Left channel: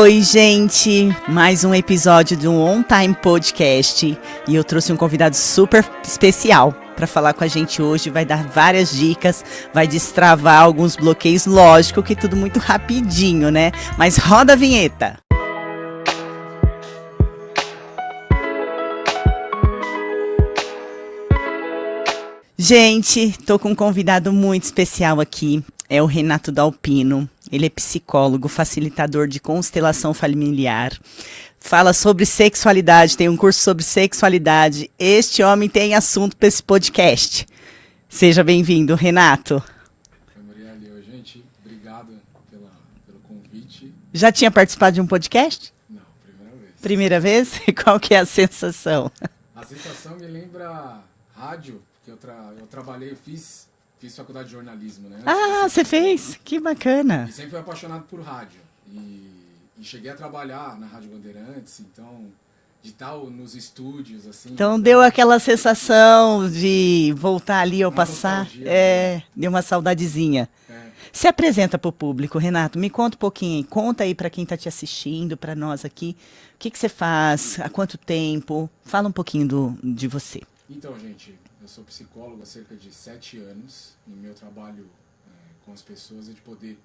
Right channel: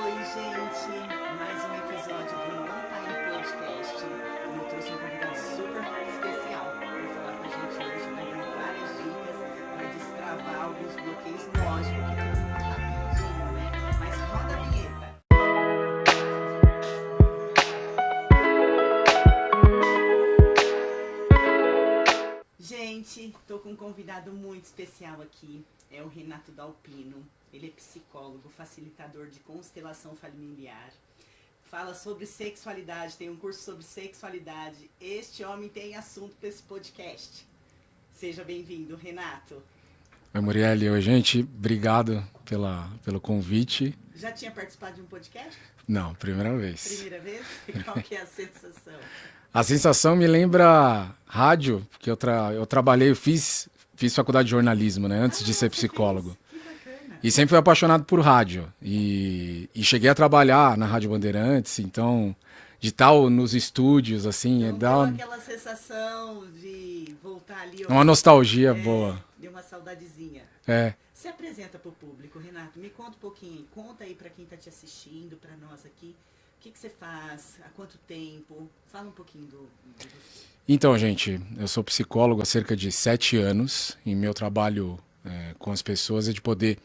Oi, gente! Mais um episódio do On Time Podcast e eu trouxe um convidado super especial para falar com a gente hoje. Vai dar várias dicas, vai destravar alguns bloqueios. Lógico que tudo muito rapidinho, né? Mas roda a vinheta! Gente, tô com um convidado muito especial aqui. É o Renato Dalpino. Ele é psicólogo, facilitador de constelação familiar. Fala sobre sexualidade, tem um curso sobre sexualidade. Este homem tem assunto para esse podcast. Seja bem-vindo, Renato. Oi, Murielle. Oi, gente. Obrigado pelo convite. Já tinha participado de um podcast? Não, primeira vez. Primeira vez? Qual que é a sensação? A sensação me lembra rádio, porque eu trabalhei, fiz faculdade de jornalismo, né? Antes de ser você psicólogo. fez? Que bacana. E sempre fui apaixonado por rádio. E cheguei a trabalhar na Rádio Bandeirantes, então, de tal nos estúdios, assim. Então deu aquela sensação de voltar ali ao passado. Uma nostalgia boa. Deu uma saudadezinha. É. Se apresenta para o público, Renato. Me conta um pouquinho. Conta aí para quem está te assistindo, para nós aqui. O que você faz? Há quanto tempo? Fala um pouquinho de você. Então, gente, eu sou psicólogo há cerca de 7 anos e meu trabalho com as pessoas é de poder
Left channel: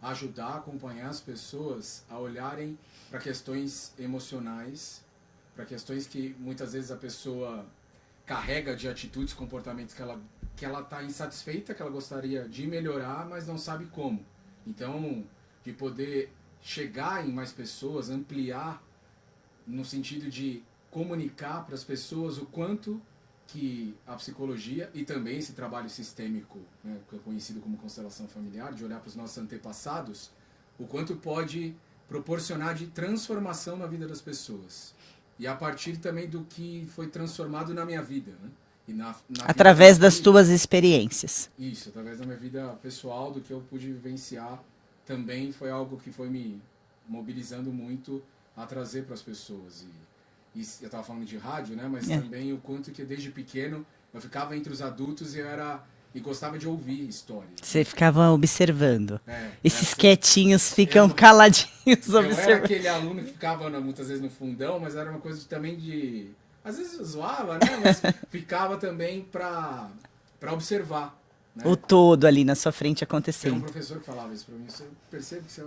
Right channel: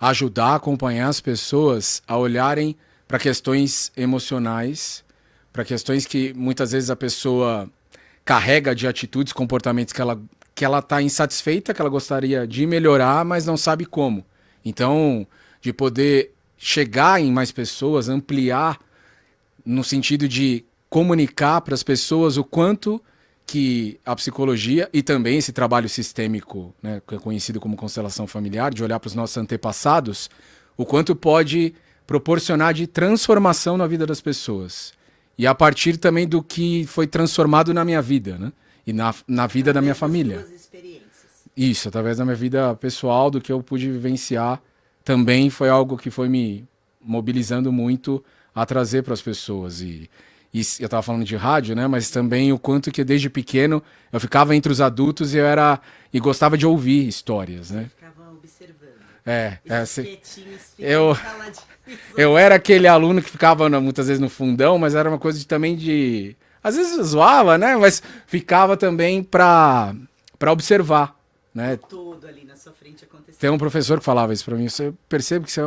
ajudar, acompanhar as pessoas a olharem para questões emocionais, para questões que muitas vezes a pessoa carrega de atitudes, comportamentos que ela está insatisfeita, que ela gostaria de melhorar, mas não sabe como. Então, de poder chegar em mais pessoas, ampliar no sentido de comunicar para as pessoas o quanto que a psicologia e também esse trabalho sistêmico, né, que é conhecido como constelação familiar, de olhar para os nossos antepassados, o quanto pode proporcionar de transformação na vida das pessoas. E a partir também do que foi transformado na minha vida, né? E na vida da minha família. Através das tuas experiências. Isso, através da minha vida pessoal, do que eu pude vivenciar, também foi algo que foi me mobilizando muito a trazer para as pessoas. E eu estava falando de rádio, né? Mas também o quanto que desde pequeno eu ficava entre os adultos e gostava de ouvir histórias. Você né? ficava observando. Esses você... quietinhos ficam caladinhos. Eu era aquele aluno que ficava muitas vezes no fundão, mas era uma coisa também de... Às vezes eu zoava, né? Mas ficava também para observar. Né? O todo ali na sua frente acontecendo. Tem um professor que falava isso para mim. Eu percebo que você é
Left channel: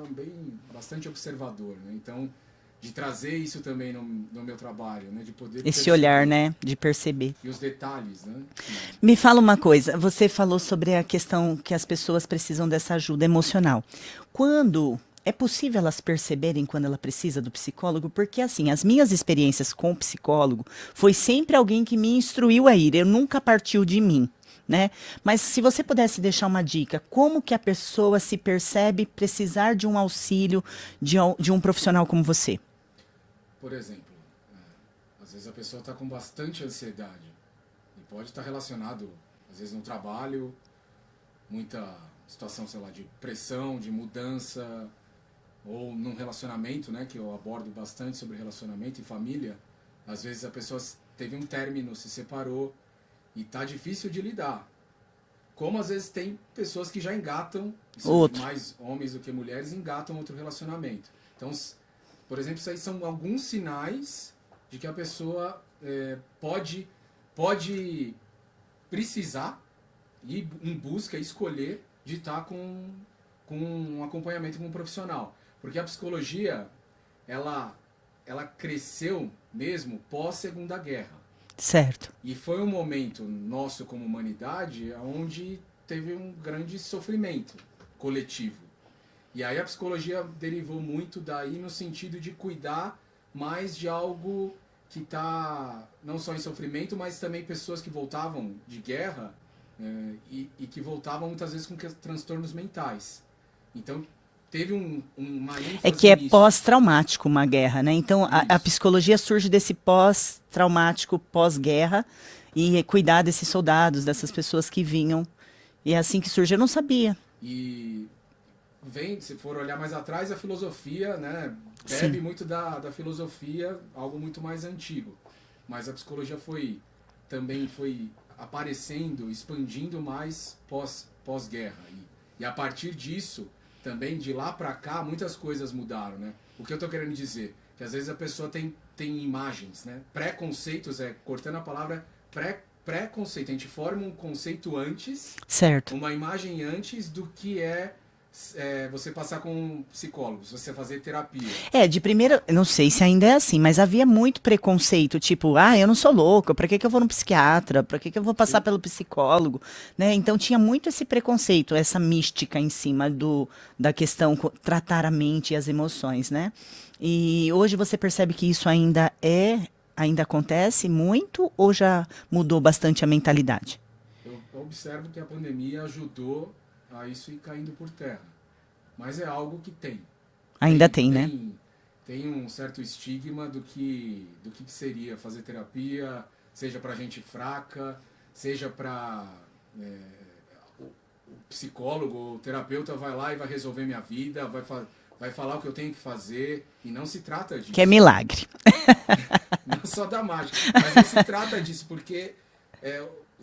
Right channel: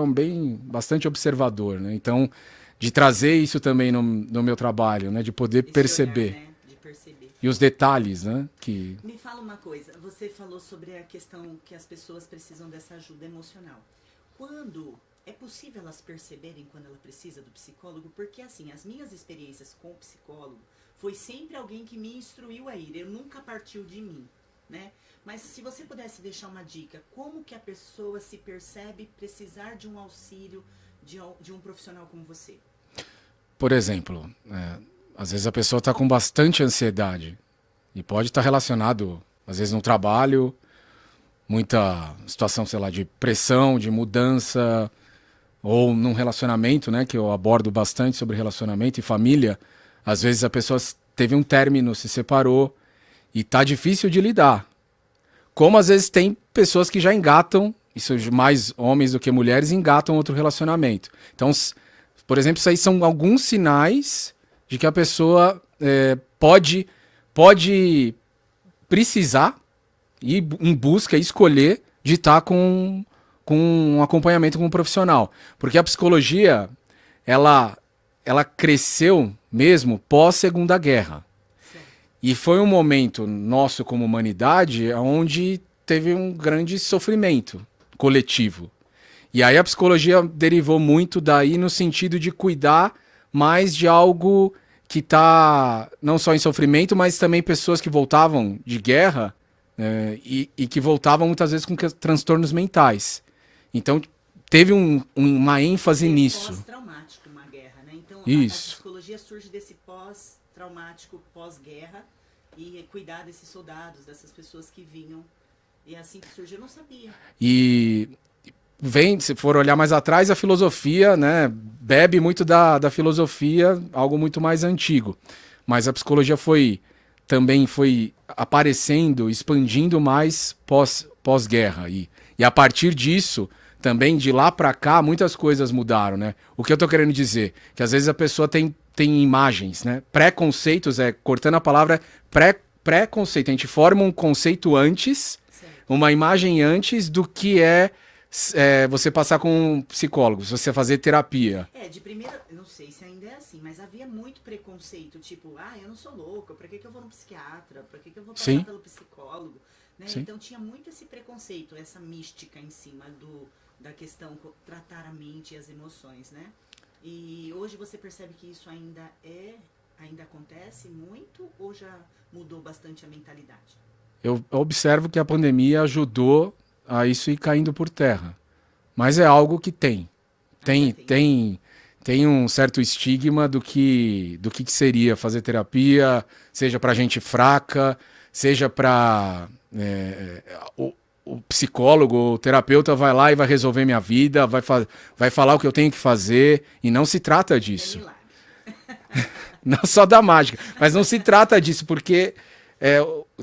bastante observador, né? Então, de trazer isso também no meu trabalho, né? De poder perceber. Esse olhar, né? De perceber. E os detalhes, né? Me fala uma coisa. Você falou sobre a questão que as pessoas precisam dessa ajuda emocional. Quando é possível elas perceberem quando ela precisa do psicólogo? Porque, assim, as minhas experiências com o psicólogo foi sempre alguém que me instruiu a ir. Eu nunca partiu de mim. Né? Mas se você pudesse deixar uma dica, como que a pessoa se percebe precisar de um auxílio de um profissional como você? Por exemplo, às vezes a pessoa está com bastante ansiedade e pode estar relacionado, às vezes no trabalho, muita situação, sei lá, de pressão, de mudança, ou num relacionamento, né, que eu abordo bastante sobre relacionamento e família. Às vezes a pessoa teve um término, se separou, e tá difícil de lidar. Como às vezes tem pessoas que já engatam, isso mais homens do que mulheres, engatam outro relacionamento. Então, por exemplo, isso aí são alguns sinais de que a pessoa pode precisar ir em busca, escolher de estar com um acompanhamento com um profissional. Porque a psicologia, ela cresceu mesmo pós-Segunda Guerra. Certo. E foi um momento nosso como humanidade onde teve um grande sofrimento coletivo. E aí a psicologia derivou muito daí no sentido de cuidar mais de algo que está não só em sofrimento, mas também pessoas que voltavam de guerra e que voltavam muitas vezes com transtornos mentais. Então teve uma ênfase nisso. É pós-traumático uma guerra, né? Então a psicologia surge desse pós-traumático, pós-guerra, e cuidar desses soldados, dessas pessoas que vinham. E é assim que surge. Eu não sabia. E se for olhar mais atrás, a filosofia, né, bebe muito da filosofia, algo muito mais antigo. Mas a psicologia também foi aparecendo, expandindo mais pós-guerra. E a partir disso também de lá para cá muitas coisas mudaram, né? O que eu tô querendo dizer? Que às vezes a pessoa tem imagens, né? Preconceitos, cortando a palavra, preconceito. A gente forma um conceito antes, Certo. uma imagem antes do que você passar com um psicólogo, se você fazer terapia. De primeira, eu não sei se ainda é assim, mas havia muito preconceito, tipo, eu não sou louca, pra que que eu vou no psiquiatra? Pra que que eu vou passar Sim. pelo psicólogo? Né? Então tinha muito esse preconceito, essa mística em cima da questão tratar a mente e as emoções, né? E hoje você percebe que isso ainda acontece muito ou já mudou bastante a mentalidade? Eu observo que a pandemia ajudou a isso ir caindo por terra. Mas é algo que tem. Ainda tem, né? Tem um certo estigma do que seria fazer terapia, seja para gente fraca, seja para o psicólogo ou o terapeuta vai lá e vai resolver minha vida, vai falar o que eu tenho que fazer, e não se trata disso. Que é milagre. Não só da mágica, mas não se trata disso, porque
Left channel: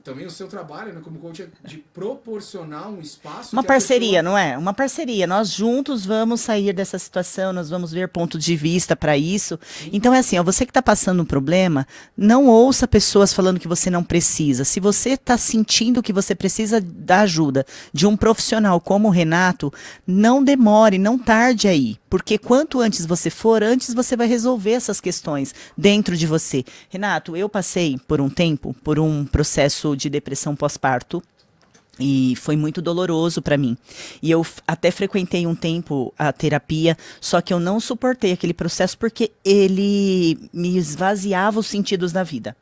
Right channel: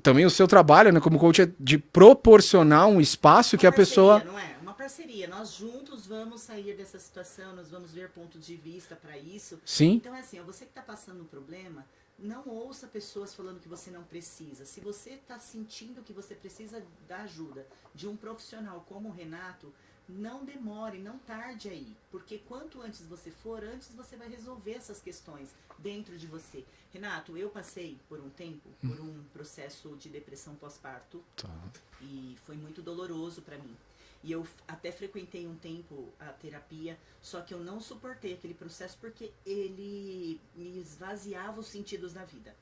também o seu trabalho, né, como coach, é de proporcionar um espaço Uma que a parceria, pessoa... não é? Uma parceria. Nós juntos vamos sair dessa situação, nós vamos ver pontos de vista para isso. Sim. Então é assim, ó, você que está passando um problema, não ouça pessoas falando que você não precisa. Se você está sentindo que você precisa da ajuda de um profissional como o Renato, não demore, não tarde aí. Porque quanto antes você for, antes você vai resolver essas questões dentro de você. Renato, eu passei por um tempo, por um processo de depressão pós-parto. E foi muito doloroso para mim. E eu até frequentei um tempo a terapia, só que eu não suportei aquele processo porque ele me esvaziava os sentidos da vida.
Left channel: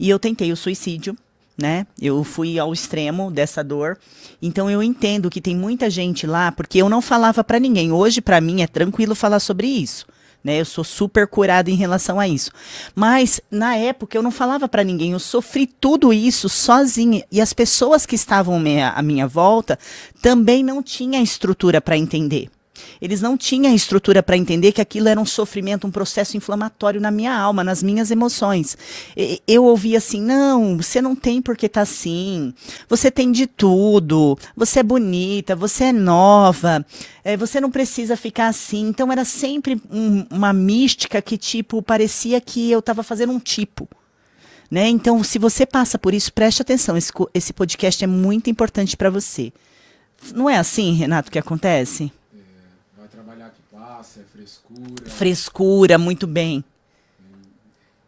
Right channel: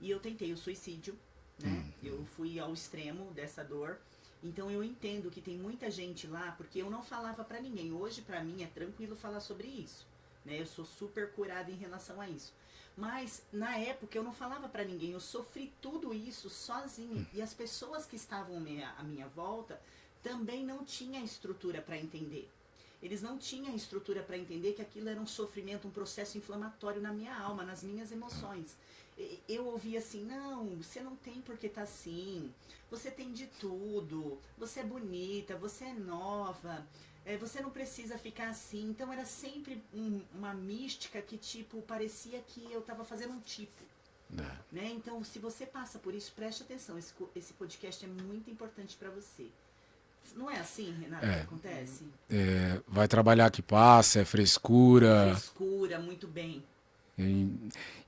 E eu tentei o suicídio, né? Eu fui ao extremo dessa dor. Então eu entendo que tem muita gente lá, porque eu não falava para ninguém. Hoje para mim é tranquilo falar sobre isso. Né, eu sou super curada em relação a isso. Mas, na época, eu não falava para ninguém. Eu sofri tudo isso sozinha. E as pessoas que estavam à minha volta também não tinham estrutura para entender. Eles não tinham estrutura para entender que aquilo era um sofrimento, um processo inflamatório na minha alma, nas minhas emoções. Eu ouvia assim, não, você não tem por que estar assim, você tem de tudo, você é bonita, você é nova, você não precisa ficar assim. Então era sempre uma mística que tipo, parecia que eu estava fazendo um tipo. Né? Então, se você passa por isso, preste atenção, esse podcast é muito importante para você. Não é assim, Renato, que acontece? Vai trabalhar que passa, é frescura. Frescura, muito bem.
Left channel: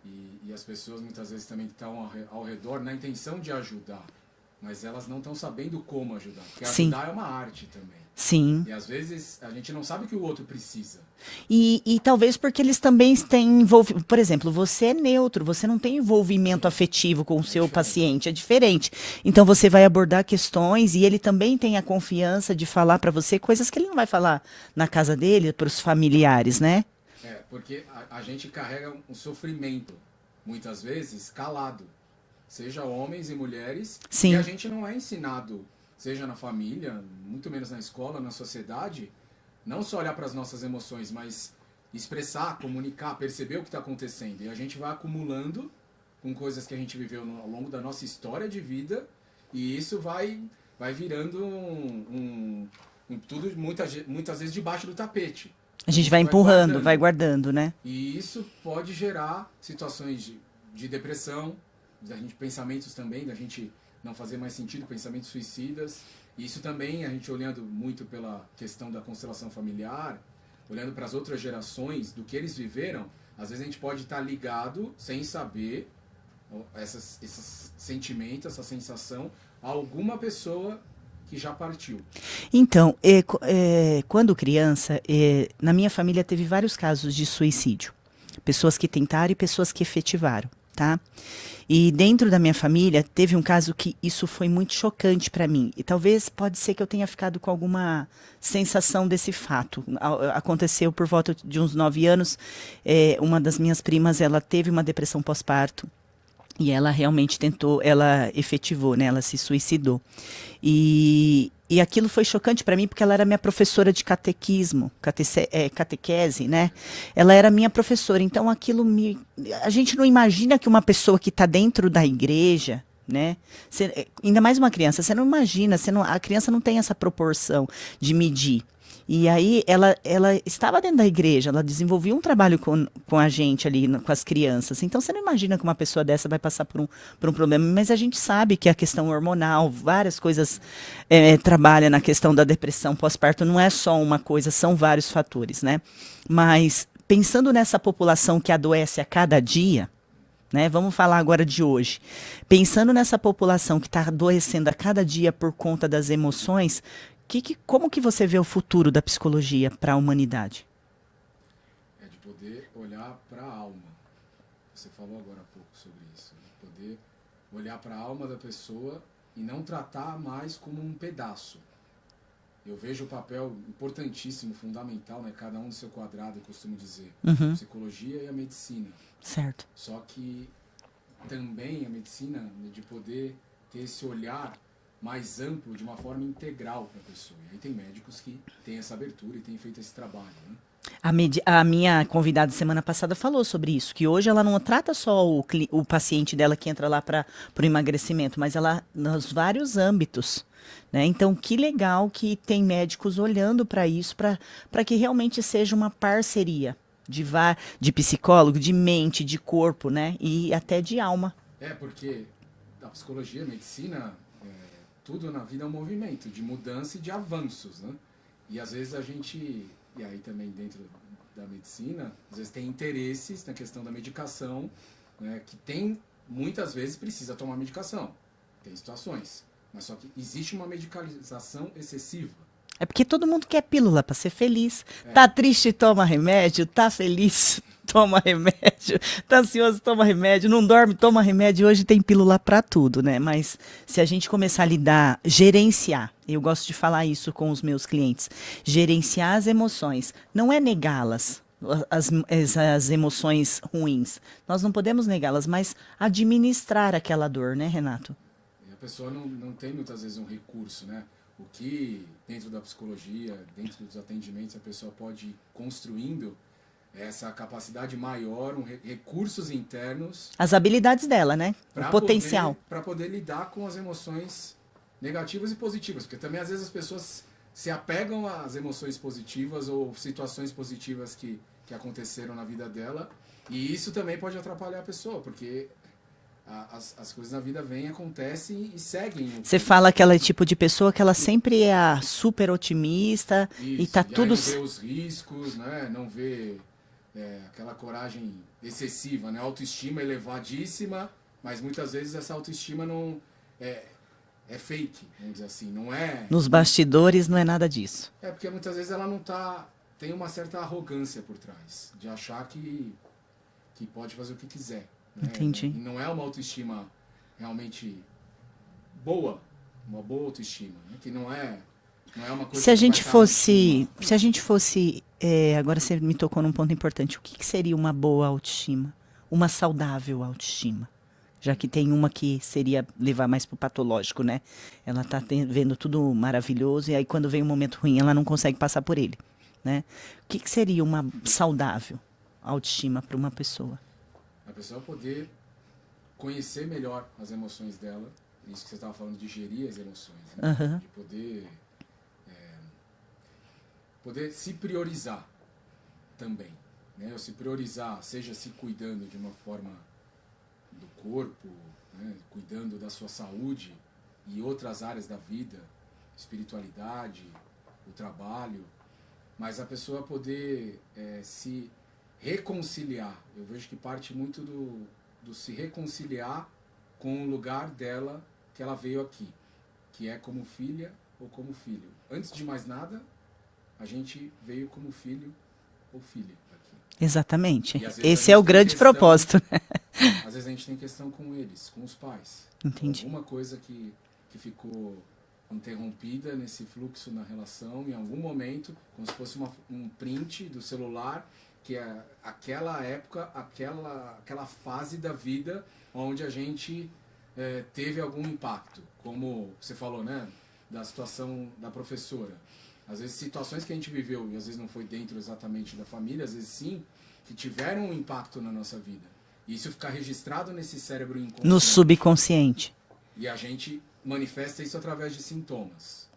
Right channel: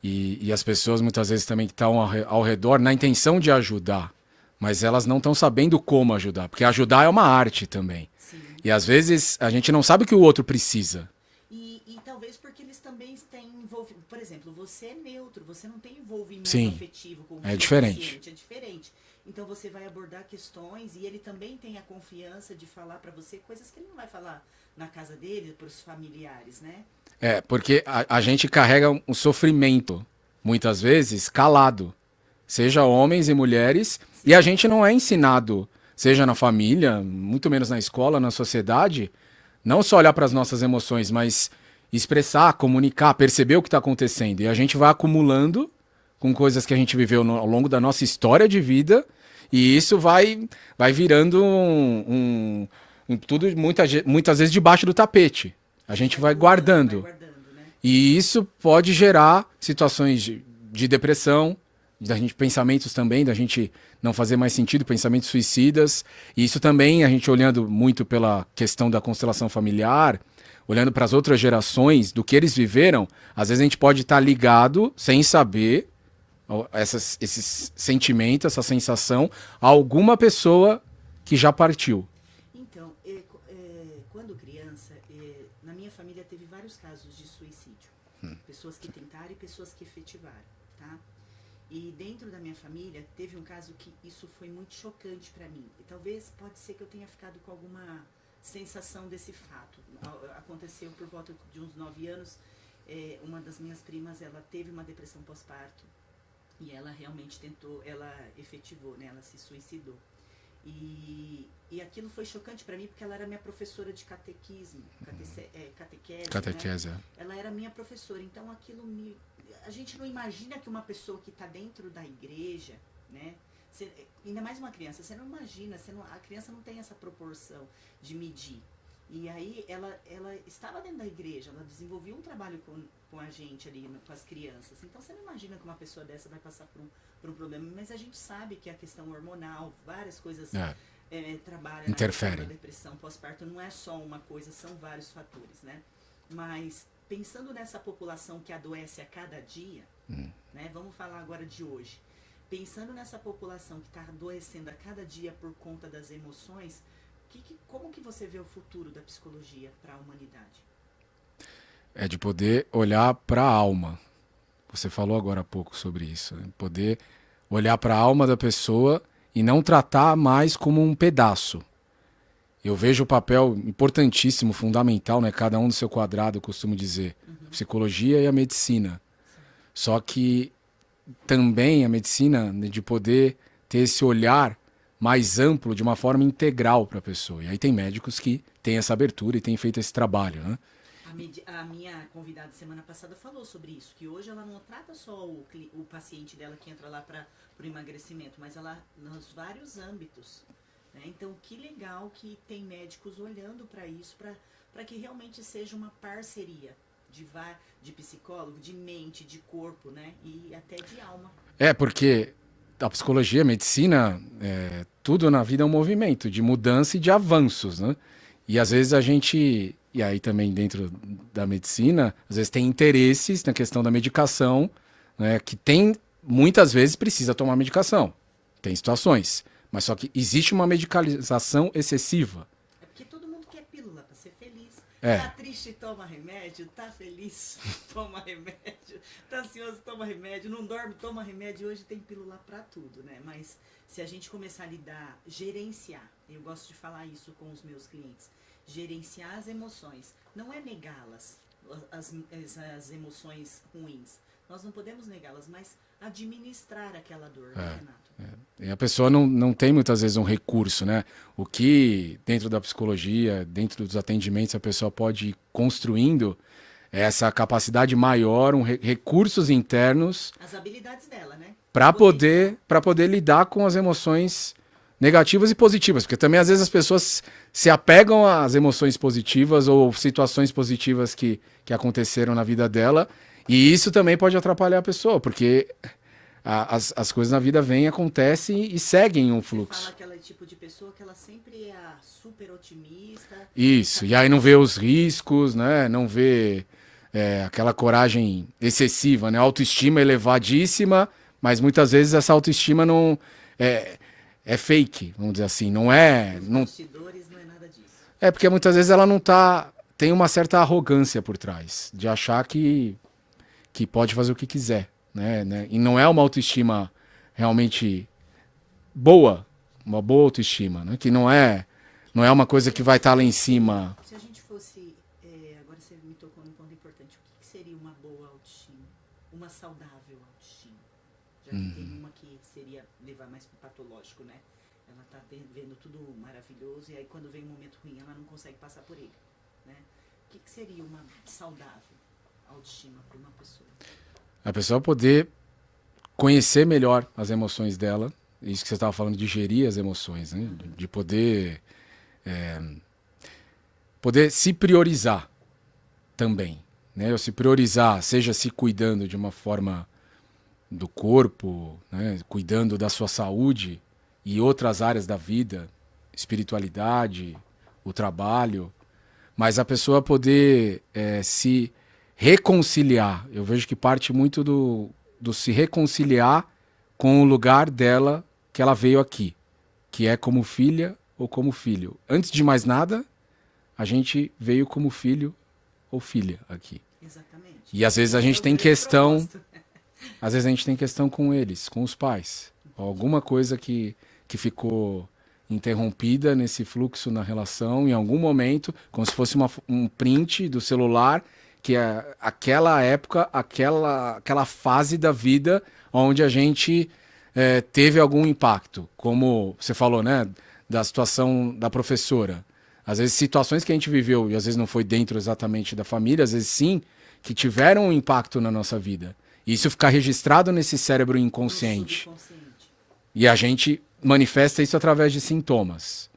E as pessoas muitas vezes também que estão ao redor na intenção de ajudar, mas elas não estão sabendo como ajudar, porque ajudar é uma arte também. Sim. E às vezes a gente não sabe o que o outro precisa. E talvez porque eles também têm envolvimento. Por exemplo, você é neutro, você não tem envolvimento afetivo com o seu paciente, é diferente. Então você vai abordar questões e ele também tem a confiança de falar para você coisas que ele não vai falar na casa dele, para os familiares, né? Porque a gente carrega um sofrimento, muitas vezes, calado. Seja homens e mulheres. Sim. E a gente não é ensinado, seja na família, muito menos na escola, na sociedade, não só olhar para as nossas emoções, mas expressar, comunicar, perceber o que está acontecendo. E a gente vai acumulando com coisas que a gente viveu ao longo da nossa história de vida, e isso vai virando tudo muitas vezes debaixo do tapete. A gente vai empurrando, vai guardando, né? E isso pode gerar situações de depressão, pensamentos também, da gente não fazer mais sentido, pensamentos suicidas. E isso também, a gente olhando muito pela questão da constelação familiar, olhando para as outras gerações, do que eles viveram, às vezes a gente pode estar ligado, sem saber, esses sentimentos, essa sensação, a alguma pessoa que já partiu. Então, quando criança, na minha família teve vários casos de suicídio. Pessoas que tentaram e pessoas que efetivaram, tá? E dentro da minha família, teve um caso que isso foi muito chocante para mim. E talvez pode ser que eu tenha ficado com alguma sensação desse fato. Aconteceu por volta de uns 9 anos. Uma das minhas primas, ela teve uma depressão pós-parto. E ela realmente ela efetivou, né? Ela se suicidou. E aquilo foi chocante para mim porque ela era minha professora de catequese, né? Ela era minha professora, então aquilo a gente não imagina que uma pessoa que está dentro da igreja, né? Ainda mais uma criança, você não imagina, a criança não tem essa proporção de medir. E aí ela estava dentro da igreja, ela desenvolvia um trabalho com a gente ali, com as crianças. Então você não imagina que uma pessoa dessa vai passar por um problema, mas a gente sabe que a questão hormonal, várias coisas trabalha na questão da Interfere. depressão pós-parto, não é só uma coisa, são vários fatores, né? Mas pensando nessa população que adoece a cada dia, né? Vamos falar agora de hoje. Pensando nessa população que está adoecendo a cada dia por conta das emoções, como que você vê o futuro da psicologia para a humanidade? É de poder olhar para a alma. Você falou agora há pouco sobre isso, né? Poder olhar para a alma da pessoa e não tratar mais como um pedaço. Eu vejo o papel importantíssimo, fundamental, né? Cada um no seu quadrado, eu costumo dizer. Psicologia e a medicina. Certo. Só que também a medicina, né, de poder ter esse olhar mais amplo, de uma forma integral para a pessoa. E aí tem médicos que têm essa abertura e têm feito esse trabalho, né? A minha convidada semana passada falou sobre isso, que hoje ela não trata só o paciente dela que entra lá para o emagrecimento, mas ela nos vários âmbitos. Né? Então, que legal que tem médicos olhando para isso, para que realmente seja uma parceria de psicólogo, de mente, de corpo, né? E até de alma. É, porque a psicologia, a medicina, tudo na vida é um movimento de mudança e de avanços, né? E às vezes a gente, e aí também dentro da medicina, às vezes tem interesses na questão da medicação, né? Que tem, muitas vezes precisa tomar medicação. Tem situações. Mas só que existe uma medicalização excessiva. É porque todo mundo quer pílula para ser feliz. É. Tá triste, toma remédio. Tá feliz, toma remédio. Tá ansioso, toma remédio. Não dorme, toma remédio. Hoje tem pílula para tudo, né? Mas se a gente começar a lidar, gerenciar, eu gosto de falar isso com os meus clientes, gerenciar as emoções, não é negá-las. As emoções ruins. Nós não podemos negá-las, mas administrar aquela dor, né, Renato? E a pessoa não tem muitas vezes um recurso, né? O que dentro da psicologia, dentro dos atendimentos, a pessoa pode ir construindo é essa capacidade maior, recursos internos As habilidades dela, né? para Potencial. poder lidar com as emoções negativas e positivas. Porque também às vezes as pessoas se apegam às emoções positivas ou situações positivas que aconteceram na vida dela. E isso também pode atrapalhar a pessoa, porque as coisas na vida vêm, acontecem e seguem um Você fluxo. fala que ela é tipo de pessoa que ela sempre é a super otimista. Isso, E e aí não vê os riscos, né? Não vê aquela coragem excessiva, né? Autoestima elevadíssima, mas muitas vezes essa autoestima não é fake, vamos dizer assim, não é. Nos bastidores não é nada disso. É porque muitas vezes ela não tá, tem uma certa arrogância por trás, de achar que pode fazer o que quiser, né? Entendi. E não é uma autoestima realmente boa, uma boa autoestima, né? Que não é uma coisa que vai estar lá em cima. Se a gente fosse, agora você me tocou num ponto importante, o que seria uma boa autoestima? Uma saudável autoestima? Já que tem uma que seria levar mais pro patológico, né? Ela tá vendo tudo maravilhoso e aí quando vem um momento ruim ela não consegue passar por ele, né? O que seria uma saudável autoestima para uma pessoa? A pessoa poder conhecer melhor as emoções dela, isso que você estava falando de gerir as emoções, né? Aham. De poder se priorizar também, né? Ou se priorizar, seja se cuidando de uma forma do corpo, né? Cuidando da sua saúde e outras áreas da vida, espiritualidade, o trabalho, mas a pessoa poder se reconciliar. Eu vejo que parte muito do se reconciliar com o lugar dela que ela veio aqui, que é como filha ou como filho. Antes de mais nada, a gente veio como filho ou filha aqui. Exatamente. E às vezes a Esse gente é o tem grande questão, propósito, né? Às vezes a gente tem questão com eles, com os pais. Entendi. Alguma coisa que ficou interrompida nesse fluxo na relação, em algum momento, como se fosse um print do celular, que é aquela época, aquela fase da vida onde a gente teve algum impacto. Como você falou, né? Da situação da professora. Às vezes situações que a gente viveu, e às vezes não foi dentro exatamente da família, às vezes sim, que tiveram um impacto na nossa vida. E isso ficar registrado nesse cérebro inconsciente. No subconsciente. E a gente manifesta isso através de sintomas.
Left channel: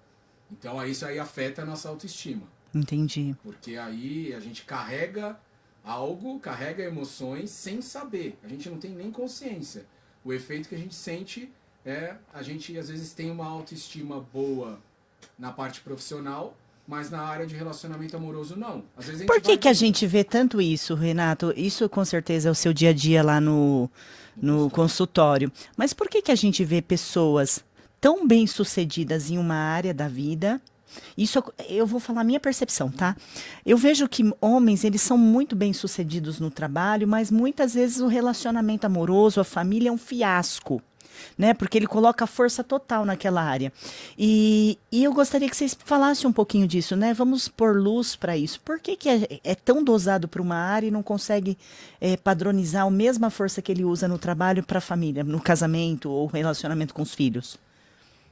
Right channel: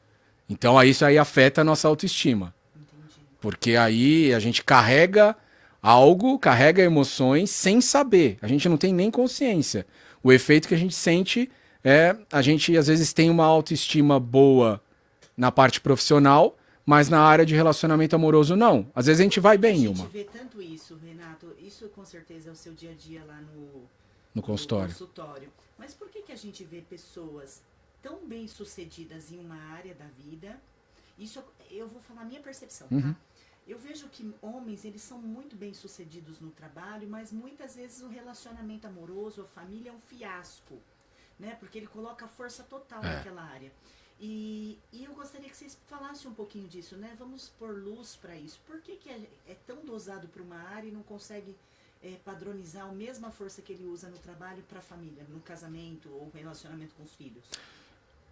Então isso aí afeta a nossa autoestima. Entendi. Porque aí a gente carrega algo, carrega emoções sem saber. A gente não tem nem consciência. O efeito que a gente sente é a gente às vezes tem uma autoestima boa na parte profissional, mas na área de relacionamento amoroso não. Às vezes a gente Por vai que que a bem gente numa, vê tanto isso, Renato? Isso com certeza é o seu dia a dia lá no no consultório. consultório. Mas por que que a gente vê pessoas tão bem-sucedidas em uma área da vida? Isso eu vou falar a minha percepção, tá? Eu vejo que homens, eles são muito bem-sucedidos no trabalho, mas muitas vezes o relacionamento amoroso, a família é um fiasco. Né? Porque ele coloca a força total naquela área. E eu gostaria que vocês falassem um pouquinho disso, né? Vamos pôr luz para isso. Por que que é tão dosado para uma área e não consegue padronizar a mesma força que ele usa no trabalho para a família, no casamento ou relacionamento com os filhos?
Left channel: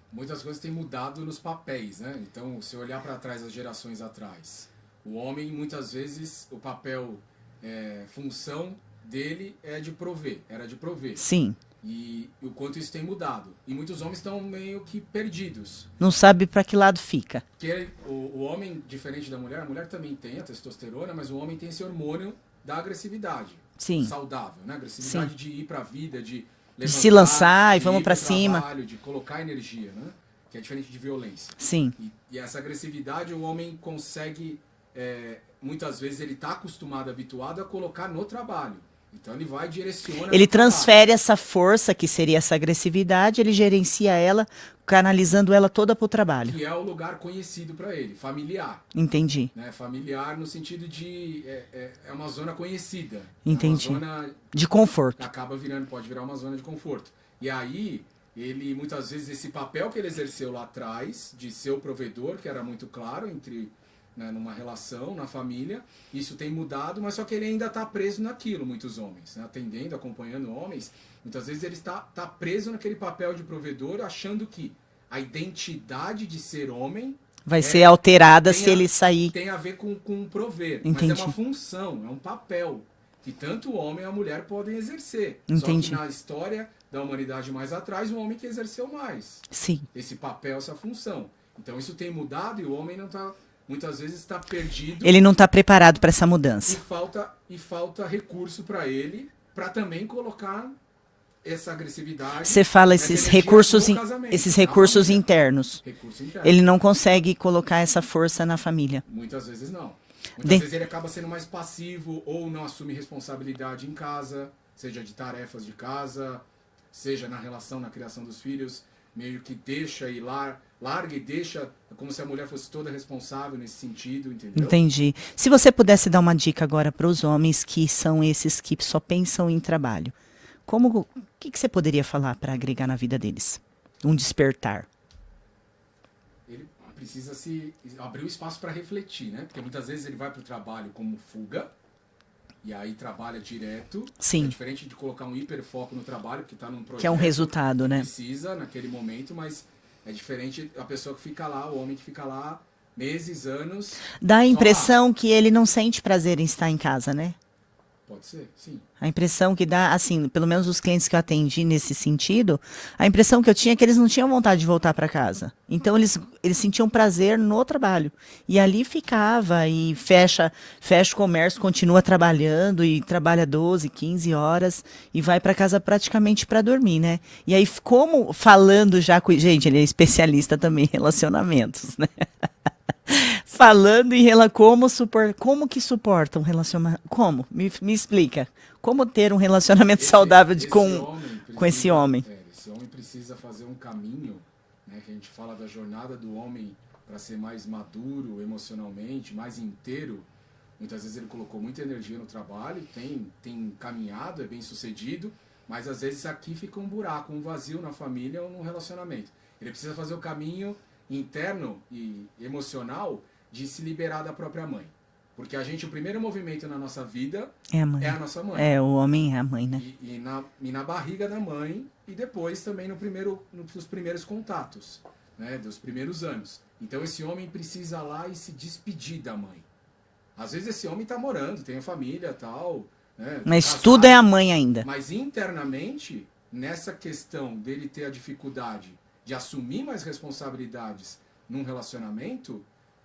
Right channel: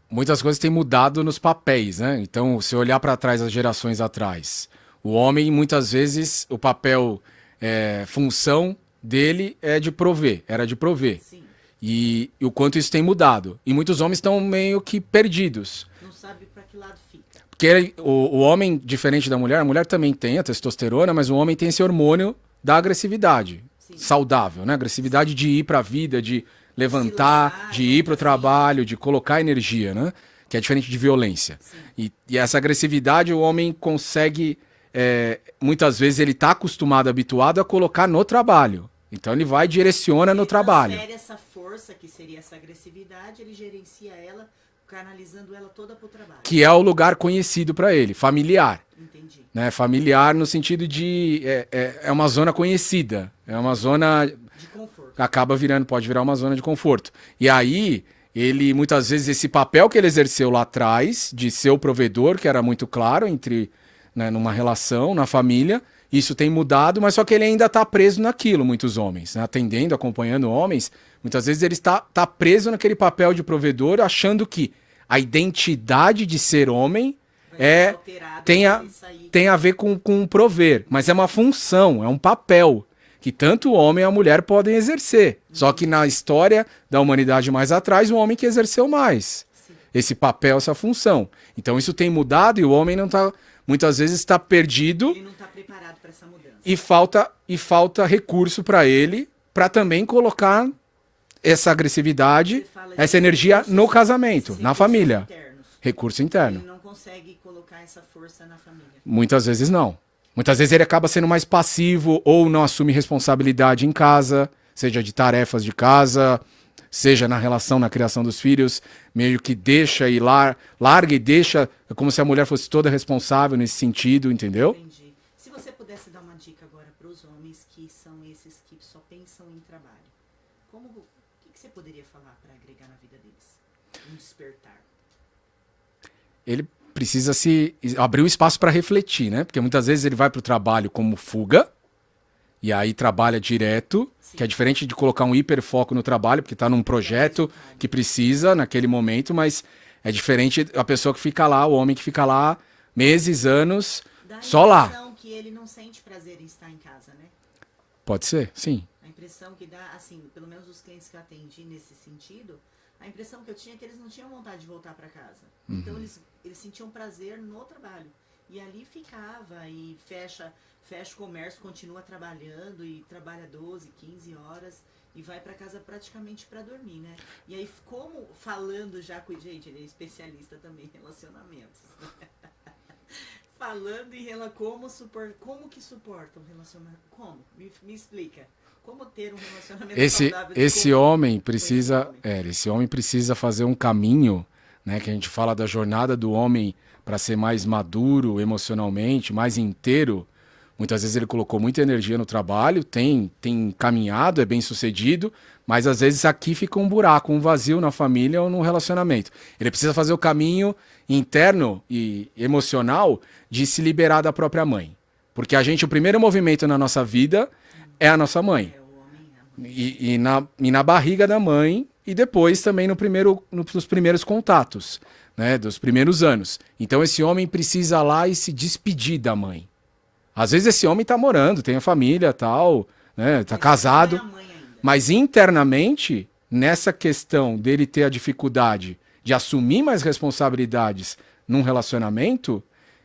Muitas coisas têm mudado nos papéis, né? Então, se olhar para trás, as gerações atrás, o homem, muitas vezes, o papel, função dele é de prover, era de prover. Sim. E o quanto isso tem mudado. E muitos homens estão meio que perdidos. Não sabe para que lado fica. Porque o homem, diferente da mulher, a mulher também tem a testosterona, mas o homem tem esse hormônio da agressividade. Sim. Saudável, né? Agressividade Sim. de ir para a vida, de levantar, se lançar e de vamos ir para pra o cima. trabalho, de colocar energia, né? Que é diferente de violência. Sim. E essa agressividade o homem consegue, muitas vezes ele está acostumado, habituado a colocar no trabalho. Então ele vai e direciona Ele no trabalho. transfere essa força, que seria essa agressividade, ele gerencia ela, canalizando ela toda para o trabalho. Que é o lugar conhecido para ele, familiar. Entendi. Né? Familiar no sentido de... É uma zona conhecida. É uma Entendi. zona... De conforto. Acaba virando, pode virar uma zona de conforto. E aí, ele, muitas vezes, esse papel que ele exerceu lá atrás, de ser o provedor, que era muito claro entre, né, numa relação, na família, isso tem mudado, mas só que ele ainda está preso naquilo, muitos homens. Né? Atendendo, acompanhando homens, muitas vezes ele está preso naquele papel de provedor, achando que a identidade de ser homem vai ser alterada se tem ele sair. Tem a ver com prover, mas é uma Entendi. função, é um papel que tanto o homem e a mulher podem exercer. Só que Entendi. na história da humanidade mais atrás, o homem que exerceu mais Sim. esse papel, essa função. Então isso tem mudado e o homem não está, muitas vezes está perdido Ele não está preparado para essa mudança. e falta recurso para ele para também colocar essa agressividade, Você fala essa esses energia recursos, no casamento, esses na recursos família. internos. Recurso interno. Ele não consegue colocar essa força na família. Muitas vezes não. Muitas Bem- vezes ele acaba sendo mais passivo ou não assume responsabilidade em casa, seja de tarefas de casa, seja na relação, na criação dos filhos, meio que deixa e larga e deixa, é como se a mulher fosse toda responsável nesse sentido, entendeu? Entendi. Se você pudesse dar uma dica agora para os homens que são esses que só pensam em trabalho, o que você poderia falar para agregar na vida deles? Um despertar. Ele precisa se abrir o espaço para refletir, né? Porque muitas vezes ele vai para o trabalho como fuga e aí trabalha direto, Sim. que é diferente de colocar um hiperfoco no trabalho, porque está num projeto resultado, que né? precisa naquele momento, mas é diferente a pessoa que fica lá, o homem que fica lá meses, anos, Dá a só lá. impressão que ele não sente prazer em estar em casa, né? Pode ser, sim. A impressão que dá, assim, pelo menos os clientes que eu atendi nesse sentido, a impressão que eu tinha é que eles não tinham vontade de voltar para casa. Então eles sentiam prazer no trabalho. E ali ficava e fecha o comércio, continua trabalhando e trabalha 12, 15 horas e vai para casa praticamente para dormir, né? E aí, como falando já com. Gente, ele é especialista também em relacionamentos, né? Falando em como que suporta um relacionamento. Como? Me explica. Como ter um relacionamento saudável esse homem precisa, esse homem? Esse homem precisa fazer um caminho, né? Que a gente fala da jornada do homem para ser mais maduro emocionalmente, mais inteiro. Muitas vezes ele colocou muita energia no trabalho, tem caminhado, é bem sucedido, mas às vezes aqui fica um buraco, um vazio na família ou no relacionamento. Ele precisa fazer o caminho interno e emocional de se liberar da própria mãe. Porque o primeiro movimento na nossa vida é a nossa mãe. É, o homem é a mãe, né? E na barriga da mãe, e depois também nos primeiros contatos, né? Dos primeiros anos. Então esse homem precisa ir lá e se despedir da mãe. Às vezes esse homem tá morando, tem a família tal, né? Tá Mas casado, tudo é a mãe ainda. mas internamente, nessa questão dele ter a dificuldade de assumir mais responsabilidades num relacionamento,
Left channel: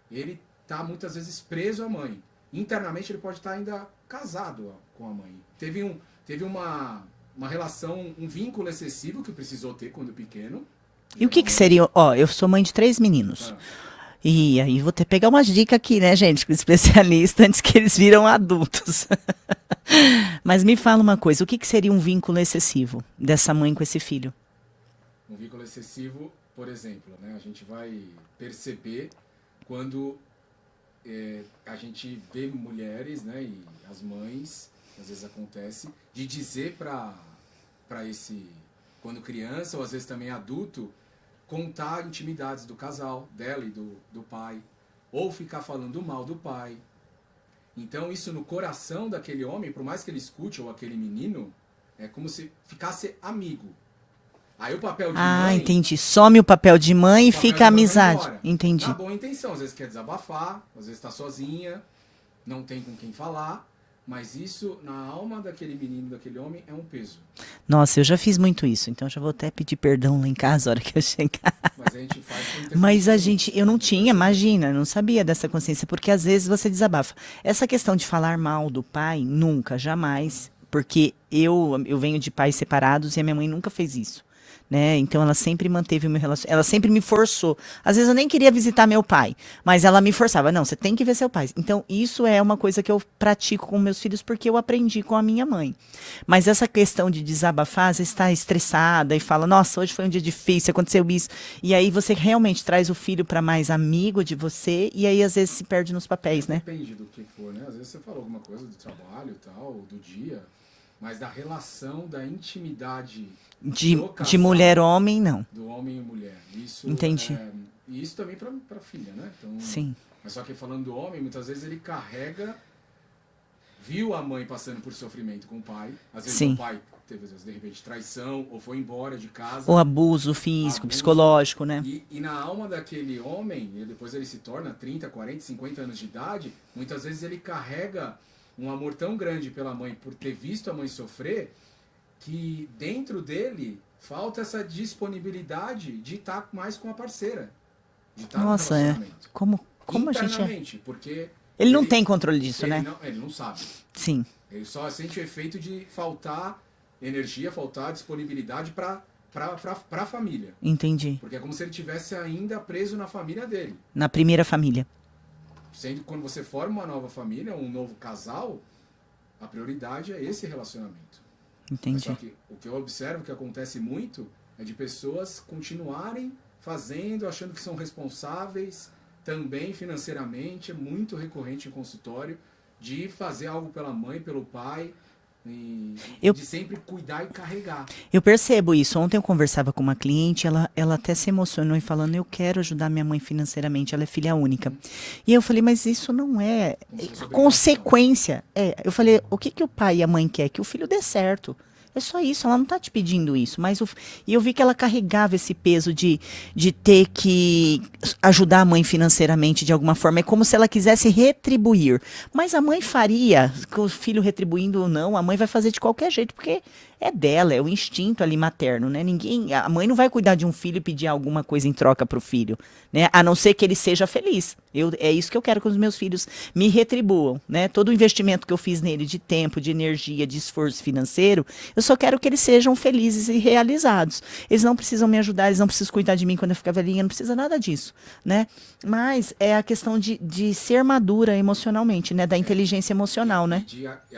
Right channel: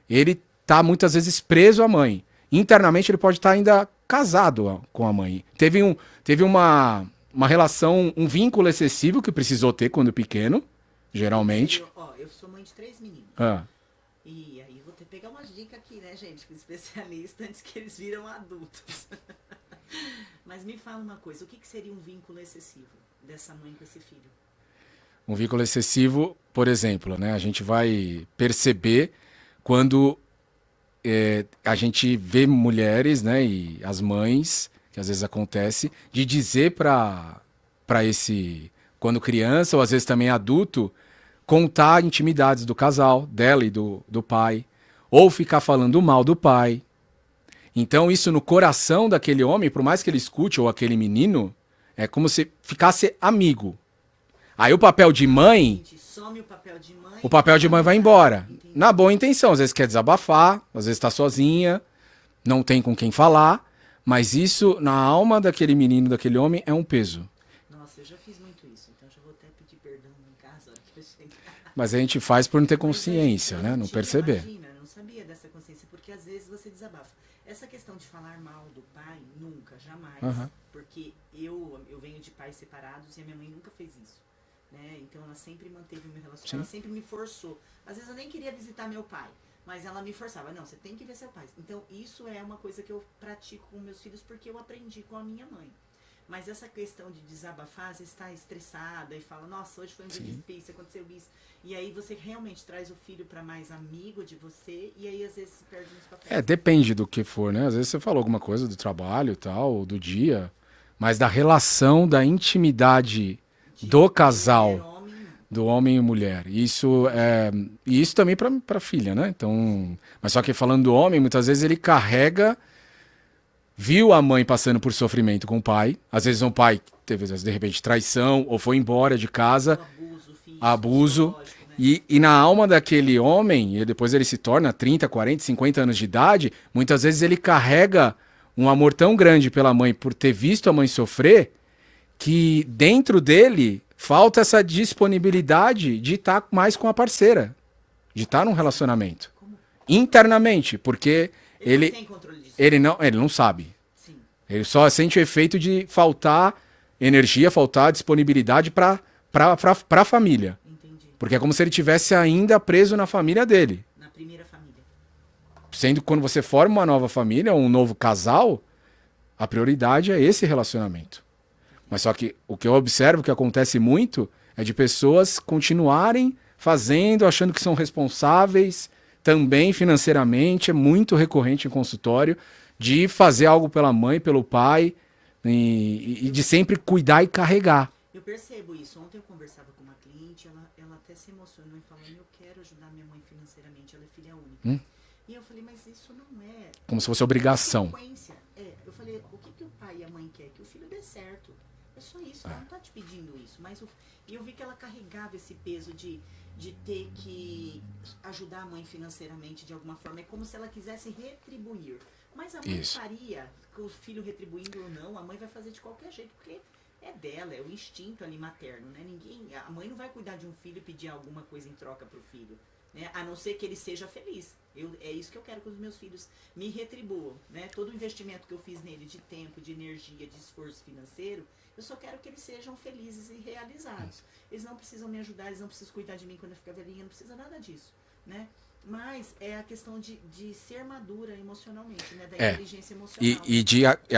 ele tá muitas vezes preso à mãe. Internamente ele pode estar ainda casado com a mãe. Teve uma relação, um vínculo excessivo que precisou ter quando pequeno, E o que geralmente. seria? Ó, eu sou mãe de 3 meninos. Ah, E aí vou ter que pegar umas dicas aqui, né, gente, com o especialista antes que eles viram adultos. Mas me fala uma coisa, o que seria um vínculo excessivo dessa mãe com esse filho? um vínculo excessivo, por exemplo, né? A gente vai perceber quando a gente vê mulheres, né, e as mães, que às vezes acontece, de dizer para esse, quando criança ou às vezes também adulto, contar intimidades do casal, dela e do pai, ou ficar falando mal do pai. Então isso no coração daquele homem, por mais que ele escute, ou aquele menino, é como se ficasse amigo. Aí o papel de mãe, Entendi. Some o papel de mãe o e papel fica de mãe amizade. vai embora. Entendi. Na boa intenção, às vezes quer desabafar, às vezes está sozinha, não tem com quem falar, mas isso na alma daquele menino, daquele homem, é um peso. Nossa, eu já fiz muito isso, então já vou até pedir perdão lá em casa a hora que eu chegar. Mas a gente faz por não ter Mas consciência. a gente, eu né? não tinha, perceber. imagina, eu não sabia dessa consciência, porque às vezes você desabafa. Essa questão de falar mal do pai, nunca, jamais, porque eu venho de pais separados e a minha mãe nunca fez isso. Né? Então ela sempre manteve o meu relacionamento, ela sempre me forçou. Às vezes eu nem queria visitar meu pai, mas ela me forçava, não, você tem que ver seu pai. Então isso é uma coisa que eu pratico com meus filhos porque eu aprendi com a minha mãe. Mas essa questão de desabafar, às vezes está estressada e fala, nossa, hoje foi um dia difícil, aconteceu isso. E aí você realmente traz o filho para mais amigo de você e aí às vezes se perde nos papéis, né? Depende do que for, né? Às vezes você falou alguma coisa do trabalho e tal, ou do dia, mas da relação, da intimidade do casal. De mulher-homem, não. Do homem e mulher. Isso Entendi. e isso também para filha, né? Então, Sim. mas só que falando do homem, muitas vezes ele carrega, viu a mãe passando por sofrimento com o pai. Às vezes Sim. um pai teve, de repente, traição ou foi embora de casa. O abuso físico, Abuso. psicológico, né? E na alma daquele homem, e depois ele se torna 30, 40, 50 anos de idade, muitas vezes ele carrega um amor tão grande pela mãe por ter visto a mãe sofrer, que dentro dele falta essa disponibilidade de estar mais com a parceira, de estar num Nossa, relacionamento. Como Internamente, porque ele não tem controle disso, ele né? ele não sabe. Sim. Ele só sente o efeito de faltar energia, faltar disponibilidade para a família. Entendi. Porque é como se ele tivesse ainda preso na família dele. Na primeira família. Sendo que quando você forma uma nova família, um novo casal, a prioridade é esse relacionamento. Entendi. Mas só que o que eu observo que acontece muito é de pessoas continuarem fazendo, achando que são responsáveis, também financeiramente, é muito recorrente em consultório, de fazer algo pela mãe, pelo pai, e de sempre cuidar e carregar. Eu percebo isso. Ontem eu conversava com uma cliente, ela até se emocionou e falando, eu quero ajudar minha mãe financeiramente, ela é filha única. E eu falei, mas isso não é Como se fosse obrigação. consequência. Eu falei, o que o pai e a mãe quer? Que o filho dê certo. É só isso, ela não tá te pedindo isso. E eu vi que ela carregava esse peso de ter que ajudar a mãe financeiramente de alguma forma. É como se ela quisesse retribuir. Mas a mãe faria, com o filho retribuindo ou não, a mãe vai fazer de qualquer jeito, porque é dela, é o instinto ali materno, né? A mãe não vai cuidar de um filho e pedir alguma coisa em troca pro filho, né? A não ser que ele seja feliz. É isso que eu quero que os meus filhos me retribuam, né? Todo o investimento que eu fiz nele de tempo, de energia, de esforço financeiro, eu só quero que eles sejam felizes e realizados. Eles não precisam me ajudar, eles não precisam cuidar de mim quando eu ficar velhinha, não precisa nada disso, né? Mas é a questão de ser madura emocionalmente, né? Da inteligência emocional, né?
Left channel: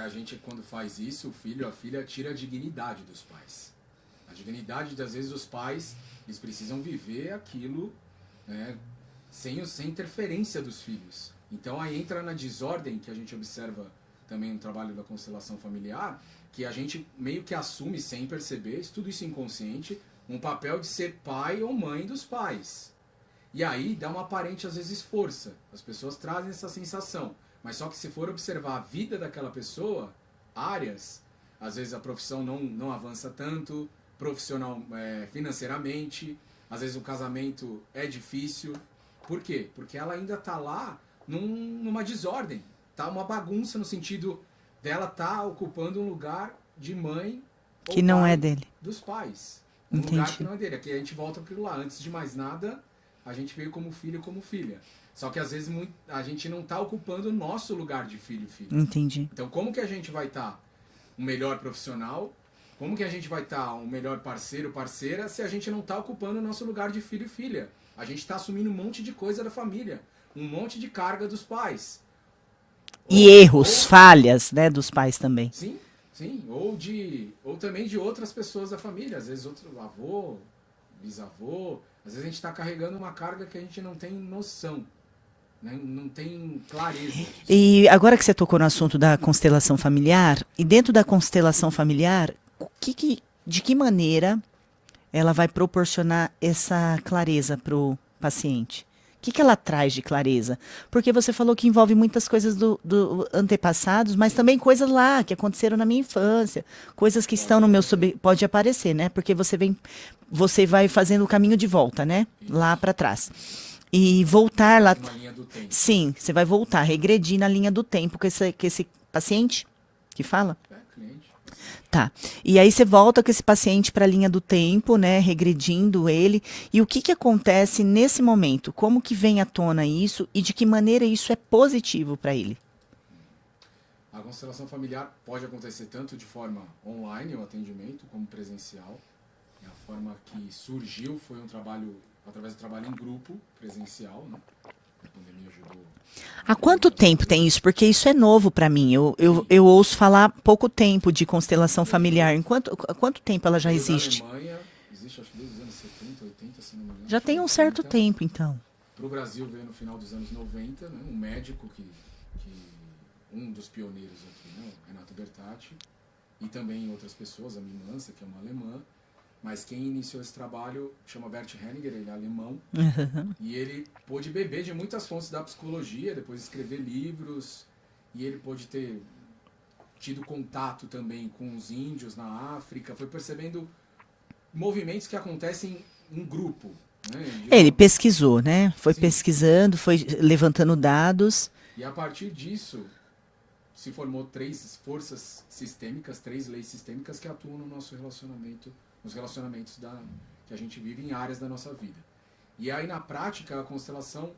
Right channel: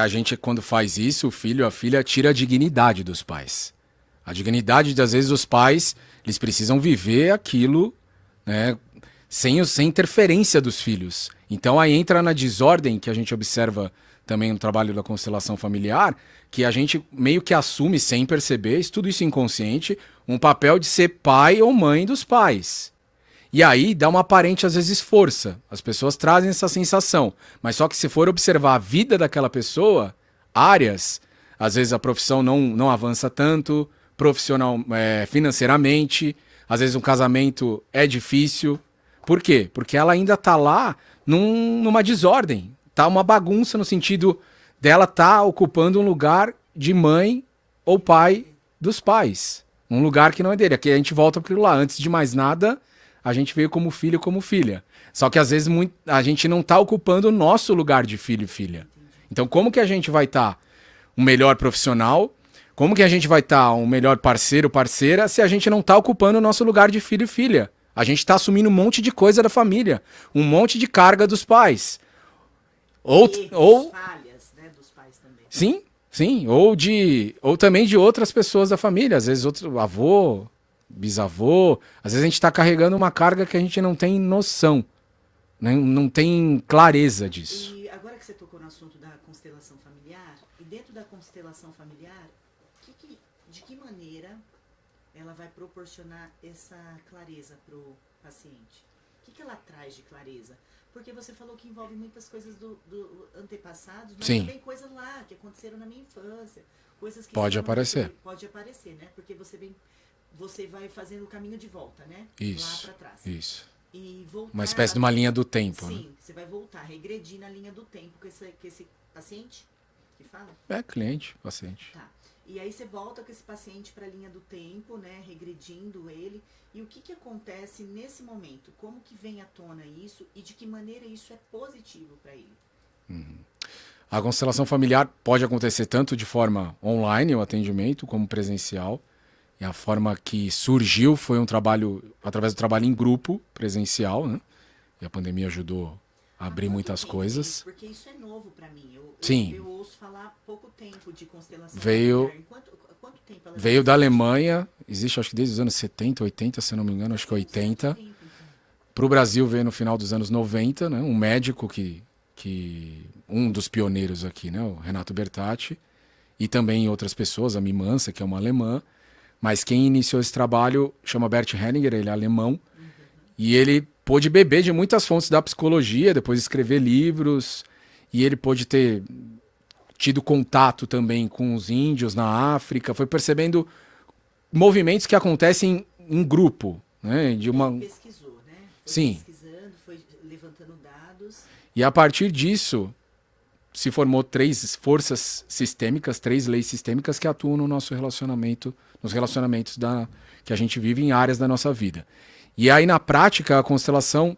A gente, quando faz isso, o filho, a filha, tira a dignidade dos pais. A dignidade, às vezes, os pais, eles precisam viver aquilo, né? Sem interferência dos filhos. Então aí entra na desordem que a gente observa também no trabalho da constelação familiar, que a gente meio que assume sem perceber, tudo isso inconsciente, um papel de ser pai ou mãe dos pais. E aí dá uma aparente, às vezes, força. As pessoas trazem essa sensação. Mas só que se for observar a vida daquela pessoa, áreas, às vezes a profissão não avança tanto, profissional, financeiramente, às vezes um casamento é difícil. Por quê? Porque ela ainda tá lá numa desordem. Tá uma bagunça no sentido dela tá ocupando um lugar de mãe ou Que não pai é dele. dos pais. Um Entendi. lugar que não é dele. Aqui a gente volta para aquilo lá. Antes de mais nada, a gente veio como filho, como filha. Só que às vezes a gente não está ocupando o nosso lugar de filho e filha. Entendi. Então, como que a gente vai estar um melhor profissional? Como que a gente vai estar um melhor parceiro, parceira, se a gente não está ocupando o nosso lugar de filho e filha? A gente está assumindo um monte de coisa da família, um monte de carga dos pais. E erros, falhas, né, dos pais também. Sim, sim. Ou também de outras pessoas da família. Às vezes outro avô, bisavô. Às vezes a gente está carregando uma carga que a gente não tem noção. Não tem clareza disso. E agora que você tocou no assunto da constelação familiar, e dentro da constelação familiar, de que maneira ela vai proporcionar essa clareza para o paciente? O que ela traz de clareza? Porque você falou que envolve muitas coisas do antepassados, mas Sim. também coisas lá que aconteceram na minha infância, coisas que Pode estão no meu aparecer. pode aparecer, né? Porque você vai fazendo o caminho de volta, né? Isso, Lá para trás. Isso. E Uma voltar espécie lá. de uma linha do tempo. Sim, você vai voltar, regredir na linha do tempo com esse paciente que fala. É cliente, paciente. Tá. E aí você volta com esse paciente para a linha do tempo, né, regredindo ele. E o que acontece nesse momento? Como que vem à tona isso e de que maneira isso é positivo para ele? A constelação familiar pode acontecer tanto de forma online, o atendimento, como presencial. E a forma que surgiu foi um trabalho, através do trabalho em grupo, presencial, né? E a pandemia ajudou a Há abrir quanto muitas tempo tem coisas. isso? Porque isso é novo para mim. Sim. Eu ouço falar há pouco tempo de constelação Veio- familiar. Há quanto tempo ela já Veio existe? da Alemanha, existe acho que desde os anos 70, 80, se eu não me engano, Já acho que tem um 80. certo tempo, então. Para o Brasil veio no final dos anos 90, né? Um médico um dos pioneiros aqui, né? O Renato Bertatti, e também outras pessoas, a Mimansa, que é uma alemã, mas quem iniciou esse trabalho chama Bert Hellinger, ele é alemão, e ele pôde beber de muitas fontes da psicologia, depois escrever livros, e ele pôde ter tido contato também com os índios na África, foi percebendo movimentos que acontecem em grupo, né? Ele pesquisou, né? Foi Sim. pesquisando, foi levantando dados. E a partir disso, se formou 3 forças sistêmicas, 3 leis sistêmicas que atuam no nosso relacionamento, nos relacionamentos que a gente vive em áreas da nossa vida. E aí, na prática, a constelação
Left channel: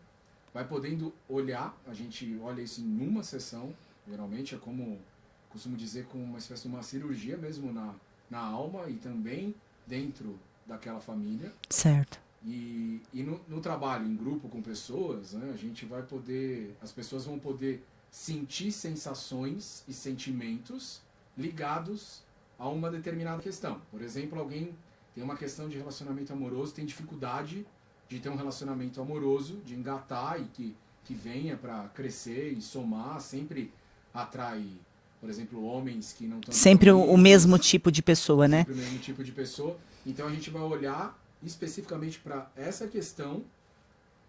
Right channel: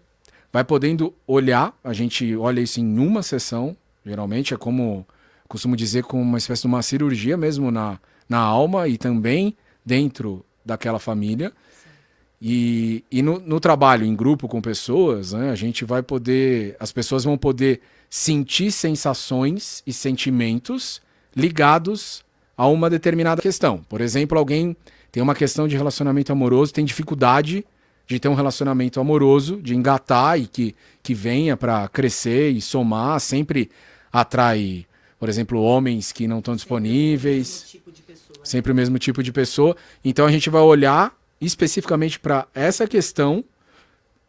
vai podendo olhar, a gente olha isso em uma sessão, geralmente é como, costumo dizer, como uma espécie de uma cirurgia mesmo na alma e também dentro daquela família. Certo. E no trabalho em grupo com pessoas, né, a gente vai poder, as pessoas vão poder sentir sensações e sentimentos ligados a uma determinada questão. Por exemplo, alguém tem uma questão de relacionamento amoroso, tem dificuldade de ter um relacionamento amoroso, de engatar e que venha para crescer e somar, sempre atrai, por exemplo, homens que não estão Sempre disponíveis. o mesmo tipo de pessoa, né? Sempre o mesmo tipo de pessoa. Então a gente vai olhar especificamente para essa questão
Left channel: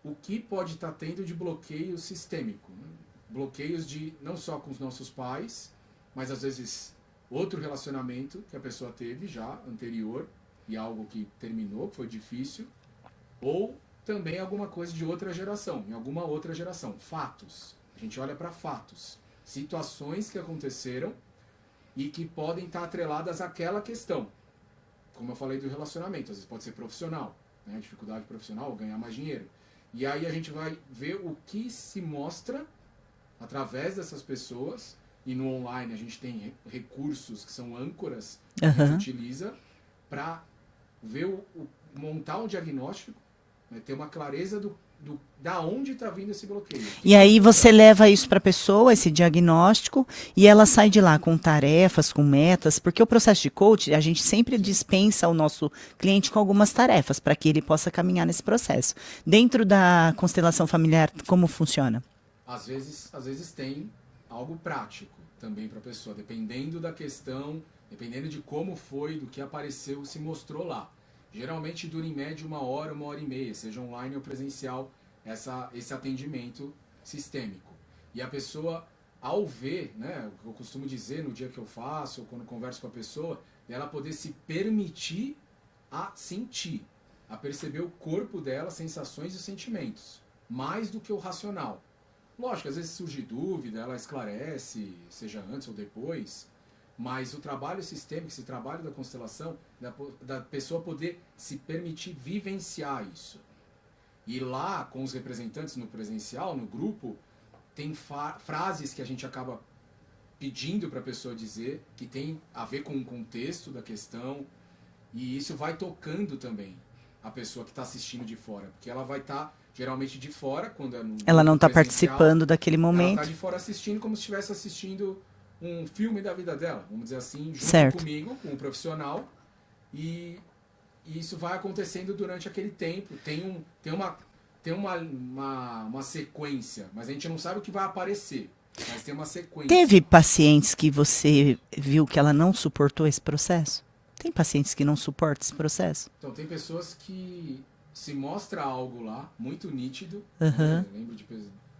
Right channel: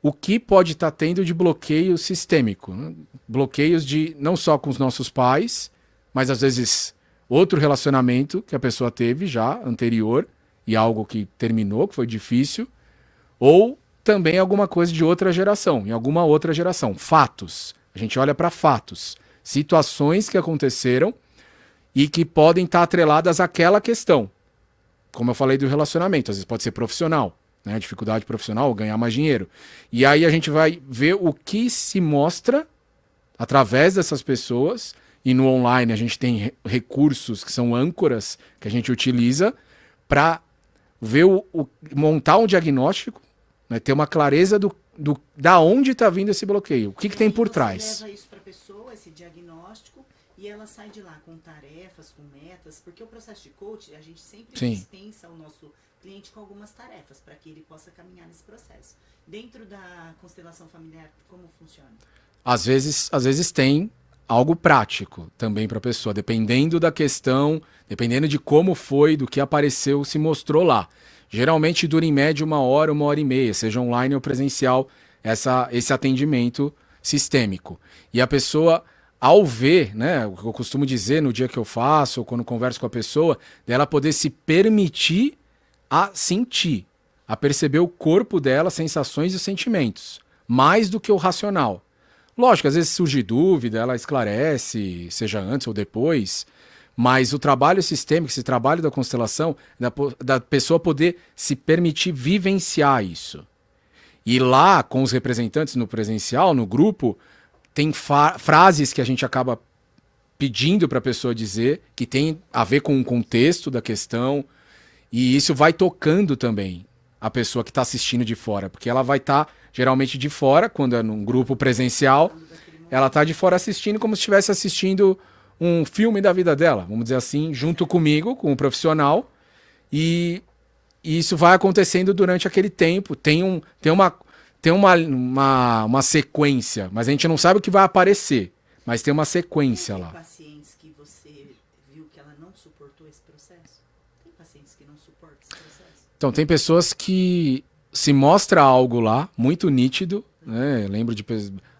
o que pode estar tendo de bloqueio sistêmico. Né? Bloqueios de não só com os nossos pais, mas às vezes outro relacionamento que a pessoa teve já anterior e algo que terminou, que foi difícil, ou também alguma coisa de outra geração, em alguma outra geração. Fatos. A gente olha para fatos. Situações que aconteceram e que podem estar atreladas àquela questão. Como eu falei do relacionamento, às vezes pode ser profissional, né? Dificuldade profissional, ganhar mais dinheiro. E aí a gente vai ver o que se mostra através dessas pessoas. E no online a gente tem recursos que são âncoras que a gente utiliza para ver montar um diagnóstico, né? Ter uma clareza da onde está vindo esse bloqueio. E aí você leva isso para a pessoa, esse diagnóstico, e ela sai de lá com tarefas, com metas, porque o processo de coach, a gente sempre dispensa o nosso cliente com algumas tarefas para que ele possa caminhar nesse processo. Dentro da constelação familiar, como funciona? Às vezes tem algo prático também para a pessoa, dependendo da questão, dependendo de como foi, do que apareceu, se mostrou lá. Geralmente dura em média 1 hora e meia, seja online ou presencial, esse atendimento sistêmico. E a pessoa, ao ver, né, o que eu costumo dizer no dia que eu faço, ou quando converso com a pessoa, dela poder se permitir a sentir, a perceber o corpo dela, sensações e sentimentos, mais do que o racional. Lógico, às vezes surge dúvida, ela esclarece, seja antes ou depois, mas o trabalho sistêmico, esse trabalho da constelação, da pessoa poder se permitir vivenciar isso. E lá, com os representantes no presencial, no grupo, tem frases que a gente acaba pedindo para a pessoa dizer, que tem a ver com o contexto da questão, e isso vai tocando também a pessoa que está assistindo de fora, porque ela vai estar geralmente de fora, quando é num Ela não grupo está presencial, participando daquele momento. ela está de fora assistindo como se estivesse assistindo um filme da vida dela, vamos dizer assim, junto Certo. comigo, com o profissional, e isso vai acontecendo durante aquele tempo. Tem uma sequência, mas a gente não sabe o que vai aparecer. Mas tem uma sequência Teve lá. pacientes que você viu que ela não suportou esse processo? Tem pacientes que não suportam esse processo? Então, tem pessoas que se mostra algo lá, muito nítido, né? Eu lembro,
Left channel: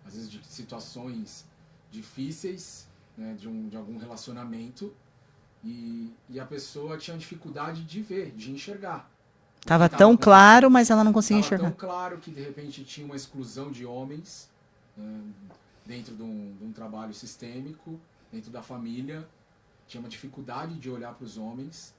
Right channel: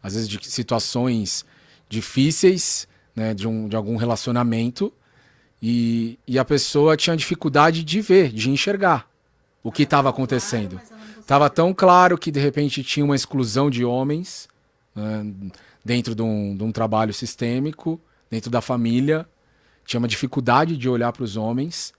às vezes, de situações difíceis, né? De algum relacionamento, e a pessoa tinha dificuldade de ver, de enxergar o que Tava estava tão acontecendo. claro, mas ela não conseguia Estava enxergar. tão claro que, de repente, tinha uma exclusão de homens, né, dentro de um trabalho sistêmico, dentro da família. Tinha uma dificuldade de olhar para os homens,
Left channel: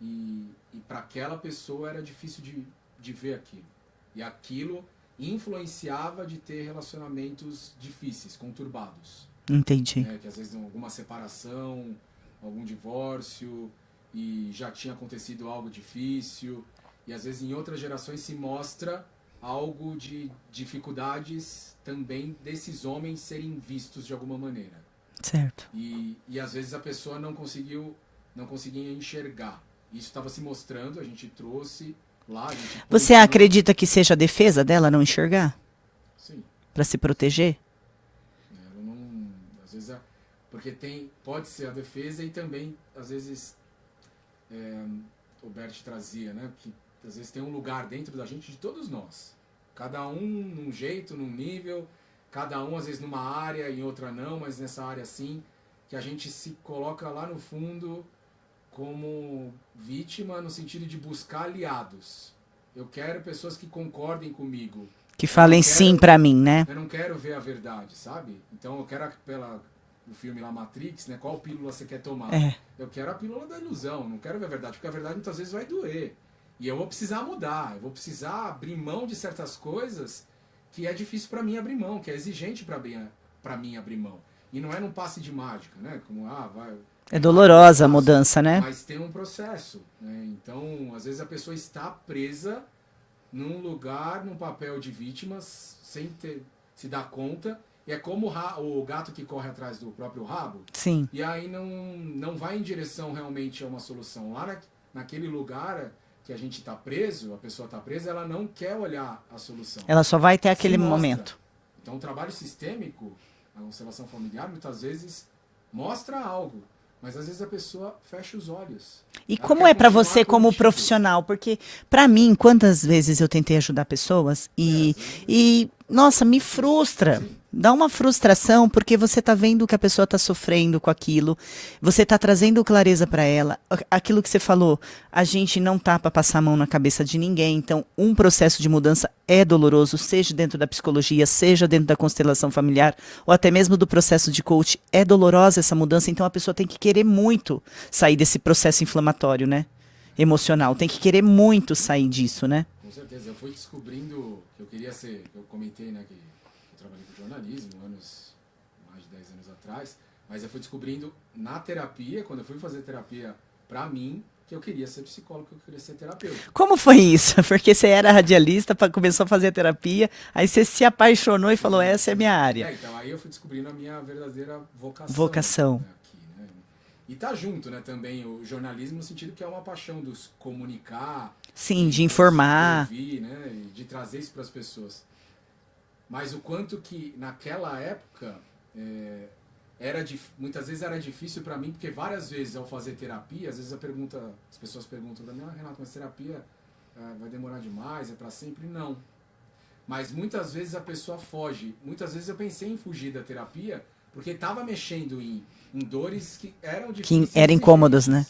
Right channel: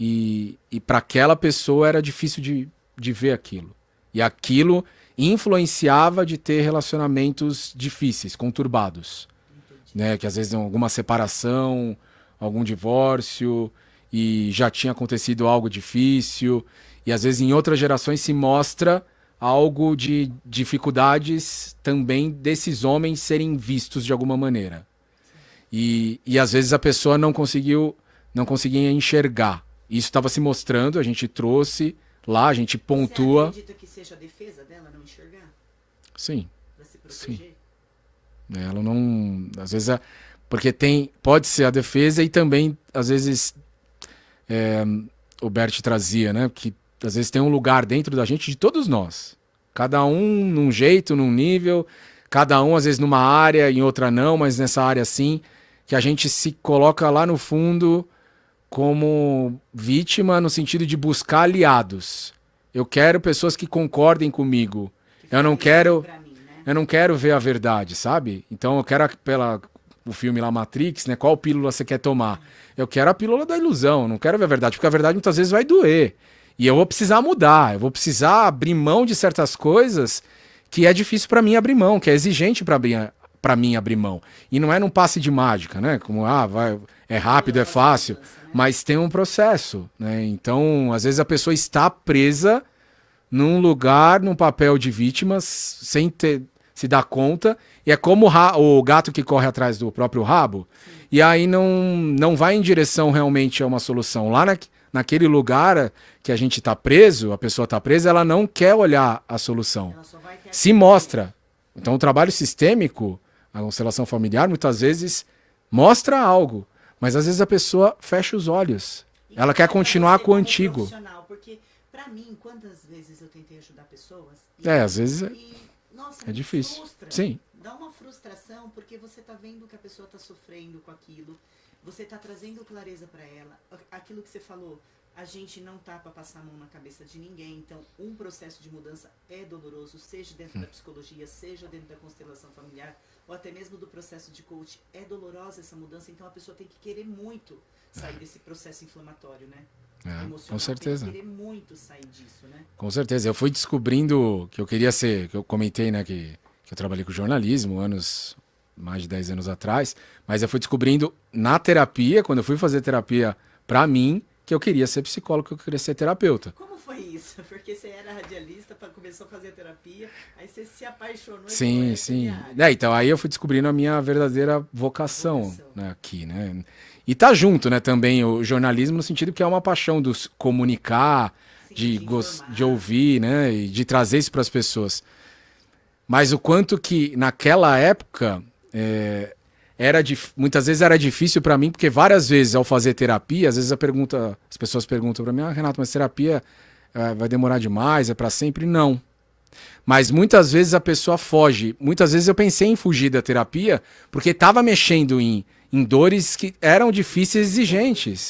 e para aquela pessoa era difícil de ver aquilo. E aquilo influenciava de ter relacionamentos difíceis, conturbados. Entendi. Né? Que às vezes alguma separação, algum divórcio, e já tinha acontecido algo difícil. E às vezes em outras gerações se mostra algo de dificuldades também desses homens serem vistos de alguma maneira. Certo. E às vezes a pessoa não conseguia enxergar. Isso estava se mostrando, a gente trouxe lá, a gente pontua. Você acredita que seja a defesa dela não enxergar? Sim. Para se proteger? Ela não... Às vezes... Porque pode ser a defesa e também, às vezes, o Bert trazia, né? Que às vezes tem um lugar dentro da gente de todos nós. Cada um num jeito, num nível, cada um às vezes numa área, em outra não, mas nessa área sim, que a gente se coloca lá no fundo como vítima no sentido de buscar aliados. Eu quero pessoas que concordem comigo. Que falem sim pra mim, né? Eu não quero ver a verdade, sabe? Então eu quero o filme lá, Matrix, né? Qual pílula você quer tomar? É. Eu quero a pílula da ilusão, não quero ver a verdade, porque a verdade muitas vezes vai doer. E eu vou precisar mudar, eu vou precisar abrir mão de certas coisas que é difícil pra mim abrir mão, que é exigente pra mim abrir mão. E não é num passe de mágica, né? Como, vai... É rápido, dolorosa fácil, a mudança, né? Mas tem um processo, né? Então, às vezes a pessoa está presa num lugar, num papel de vítimas, sem se dar conta. E é como o gato que corre atrás do próprio rabo. Sim. E aí não vai em direção realmente a uma solução. Lá naquele lugar que a gente está preso, a pessoa está presa, ela não quer olhar a solução. Ela só vai ter aquele Se mostra. momento. Então, o trabalho sistêmico, a constelação familiar, muitas vezes mostra algo. Mas às vezes a pessoa fecha os olhos. E Ela como quer é pra continuar você como contigo. profissional? Porque pra mim, quantas vezes eu tentei ajudar pessoas às vezes e nossa, me difícil. frustra. Sim. Dá uma frustração porque você tá vendo que a pessoa tá sofrendo com aquilo. Você tá trazendo clareza pra ela. Aquilo que você falou, a gente não tá pra passar a mão na cabeça de ninguém. Então, um processo de mudança é doloroso, seja dentro da psicologia, seja dentro da constelação familiar, ou até mesmo do processo de coach. É dolorosa essa mudança, então a pessoa tem que querer muito sair desse processo inflamatório, né? Emocional. com Tem que certeza. querer muito sair disso, né? Com certeza. Eu fui descobrindo que eu queria ser... Que eu comentei, né, que eu trabalhei com jornalismo mais de 10 anos atrás. Mas eu fui descobrindo na terapia, quando eu fui fazer terapia pra mim, que eu queria ser psicólogo, que eu queria ser terapeuta. Como foi isso? Porque você era radialista, começou a fazer terapia, aí você se apaixonou e Sim, falou, essa é sim. minha área. Então aí eu fui descobrindo a minha verdadeira vocação. Né, aqui, né? E tá junto, né, também o jornalismo no sentido que é uma paixão dos comunicar, Sim, de informar. de ouvir, né, e de trazer isso para as pessoas. Mas o quanto que naquela época muitas vezes era difícil para mim, porque várias vezes ao fazer terapia, às vezes as pessoas perguntam para mim, Renato, mas terapia vai demorar demais, é para sempre? Não. Mas muitas vezes a pessoa foge. Muitas vezes eu pensei em fugir da terapia porque estava mexendo em dores que eram difíceis e eram incômodas, né?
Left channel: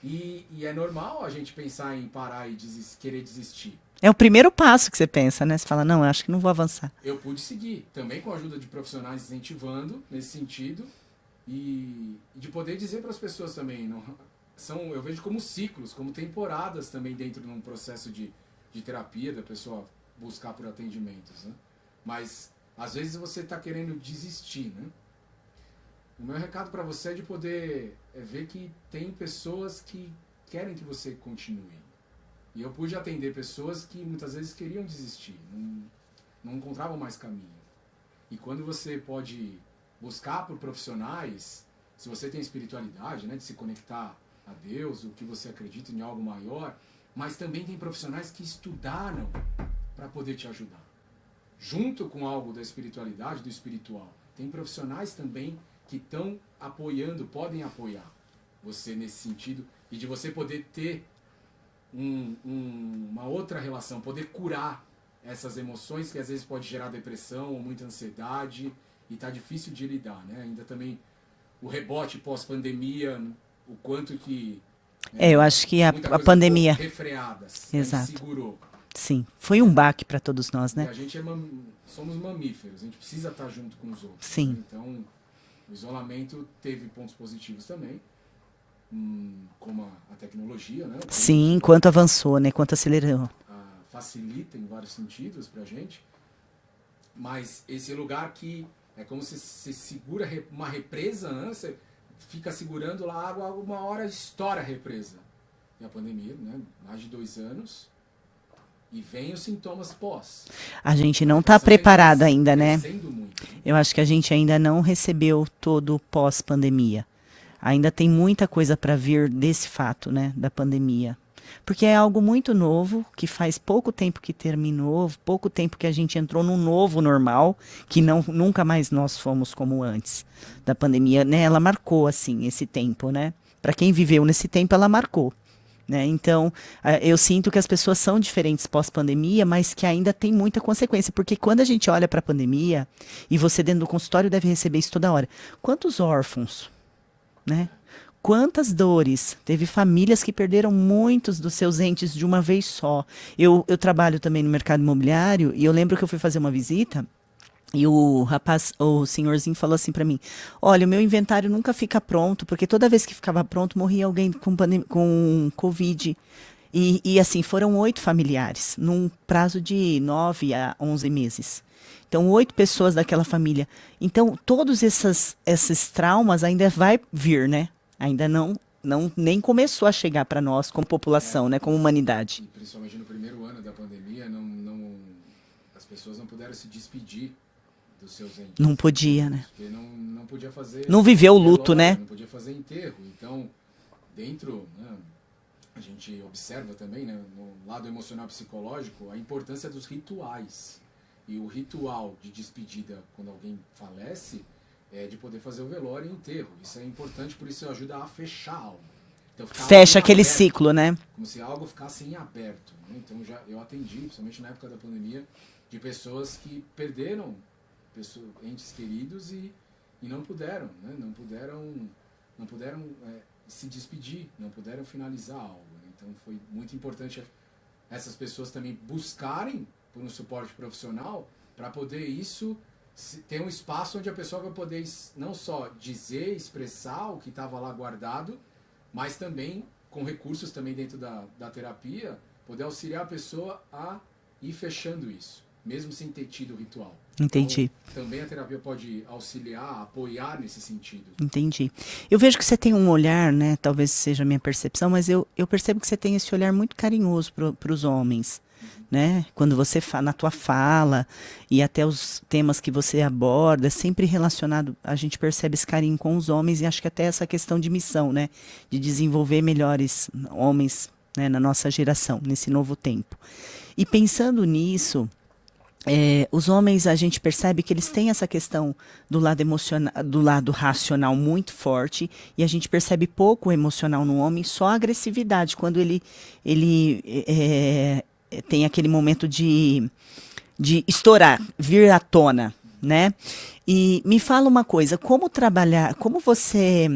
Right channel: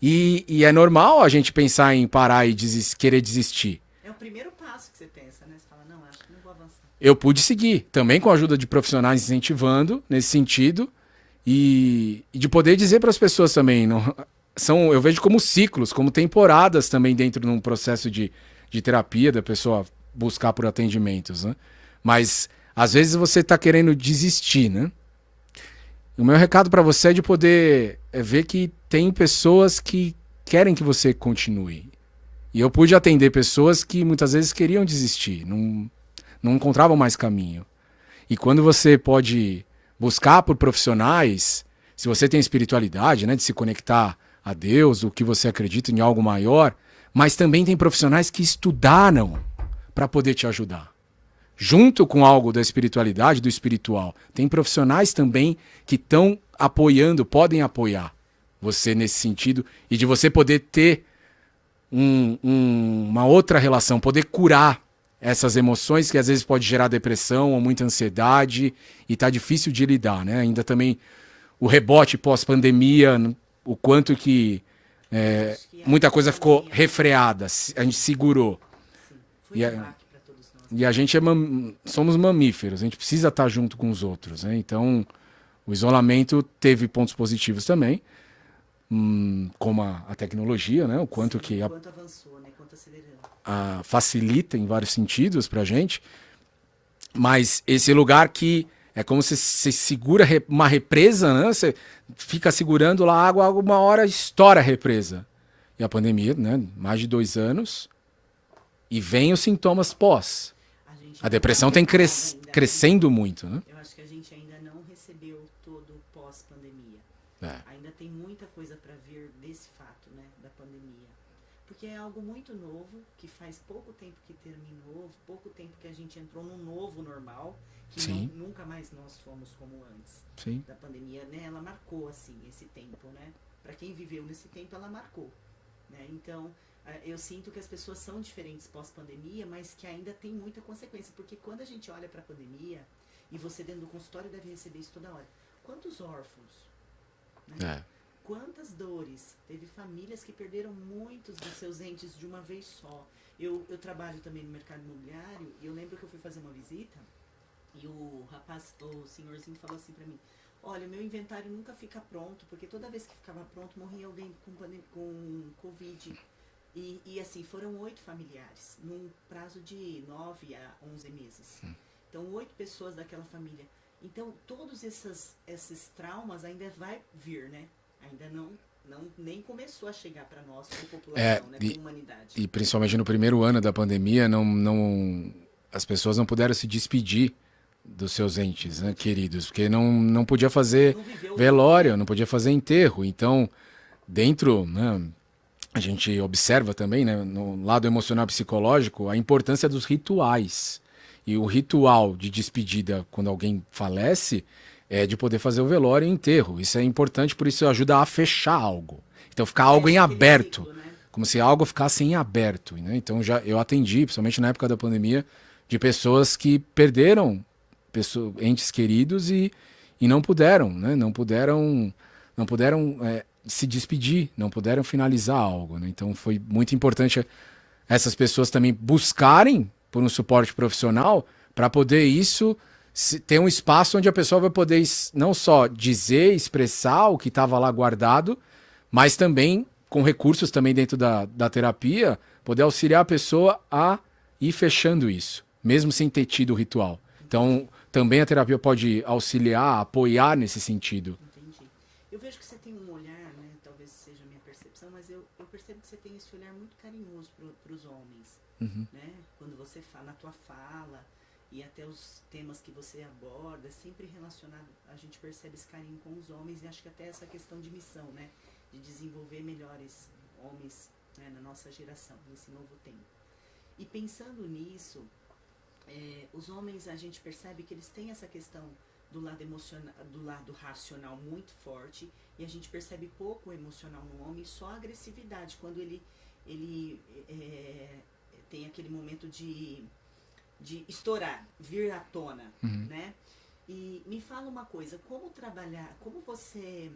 E é normal a gente pensar em parar e querer desistir. É o primeiro passo que você pensa, né? Você fala, não, eu acho que não vou avançar. Eu pude seguir, também com a ajuda de profissionais incentivando nesse sentido e de poder dizer para as pessoas também, eu vejo como ciclos, como temporadas também dentro de um processo de terapia, da pessoa buscar por atendimentos, né? Mas às vezes você está querendo desistir, né? O meu recado para você é de poder ver que tem pessoas que querem que você continue. E eu pude atender pessoas que muitas vezes queriam desistir, não encontravam mais caminho. E quando você pode buscar por profissionais, se você tem espiritualidade, né, de se conectar a Deus, o que você acredita em algo maior, mas também tem profissionais que estudaram para poder te ajudar. Junto com algo da espiritualidade, do espiritual, tem profissionais também que estão apoiando, podem apoiar você nesse sentido, e de você poder ter uma outra relação, poder curar essas emoções que às vezes pode gerar depressão ou muita ansiedade e tá difícil de lidar, né? Ainda também o rebote pós-pandemia, o quanto que eu acho que muita a coisa pandemia... ficou refreada, a gente segurou. Sim, foi um baque para todos nós, né? E a gente somos mamíferos, a gente precisa estar junto com os outros, né? Então, o isolamento teve pontos positivos também, como a tecnologia, né? O quanto Sim, quanto avançou, né? Quanto acelerou. Facilita em vários sentidos pra gente, mas esse lugar que é como se você segura uma represa, né? Você fica segurando lá a água, uma hora estoura a represa. E a pandemia, né? Mais de 2 anos... E vem os sintomas pós. A gente não está preparado ainda, né? Crescendo muito, né? Eu acho que a gente ainda não recebeu todo o pós-pandemia. Ainda tem muita coisa para vir desse fato, né? Da pandemia. Porque é algo muito novo, que faz pouco tempo que terminou, pouco tempo que a gente entrou num novo normal, que nunca mais nós fomos como antes da pandemia, né? Ela marcou, assim, esse tempo, né? Para quem viveu nesse tempo, ela marcou. Né? Então, eu sinto que as pessoas são diferentes pós-pandemia, mas que ainda tem muita consequência. Porque quando a gente olha para a pandemia, e você dentro do consultório deve receber isso toda hora, quantos órfãos, né? Quantas dores? Teve famílias que perderam muitos dos seus entes de uma vez só. Eu trabalho também no mercado imobiliário, e eu lembro que eu fui fazer uma visita, e o rapaz, o senhorzinho falou assim para mim: olha, o meu inventário nunca fica pronto, porque toda vez que ficava pronto, morria alguém com Covid. E assim, foram 8 familiares, num prazo de 9 a 11 meses. Então, 8 pessoas daquela família. Então, todos esses traumas ainda vai vir, né? Ainda nem começou a chegar para nós como população, né? Como humanidade. E principalmente no primeiro ano da pandemia, as pessoas não puderam se despedir dos seus entes, não podia, queridos, porque não podia fazer não viveu o luto, né? Não podia fazer enterro. Então, dentro, né, a gente observa também, né, no lado emocional e psicológico, a importância dos rituais. E o ritual de despedida quando alguém falece é de poder fazer o velório e o enterro. Isso é importante, por isso ajuda a fechar algo. Então, ficar algo em Fecha aquele aberto, ciclo, né? como se algo ficasse em aberto, né? Então, eu atendi, principalmente na época da pandemia, de pessoas que perderam entes queridos e não puderam, né? Não puderam se despedir, não puderam finalizar algo, né? Então foi muito importante essas pessoas também buscarem por um suporte profissional para poder ter um espaço onde a pessoa vai poder não só dizer, expressar o que estava lá guardado, mas também com recursos também dentro da terapia, poder auxiliar a pessoa a ir fechando isso, mesmo sem ter tido o ritual. Entendi. Então, também a terapia pode auxiliar, apoiar nesse sentido. Entendi. Eu vejo que você tem um olhar, né? Talvez seja a minha percepção, mas eu percebo que você tem esse olhar muito carinhoso para os homens, né? Quando você na tua fala e até os temas que você aborda, sempre relacionado, a gente percebe esse carinho com os homens e acho que até essa questão de missão, né? De desenvolver melhores homens, né? Na nossa geração, nesse novo tempo. E pensando nisso, os homens, a gente percebe que eles têm essa questão do lado emocional, do lado racional muito forte, e a gente percebe pouco o emocional no homem, só a agressividade, quando ele tem aquele momento de estourar, vir à tona, né? E me fala uma coisa, como você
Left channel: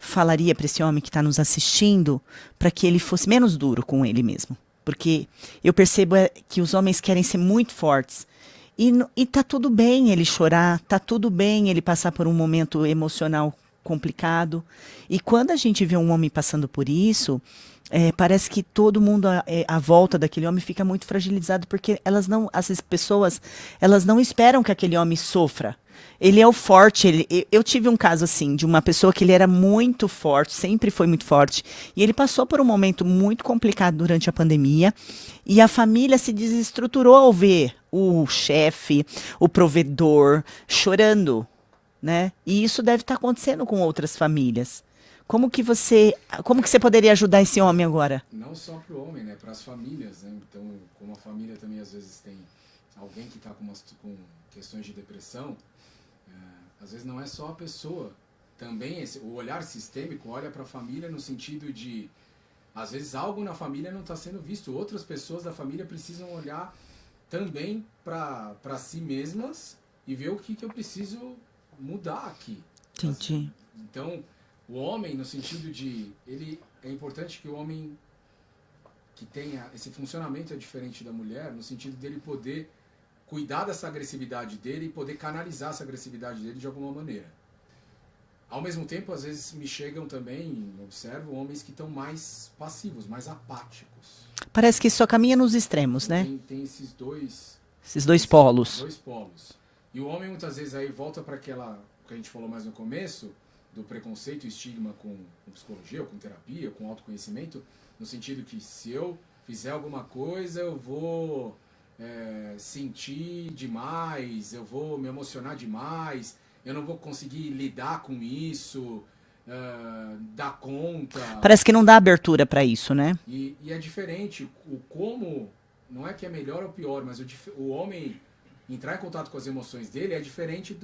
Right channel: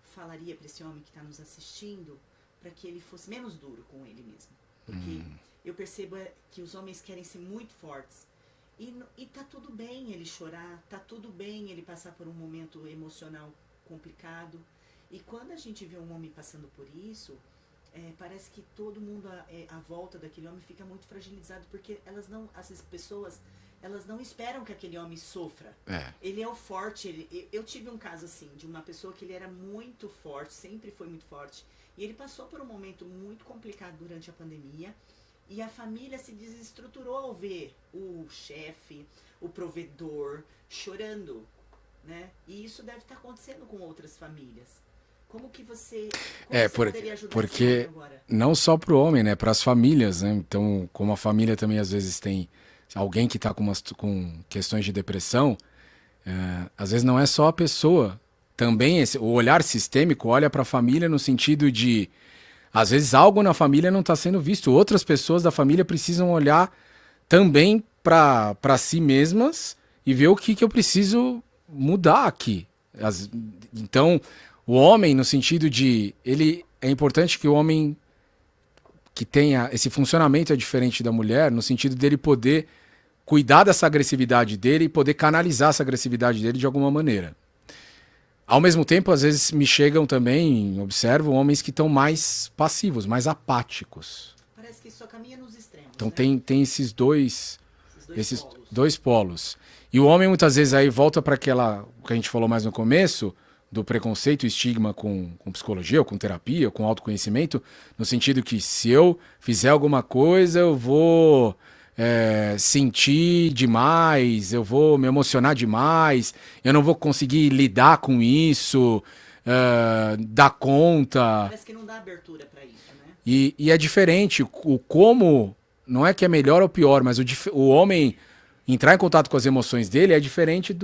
falaria para esse homem que está nos assistindo para que ele fosse menos duro com ele mesmo? Porque eu percebo que os homens querem ser muito fortes. E tá tudo bem ele chorar, tá tudo bem ele passar por um momento emocional complicado. E quando a gente vê um homem passando por isso, parece que todo mundo à volta daquele homem fica muito fragilizado, porque essas pessoas, elas não esperam que aquele homem sofra. Ele é o forte. Eu tive um caso assim, de uma pessoa que ele era muito forte, sempre foi muito forte, e ele passou por um momento muito complicado durante a pandemia, e a família se desestruturou ao ver o chefe, o provedor, chorando, né? E isso deve estar acontecendo com outras famílias. Como que você poderia ajudar esse porque homem agora? não só para o homem, né? Para as famílias, né? Então, como a família também às vezes tem alguém que está com questões de depressão, às vezes não é só a pessoa. Também o olhar sistêmico olha para a família no sentido de, às vezes algo na família não está sendo visto. Outras pessoas da família precisam olhar também para si mesmas e ver o que eu preciso mudar aqui. Entendi. Então, o homem, no sentido de... é importante que o homem que tenha esse funcionamento é diferente da mulher, no sentido dele poder cuidar dessa agressividade dele e poder canalizar essa agressividade dele de alguma maneira. Ao mesmo tempo, às vezes me chegam também, observo, homens que estão mais passivos, mais apáticos. Parece que só caminha nos extremos, Então né? tem esses dois Polos. dois polos. E o homem muitas vezes aí volta para aquela que a gente falou mais no começo, do preconceito e estigma com psicologia, ou com terapia, ou com autoconhecimento, no sentido que se eu fizer alguma coisa, eu vou sentir demais, eu vou me emocionar demais, eu não vou conseguir lidar com isso, dar conta. Parece que não dá abertura para isso, né? E é diferente. O como não é que é melhor ou pior, mas o homem entrar em contato com as emoções dele é diferente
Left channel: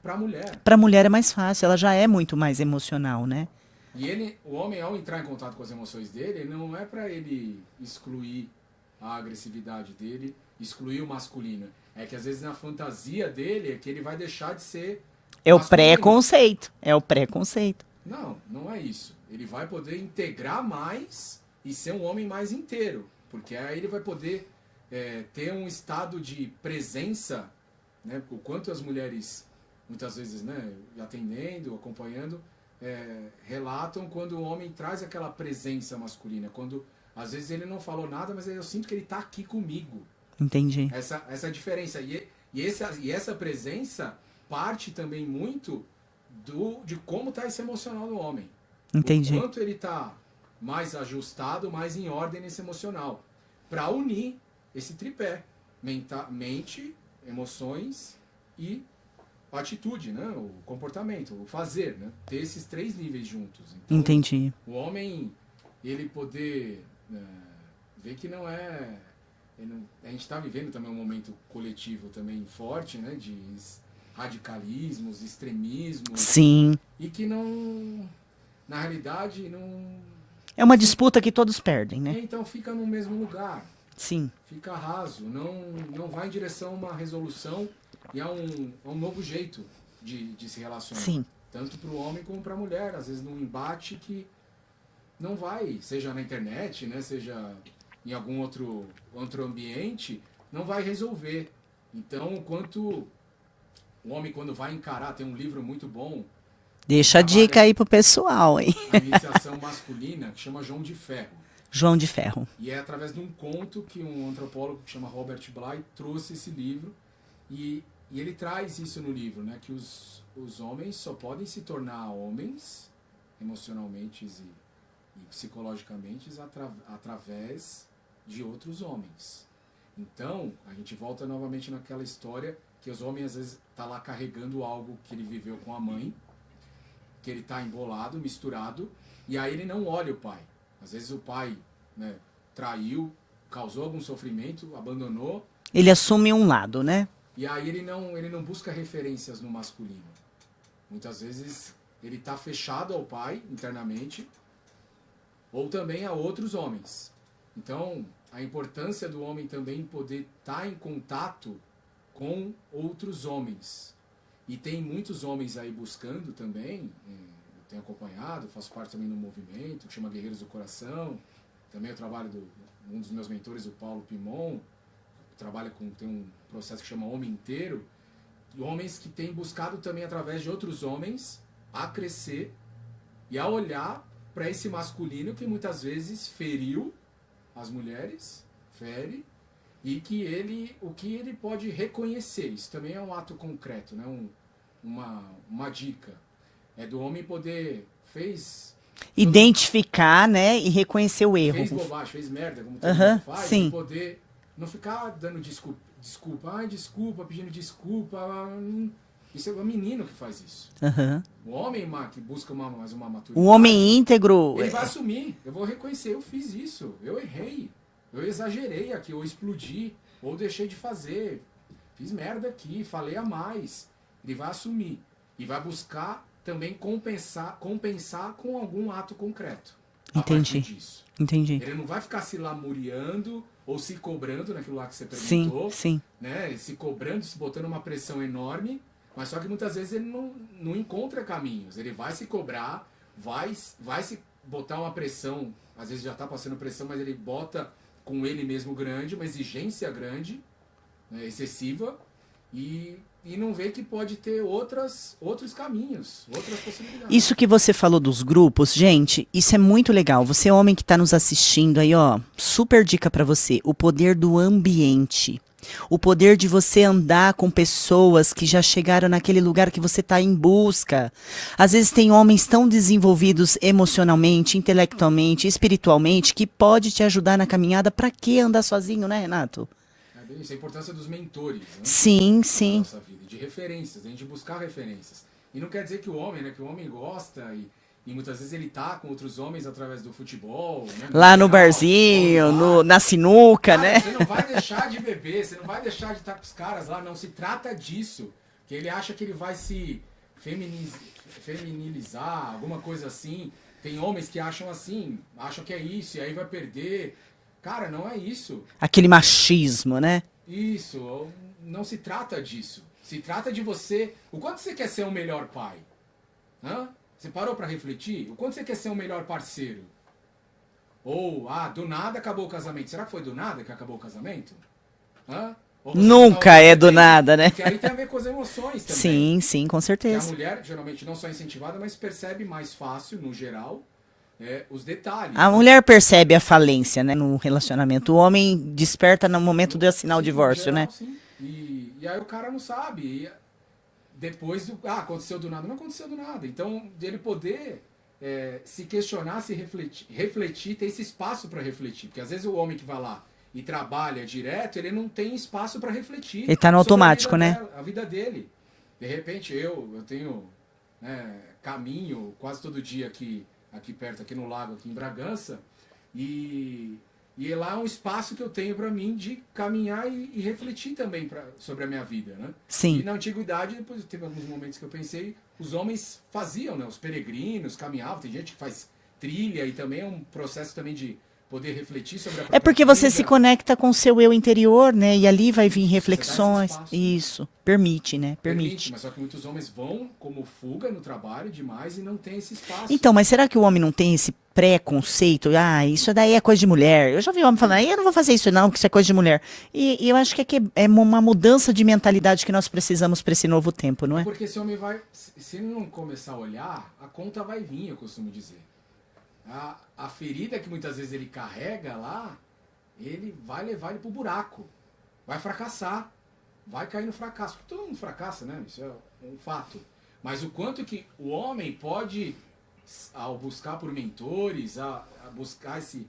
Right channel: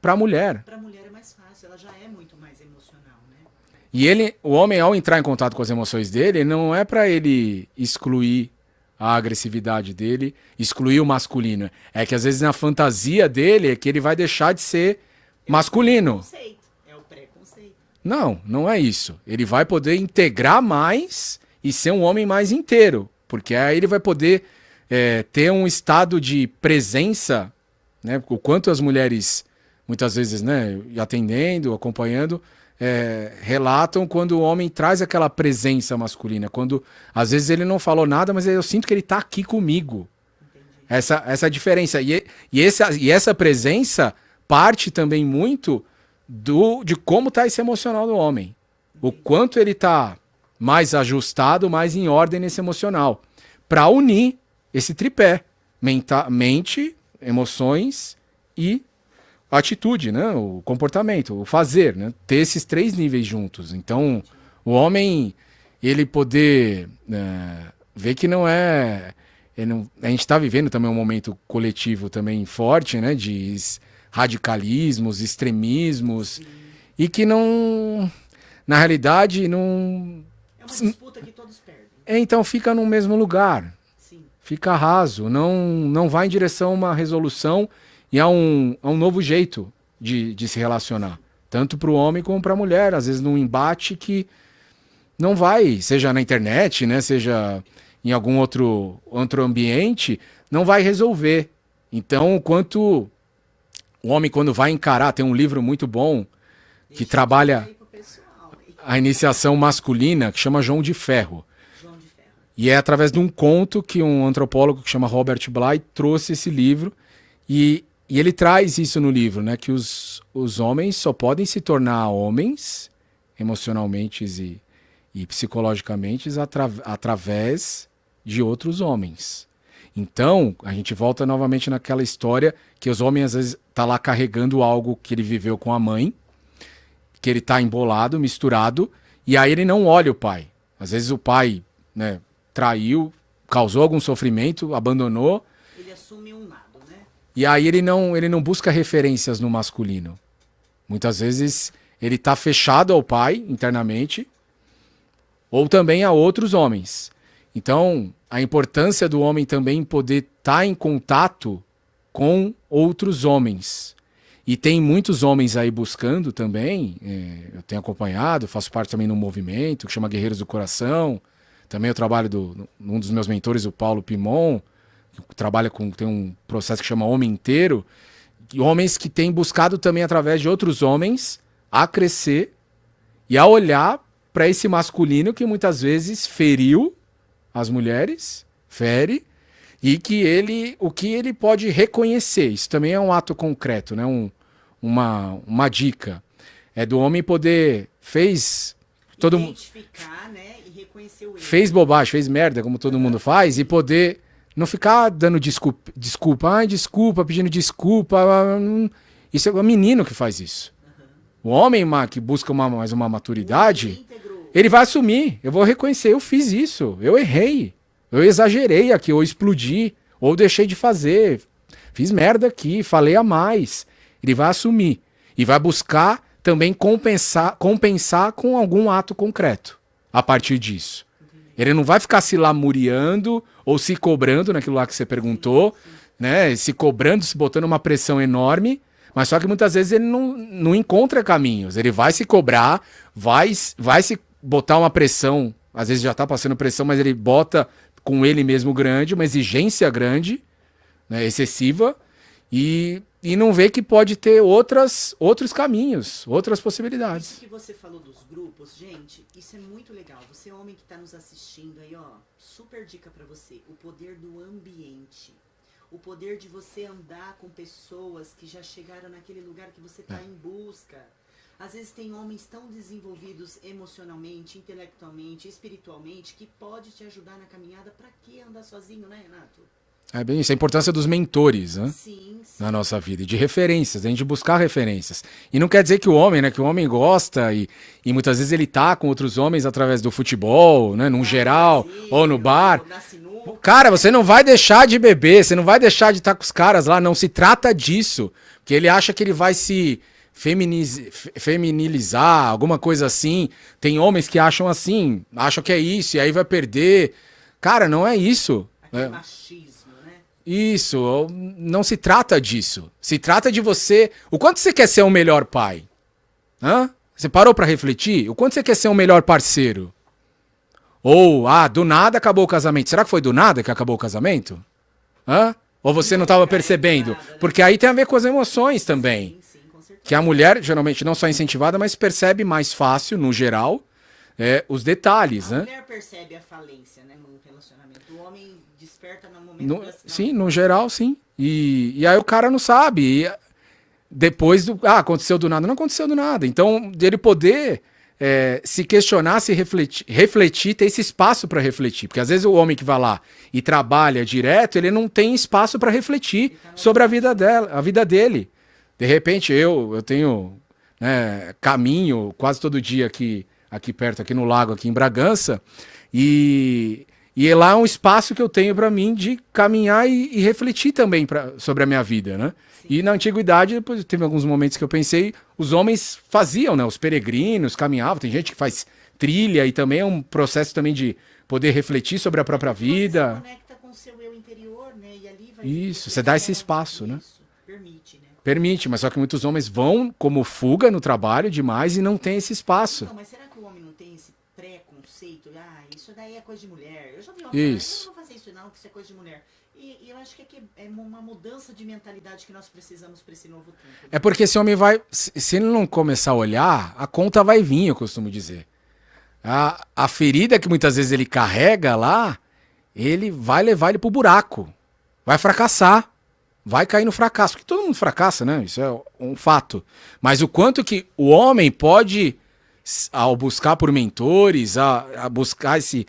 para a mulher. Para a mulher é mais fácil, ela já é muito mais emocional, né? E o homem, ao entrar em contato com as emoções dele, não é para ele excluir a agressividade dele, excluir o masculino. É que às vezes na fantasia dele é que ele vai deixar de ser masculino. É o preconceito. Não, não é isso. Ele vai poder integrar mais e ser um homem mais inteiro. Porque aí ele vai poder ter um estado de presença, né? O quanto as mulheres, muitas vezes, né, atendendo, acompanhando, relatam quando o homem traz aquela presença masculina. Quando, às vezes, ele não falou nada, mas eu sinto que ele está aqui comigo. Entendi. Essa diferença. E essa presença parte também muito de como está esse emocional do homem. Entendi. O quanto ele está mais ajustado, mais em ordem nesse emocional. Para unir esse tripé. Mente, emoções e atitude, né? O comportamento, o fazer, né? Ter esses três níveis juntos. Então, Entendi. o homem, ele poder ver que não é... a gente está vivendo também um momento coletivo também forte, né? De radicalismos, extremismos. Sim. E que não... Na realidade, não... É uma disputa que todos perdem, né? Então fica no mesmo lugar. Sim. Fica raso. Não vai em direção a uma resolução e a um novo jeito de se relacionar. Sim. Tanto para o homem como para a mulher. Às vezes num embate que não vai, seja na internet, né? Seja em algum outro ambiente, não vai resolver. Então, quanto o homem, quando vai encarar, tem um livro muito bom. Deixa a dica aí pro pessoal, hein? A iniciação masculina, que chama João de Ferro. João de Ferro. E é através de um conto que um antropólogo que chama Robert Bly trouxe esse livro. E ele traz isso no livro, né? Que os homens só podem se tornar homens, emocionalmente e psicologicamente, através de outros homens. Então, a gente volta novamente naquela história que os homens, às vezes, tá lá carregando algo que ele viveu com a mãe, que ele tá embolado, misturado, e aí ele não olha o pai. Às vezes o pai, né, traiu, causou algum sofrimento, abandonou. Ele assume um lado, né? E aí ele não busca referências no masculino. Muitas vezes ele tá fechado ao pai internamente, ou também a outros homens. Então, a importância do homem também poder estar em contato com outros homens. E tem muitos homens aí buscando também, eu tenho acompanhado, faço parte também de um movimento que chama Guerreiros do Coração. Também eu trabalho um dos meus mentores, o Paulo Pimon, que tem um processo que chama Homem Inteiro. E homens que têm buscado também através de outros homens a crescer e a olhar para esse masculino que muitas vezes feriu as mulheres, fere, e que o que ele pode reconhecer. Isso também é um ato concreto, né? Uma dica. É do homem poder, identificar, né, e reconhecer o erro. Fez bobagem, fez merda, como todo mundo faz, sim. e poder não ficar dando desculpa, pedindo desculpa. Isso é o menino que faz isso. O homem que busca mais uma maturidade. O homem íntegro. Ele vai assumir. Eu vou reconhecer, eu fiz isso, eu errei, eu exagerei aqui, ou explodi, ou deixei de fazer, fiz merda aqui, falei a mais. Ele vai assumir e vai buscar também compensar com algum ato concreto a partir disso. Entendi. Ele não vai ficar se lamuriando ou se cobrando naquilo lá que você perguntou, sim. né? Se cobrando, se botando uma pressão enorme, mas só que muitas vezes ele não encontra caminhos. Ele vai se cobrar, vai se botar uma pressão, às vezes já tá passando pressão, mas ele bota com ele mesmo grande, uma exigência grande, né, excessiva, e não vê que pode ter outros caminhos, outras possibilidades. Isso que você falou dos grupos, gente, isso é muito legal. Você, homem que está nos assistindo aí, ó, super dica para você. O poder do ambiente. O poder de você andar com pessoas que já chegaram naquele lugar que você está em busca. Às vezes tem homens tão desenvolvidos emocionalmente, intelectualmente, espiritualmente, que pode te ajudar na caminhada. Para que andar sozinho, né, Renato? É bem isso, a importância dos mentores, né? Sim. Na nossa vida, e de referências, a gente buscar referências. E não quer dizer que o homem, né, que o homem gosta e muitas vezes ele tá com outros homens através do futebol, né, no lá geral, no barzinho, ou no bar. na sinuca. Cara, né? você não vai deixar de beber, você não vai deixar de estar com os caras lá, não se trata disso, porque ele acha que ele vai se feminilizar, alguma coisa assim. Tem homens que acham assim, acham que é isso, e aí vai perder. Cara, não é isso. Aquele machismo, né? Isso, não se trata disso. Se trata de você. O quanto você quer ser um melhor pai? Hã? Você parou pra refletir? O quanto você quer ser um melhor parceiro? Ou, do nada acabou o casamento. Será que foi do nada que acabou o casamento? Hã? Ou você não tava Nunca percebendo? é do nada, né? Porque aí tem a ver com as emoções também. Sim, com certeza. Que a mulher, geralmente, não só é incentivada, mas percebe mais fácil, no geral, os detalhes. A né? mulher percebe a falência, né, no relacionamento. O homem desperta no momento de assinar o divórcio, no geral, né? sim. E aí o cara não sabe. E depois aconteceu do nada. Não aconteceu do nada. Então, dele poder se questionar, se refletir, ter esse espaço para refletir. Porque às vezes o homem que vai lá e trabalha direto, ele não tem espaço para refletir Ele tá no sobre automático, a vida dele. De repente, eu tenho caminho quase todo dia aqui perto, aqui no lago, aqui em Bragança, e lá é um espaço que eu tenho para mim de caminhar e refletir também sobre a minha vida, né? Sim. E na antiguidade, depois teve alguns momentos que eu pensei, os homens faziam, né? Os peregrinos caminhavam, tem gente que faz trilha e também é um processo também de poder refletir sobre a própria vida. É porque você se conecta com o seu eu interior, né? E ali vai vir Isso, reflexões. você dá esse espaço, né? Isso. Permite, né? Permite, mas só que muitos homens vão como fuga no trabalho demais e não tem esse espaço. Então, mas será que o homem não tem esse preconceito? Isso daí é coisa de mulher. Eu já vi homem falando, eu não vou fazer isso não, porque isso é coisa de mulher. E eu acho que é uma mudança de mentalidade que nós precisamos para esse novo tempo, não é? É porque esse homem se ele não começar a olhar, a conta vai vir, eu costumo dizer. A ferida que muitas vezes ele carrega lá, ele vai levar ele pro buraco. Vai fracassar. Vai cair no fracasso. Porque todo mundo fracassa, né? Isso é um fato. Mas o quanto que o homem pode, ao buscar por mentores, a buscar se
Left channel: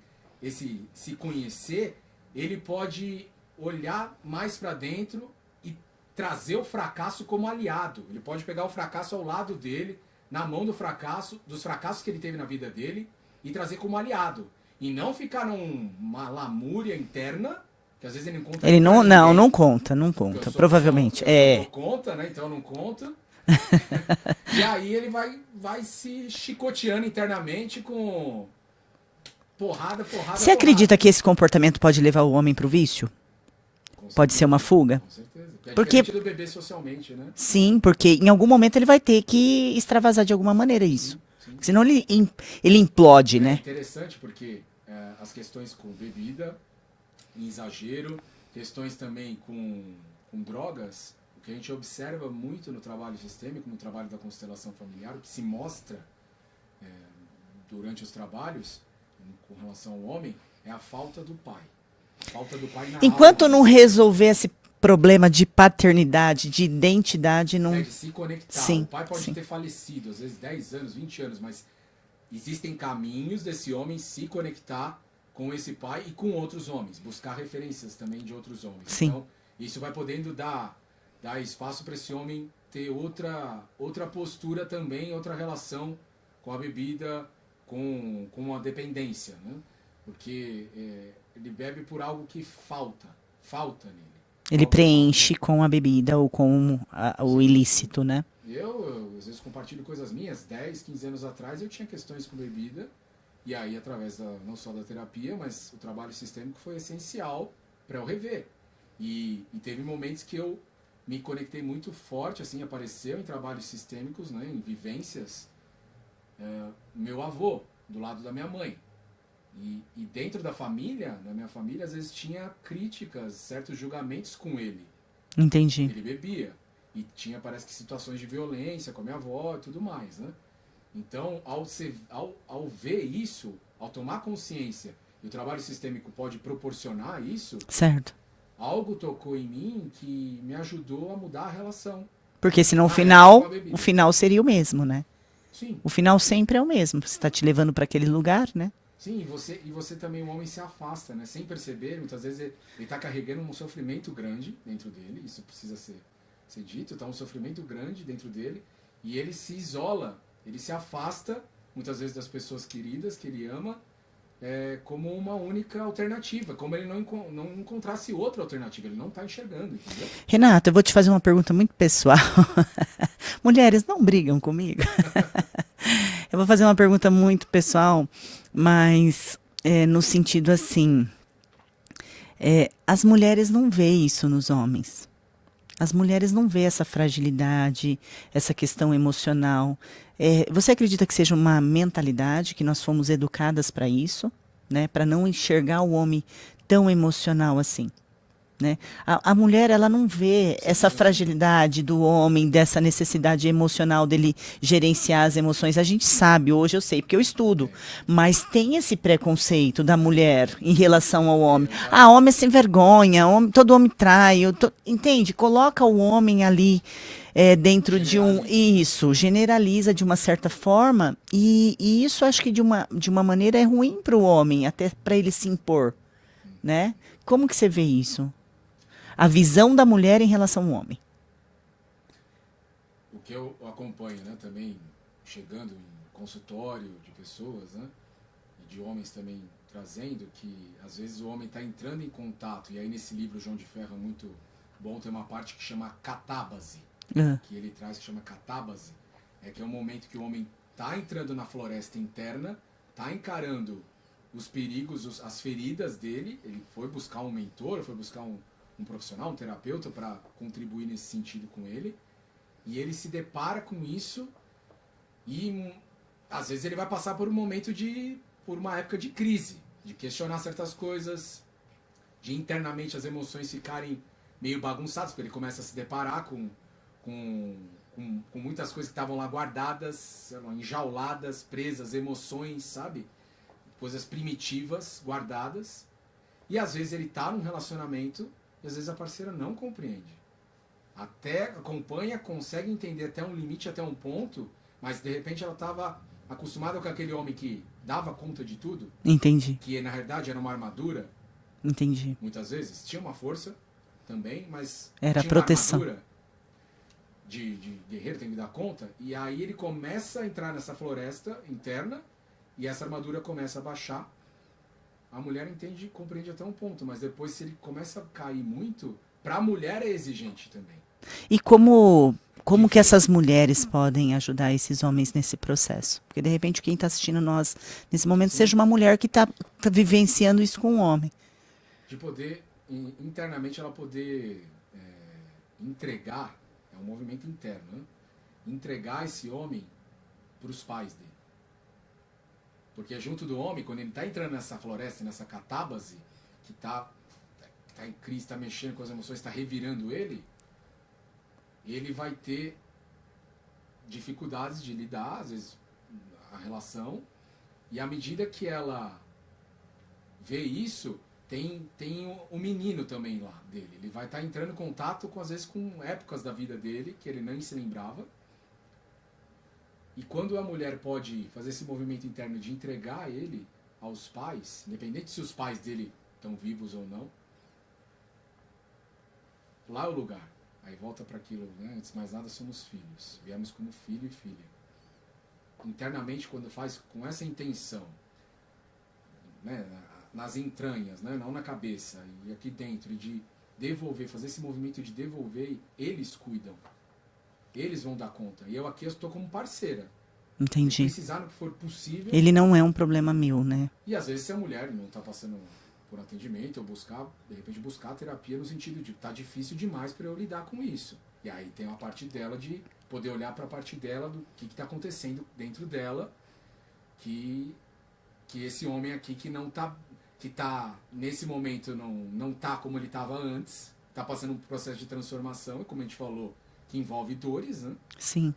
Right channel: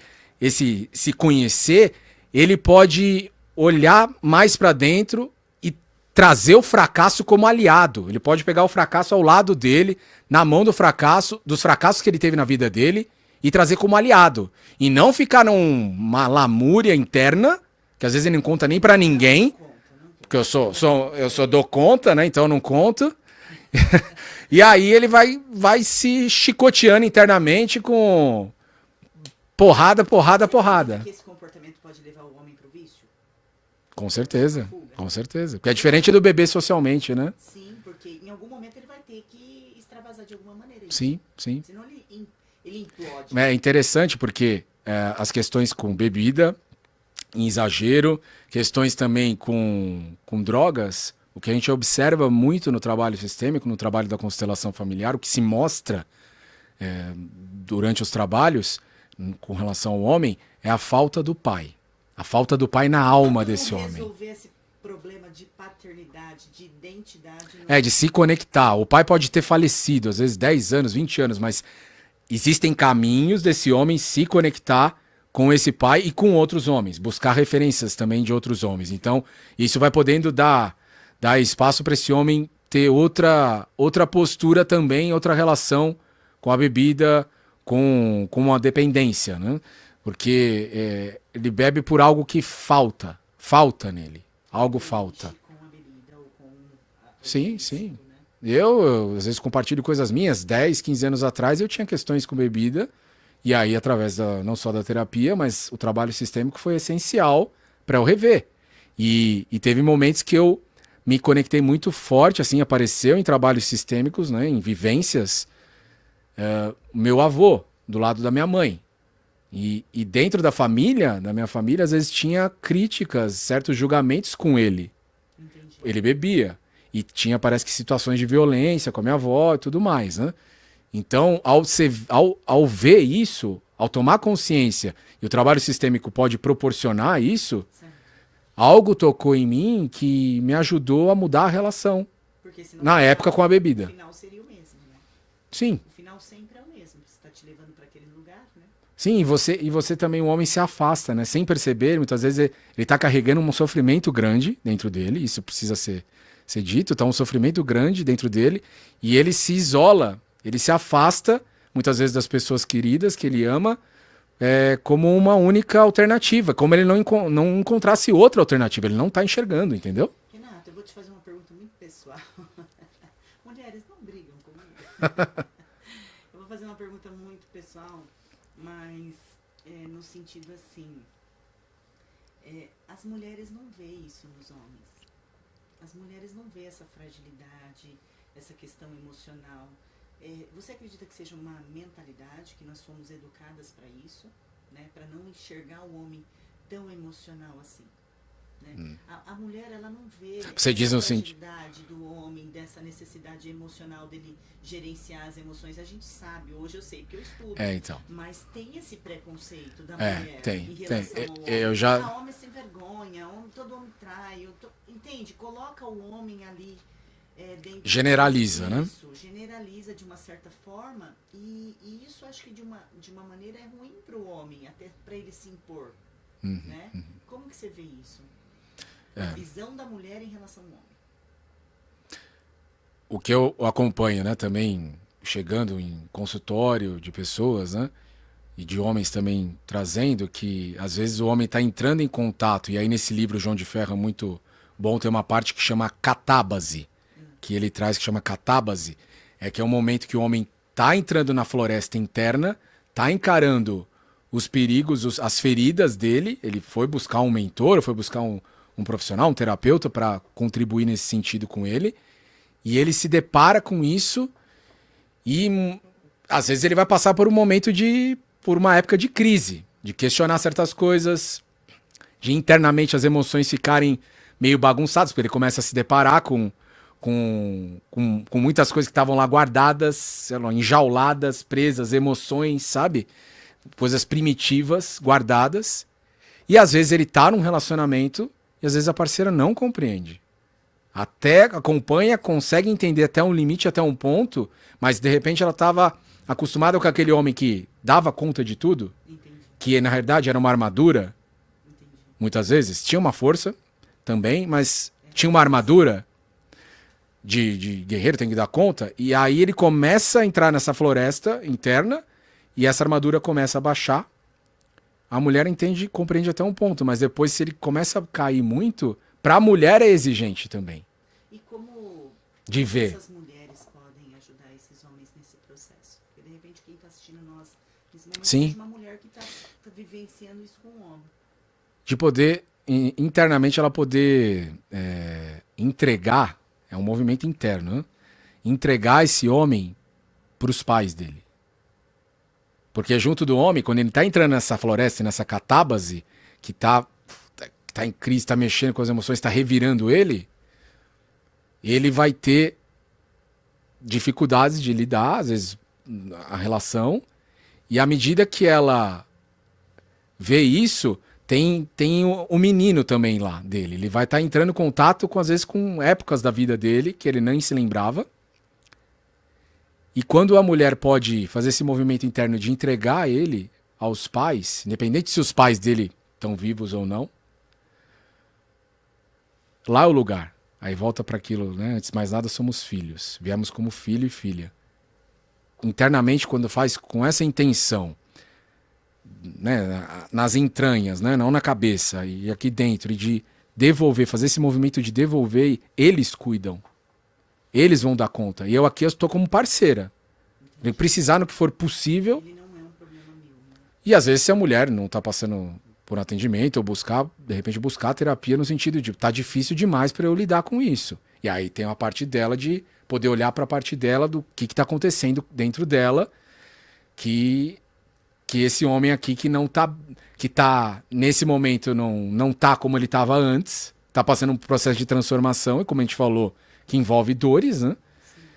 conhecer, ele pode olhar mais para dentro e trazer o fracasso como aliado. Ele pode pegar o fracasso ao lado dele, na mão dos fracassos que ele teve na vida dele, e trazer como aliado. E não ficar numa lamúria interna, que às vezes ele não conta nem pra ninguém. Não conta. Porque eu só provavelmente. dou conta, né? Então eu não conto. E aí ele vai se chicoteando internamente com porrada. Você acredita que esse comportamento pode levar o homem pro vício? Com certeza. Pode ser uma fuga? Com certeza. Porque é diferente do bebê socialmente, né? Sim, porque em algum momento ele vai ter que extravasar de alguma maneira isso. Sim. Senão ele implode, né? É interessante porque as questões com bebida, em exagero, questões também com drogas, O que a gente observa muito no trabalho sistêmico, no trabalho da constelação familiar, o que se mostra durante os trabalhos com relação ao homem é a falta do pai. A falta do pai na alma Enquanto não desse homem. resolver esse problema de paternidade, de identidade, não... De se conectar. Sim, O pai pode sim. ter falecido, às vezes 10 anos, 20 anos, mas existem caminhos desse homem se conectar com esse pai e com outros homens, buscar referências também de outros homens. Sim. Então, isso vai podendo dar espaço para esse homem ter outra postura também, outra relação com a bebida, com a dependência, né? Porque ele bebe por algo que falta nele. Ele Algo preenche falta. com a bebida ou com o Sim, ilícito, sim. né? Eu, às vezes, compartilho coisas minhas. 10, 15 anos atrás, eu tinha questões com bebida. E aí, através não só da terapia, mas o trabalho sistêmico foi essencial para eu rever. E teve momentos que eu me conectei muito forte, assim, apareceu em trabalhos sistêmicos, né, em vivências, meu avô, do lado da minha mãe. E dentro da minha família, às vezes tinha críticas, certos julgamentos com ele. Entendi. Ele bebia. E tinha, parece que, situações de violência com a minha avó e tudo mais, né? Então, ao ver isso, ao tomar consciência, e o trabalho sistêmico pode proporcionar isso, Certo. algo tocou em mim que me ajudou a mudar a relação. Porque senão Na época, com a o bebida. final seria o mesmo, né? Sim, O final sempre é o mesmo. Você está te levando para aquele lugar, né? sim, e você também, o homem se afasta, né? Sem perceber, muitas vezes ele tá carregando um sofrimento grande dentro dele, isso precisa ser dito, tá um sofrimento grande dentro dele, e ele se isola, ele se afasta, muitas vezes, das pessoas queridas que ele ama, como uma única alternativa, como ele não encontrasse outra alternativa, ele não tá enxergando, entendeu? Renata, eu vou te fazer uma pergunta muito pessoal. Mulheres não brigam comigo. Eu vou fazer uma pergunta muito pessoal, mas no sentido assim, as mulheres não veem isso nos homens. As mulheres não veem essa fragilidade, essa questão emocional. Você acredita que seja uma mentalidade, que nós fomos educadas para isso, né? Para não enxergar o homem tão emocional assim? Né? A mulher, ela não vê Você essa diz o fragilidade do homem, dessa necessidade emocional dele gerenciar as emoções. A gente sabe, hoje eu sei, porque eu estudo. Então. Mas tem esse preconceito da mulher Tem. em relação ao homem. Eu já- Ah, homem é sem vergonha, todo homem trai. Entende? Coloca o homem ali dentro Generaliza, de um... né? Isso, generaliza de uma certa forma. E isso acho que de uma maneira é ruim para o homem, até para ele se impor. Né? Como que você vê isso? A visão da mulher em relação ao homem. O que eu acompanho, né, também chegando em consultório de pessoas, né, e de homens também trazendo que às vezes o homem está entrando em contato, e aí nesse livro João de Ferro é muito bom, tem uma parte que chama catábase, que ele traz que chama catábase, que é um momento que o homem está entrando na floresta interna, está encarando os perigos, as feridas dele, ele foi buscar um mentor, foi buscar um profissional, um terapeuta para contribuir nesse sentido com ele, e ele se depara com isso e às vezes ele vai passar por por uma época de crise, de questionar certas coisas, de internamente as emoções ficarem meio bagunçadas, porque ele começa a se deparar com muitas coisas que estavam lá guardadas, sei lá, enjauladas, presas, emoções, sabe? Coisas primitivas, guardadas. E às vezes ele tá num relacionamento e às vezes a parceira não compreende. Até acompanha, consegue entender até um limite, até um ponto, mas de repente ela estava acostumada com aquele homem que dava conta de tudo, Entendi, que na verdade era uma armadura, entendi. muitas vezes. Tinha uma força também, mas Era tinha uma proteção. armadura de guerreiro, tem que dar conta. E aí ele começa a entrar nessa floresta interna e essa armadura começa a baixar. A mulher compreende até um ponto, mas depois se ele começa a cair muito, para a mulher é exigente também. E como De que ver. essas mulheres podem ajudar esses homens nesse processo? Porque de repente quem está assistindo nós nesse momento Sim. seja uma mulher que está vivenciando isso com um homem. De poder, internamente, ela poder entregar, é um movimento interno, né? Entregar esse homem para os pais dele. Porque junto do homem, quando ele está entrando nessa floresta, nessa catábase, que tá em crise, está mexendo com as emoções, está revirando ele, ele vai ter dificuldades de lidar, às vezes, a relação, e à medida que ela vê isso, tem o menino também lá dele. Ele vai estar entrando em contato, às vezes, com épocas da vida dele que ele nem se lembrava. E quando a mulher pode fazer esse movimento interno de entregar ele aos pais, independente se os pais dele estão vivos ou não, lá é o lugar. Aí volta para aquilo, né? Antes de mais nada, somos filhos. Viemos como filho e filha. Internamente, quando faz com essa intenção, né? Nas entranhas, né? Não na cabeça, e aqui dentro, e de devolver, fazer esse movimento de devolver, eles cuidam. Eles vão dar conta. E eu aqui estou como parceira. Entendi. Eu precisar no que for possível. Ele não é um problema meu, né? E às vezes se a mulher não está passando por atendimento ou buscar, de repente buscar terapia no sentido de tá difícil demais para eu lidar com isso. E aí tem uma parte dela de poder olhar para a parte dela do que está acontecendo dentro dela, que esse homem aqui que não tá, que tá nesse momento não tá como ele estava antes, tá passando um processo de transformação, e como a gente falou, que envolve dores, né? Sim.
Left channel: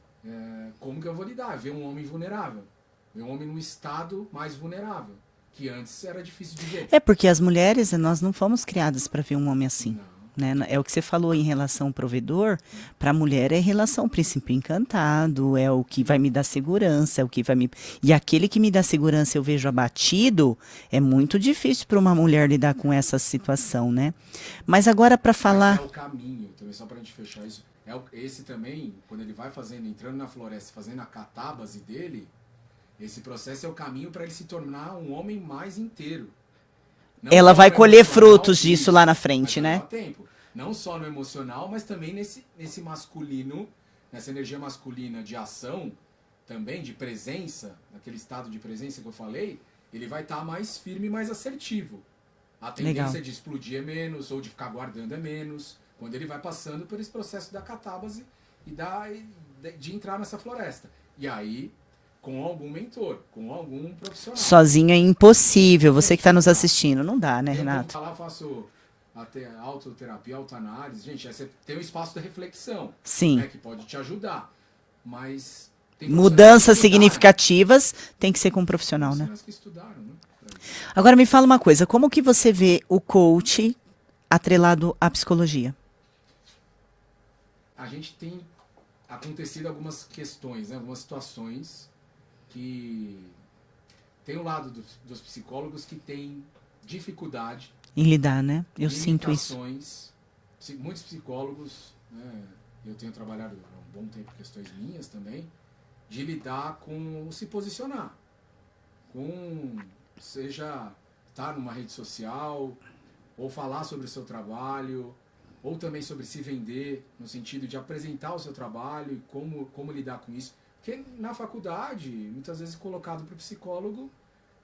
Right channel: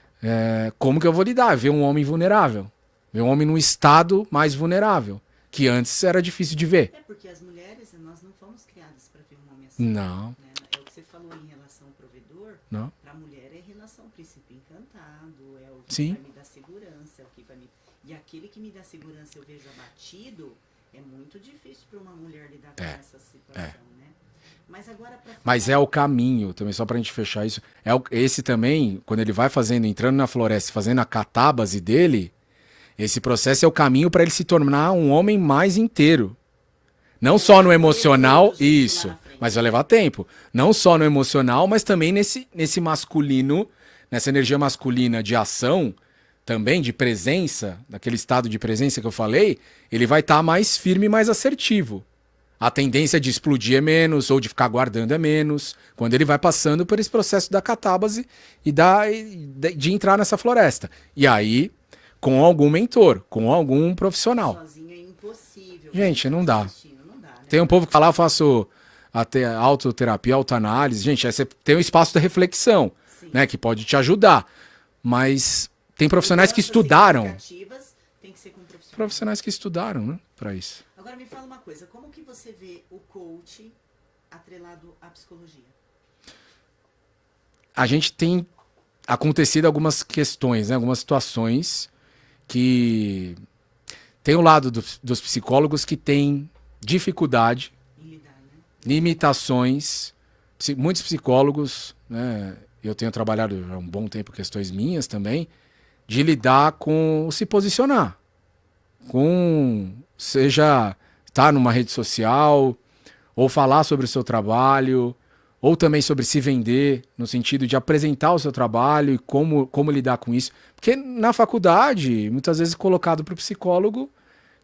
Como que eu vou lidar? Ver um homem vulnerável. Ver um homem num estado mais vulnerável. Que antes era difícil de ver. É porque as mulheres, nós não fomos criadas para ver um homem assim. Não. Né? É o que você falou em relação ao provedor. Não. Para a mulher é relação príncipe encantado, é o que Sim. vai me dar segurança, é o que vai me... E aquele que me dá segurança eu vejo abatido, é muito difícil para uma mulher lidar com essa situação, né? Mas agora para falar... Mas é o caminho, também só pra gente fechar isso. Esse também, quando ele vai fazendo, entrando na floresta, fazendo a catábase dele, esse processo é o caminho para ele se tornar um homem mais inteiro. Não Ela só vai no colher emocional, frutos disso lá na frente, mas vai né? levar tempo. Não só no emocional, mas também nesse masculino, nessa energia masculina de ação, também de presença, daquele estado de presença que eu falei, ele vai estar mais firme e mais assertivo. A tendência de explodir é menos, ou de ficar guardando é menos, quando ele vai passando por esse processo da catábase e de entrar nessa floresta. E aí, com algum mentor, com algum profissional. Sozinho é impossível, você Gente, que está não nos dá. assistindo, não dá, né? Tem um Renato? povo que fala, eu faço até autoterapia, autoanálise. Gente, aí você tem um espaço de reflexão, Sim. né, que pode te ajudar. Mas tem profissionais Mudanças que estudaram. significativas tem que ser com um profissional, né? Profissionais que estudaram, né, para isso. Agora me fala uma coisa, como que você vê o coach atrelado à psicologia? A gente tem acontecido algumas questões, né, algumas situações que tem o lado dos psicólogos que tem dificuldade, Em lidar, né? Eu sinto limitações. Muitos psicólogos, né, eu tenho trabalhado há um bom tempo questões minhas também, de lidar com se posicionar. Seja estar numa rede social, ou falar sobre o seu trabalho, ou também sobre se vender, no sentido de apresentar o seu trabalho e como lidar com isso. Porque na faculdade, muitas vezes colocado para o psicólogo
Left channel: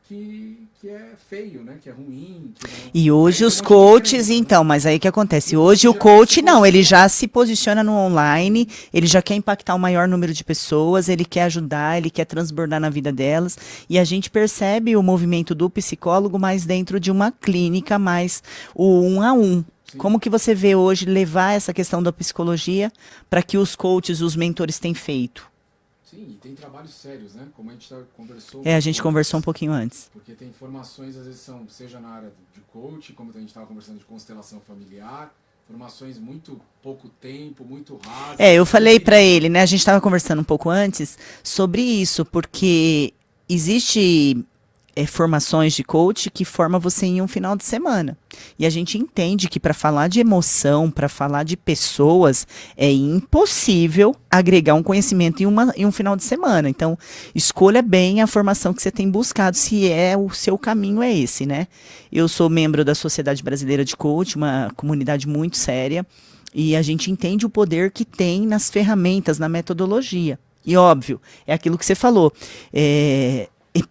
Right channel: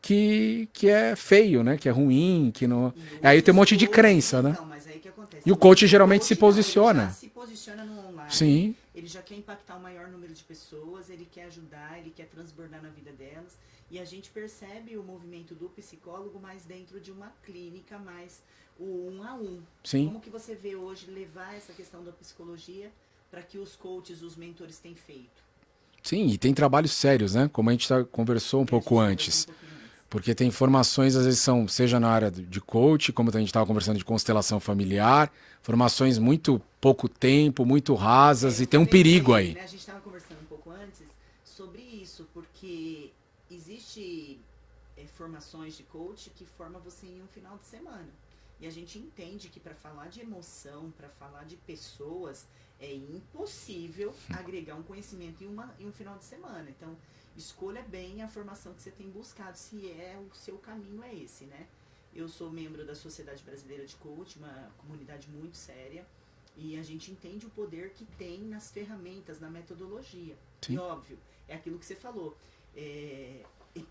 que é feio, né? Que é ruim, que não... E hoje Aí tem um os monte de coaches, crença, né? então, mas aí o que acontece? E o Hoje coach o geralmente coach se não, ele posiciona. já se posiciona no online, Sim. ele já quer impactar o maior número de pessoas, ele quer ajudar, ele quer transbordar na vida delas, e a gente percebe o movimento do psicólogo mais dentro de uma clínica, mais o 1-a-1. Sim. Como que você vê hoje levar essa questão da psicologia para que os coaches, os mentores têm feito? Sim, e tem trabalhos sérios, né? Como a gente conversou um pouco A gente antes. conversou um pouquinho antes. Porque tem formações, às vezes, seja na área de coach, como a gente estava conversando de constelação familiar, formações muito pouco tempo, muito rasas. Eu e tem um falei para perigo ele, aí. né? A gente estava conversando um pouco antes sobre isso, porque existe formações de coach que forma você em um final de semana. E a gente entende que para falar de emoção, para falar de pessoas, é impossível agregar um conhecimento em um final de semana. Então, escolha bem a formação que você tem buscado, se o seu caminho é esse, né? Eu sou membro da Sociedade Brasileira de Coach, uma comunidade muito séria, e a gente entende o poder que tem nas ferramentas, na metodologia. E óbvio, é aquilo que você falou.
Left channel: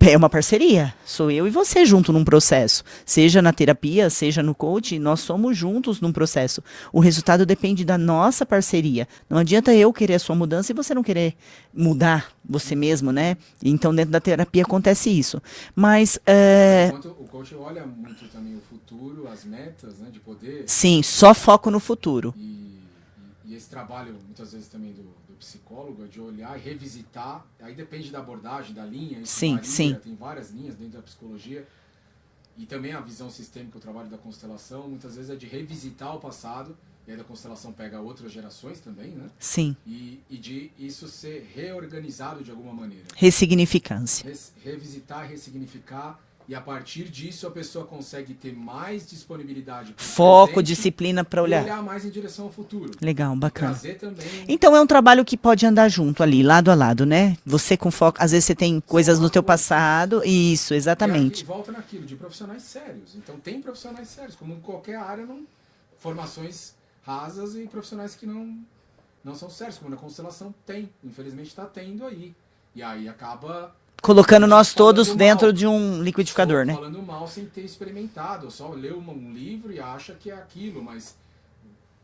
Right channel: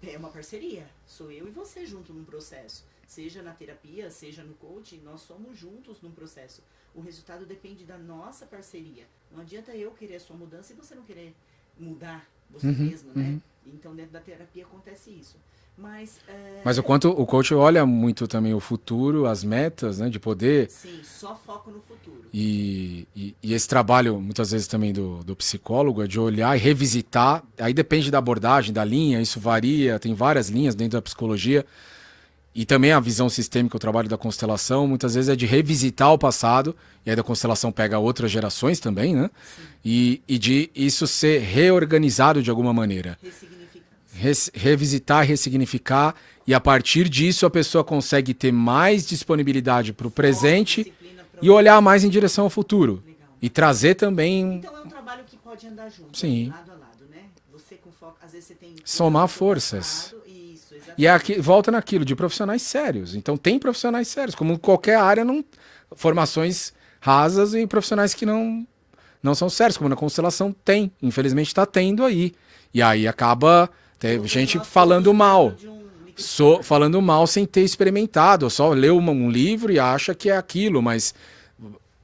É uma parceria. Sou eu e você junto num processo. Seja na terapia, seja no coach, nós somos juntos num processo. O resultado depende da nossa parceria. Não adianta eu querer a sua mudança e você não querer mudar você mesmo, né? Então, dentro da terapia acontece isso. Mas Mas o quanto o coach olha muito também o futuro, as metas, né? De poder. sim, só foco no futuro. E esse trabalho, muitas vezes também do psicólogo, é de olhar e revisitar. Aí depende da abordagem, da linha, isso Sim, varia, sim. tem várias linhas dentro da psicologia. E também a visão sistêmica, o trabalho da constelação, muitas vezes é de revisitar o passado, e aí da constelação pega outras gerações também, né? Sim. E de isso ser reorganizado de alguma maneira. Ressignificância. Revisitar, ressignificar, e a partir disso a pessoa consegue ter mais disponibilidade para o Foco, presente disciplina para e olhar mais em direção ao futuro. Legal, E bacana. trazer também... Então é um trabalho que pode andar junto Sim. ali, lado a lado, né? Você com foco, às vezes você tem coisas Somar no teu forças. passado. Isso, E exatamente. volta naquilo, de profissionais sérios. Então tem profissionais sérios, como qualquer área, formações rasas e profissionais que não são sérios, como na constelação tem. Infelizmente está tendo aí. E aí acaba... Colocando gente nós todos falando mal. dentro de um liquidificador, né? Falando mal sem ter experimentado. Só leu um livro e acha que é aquilo, mas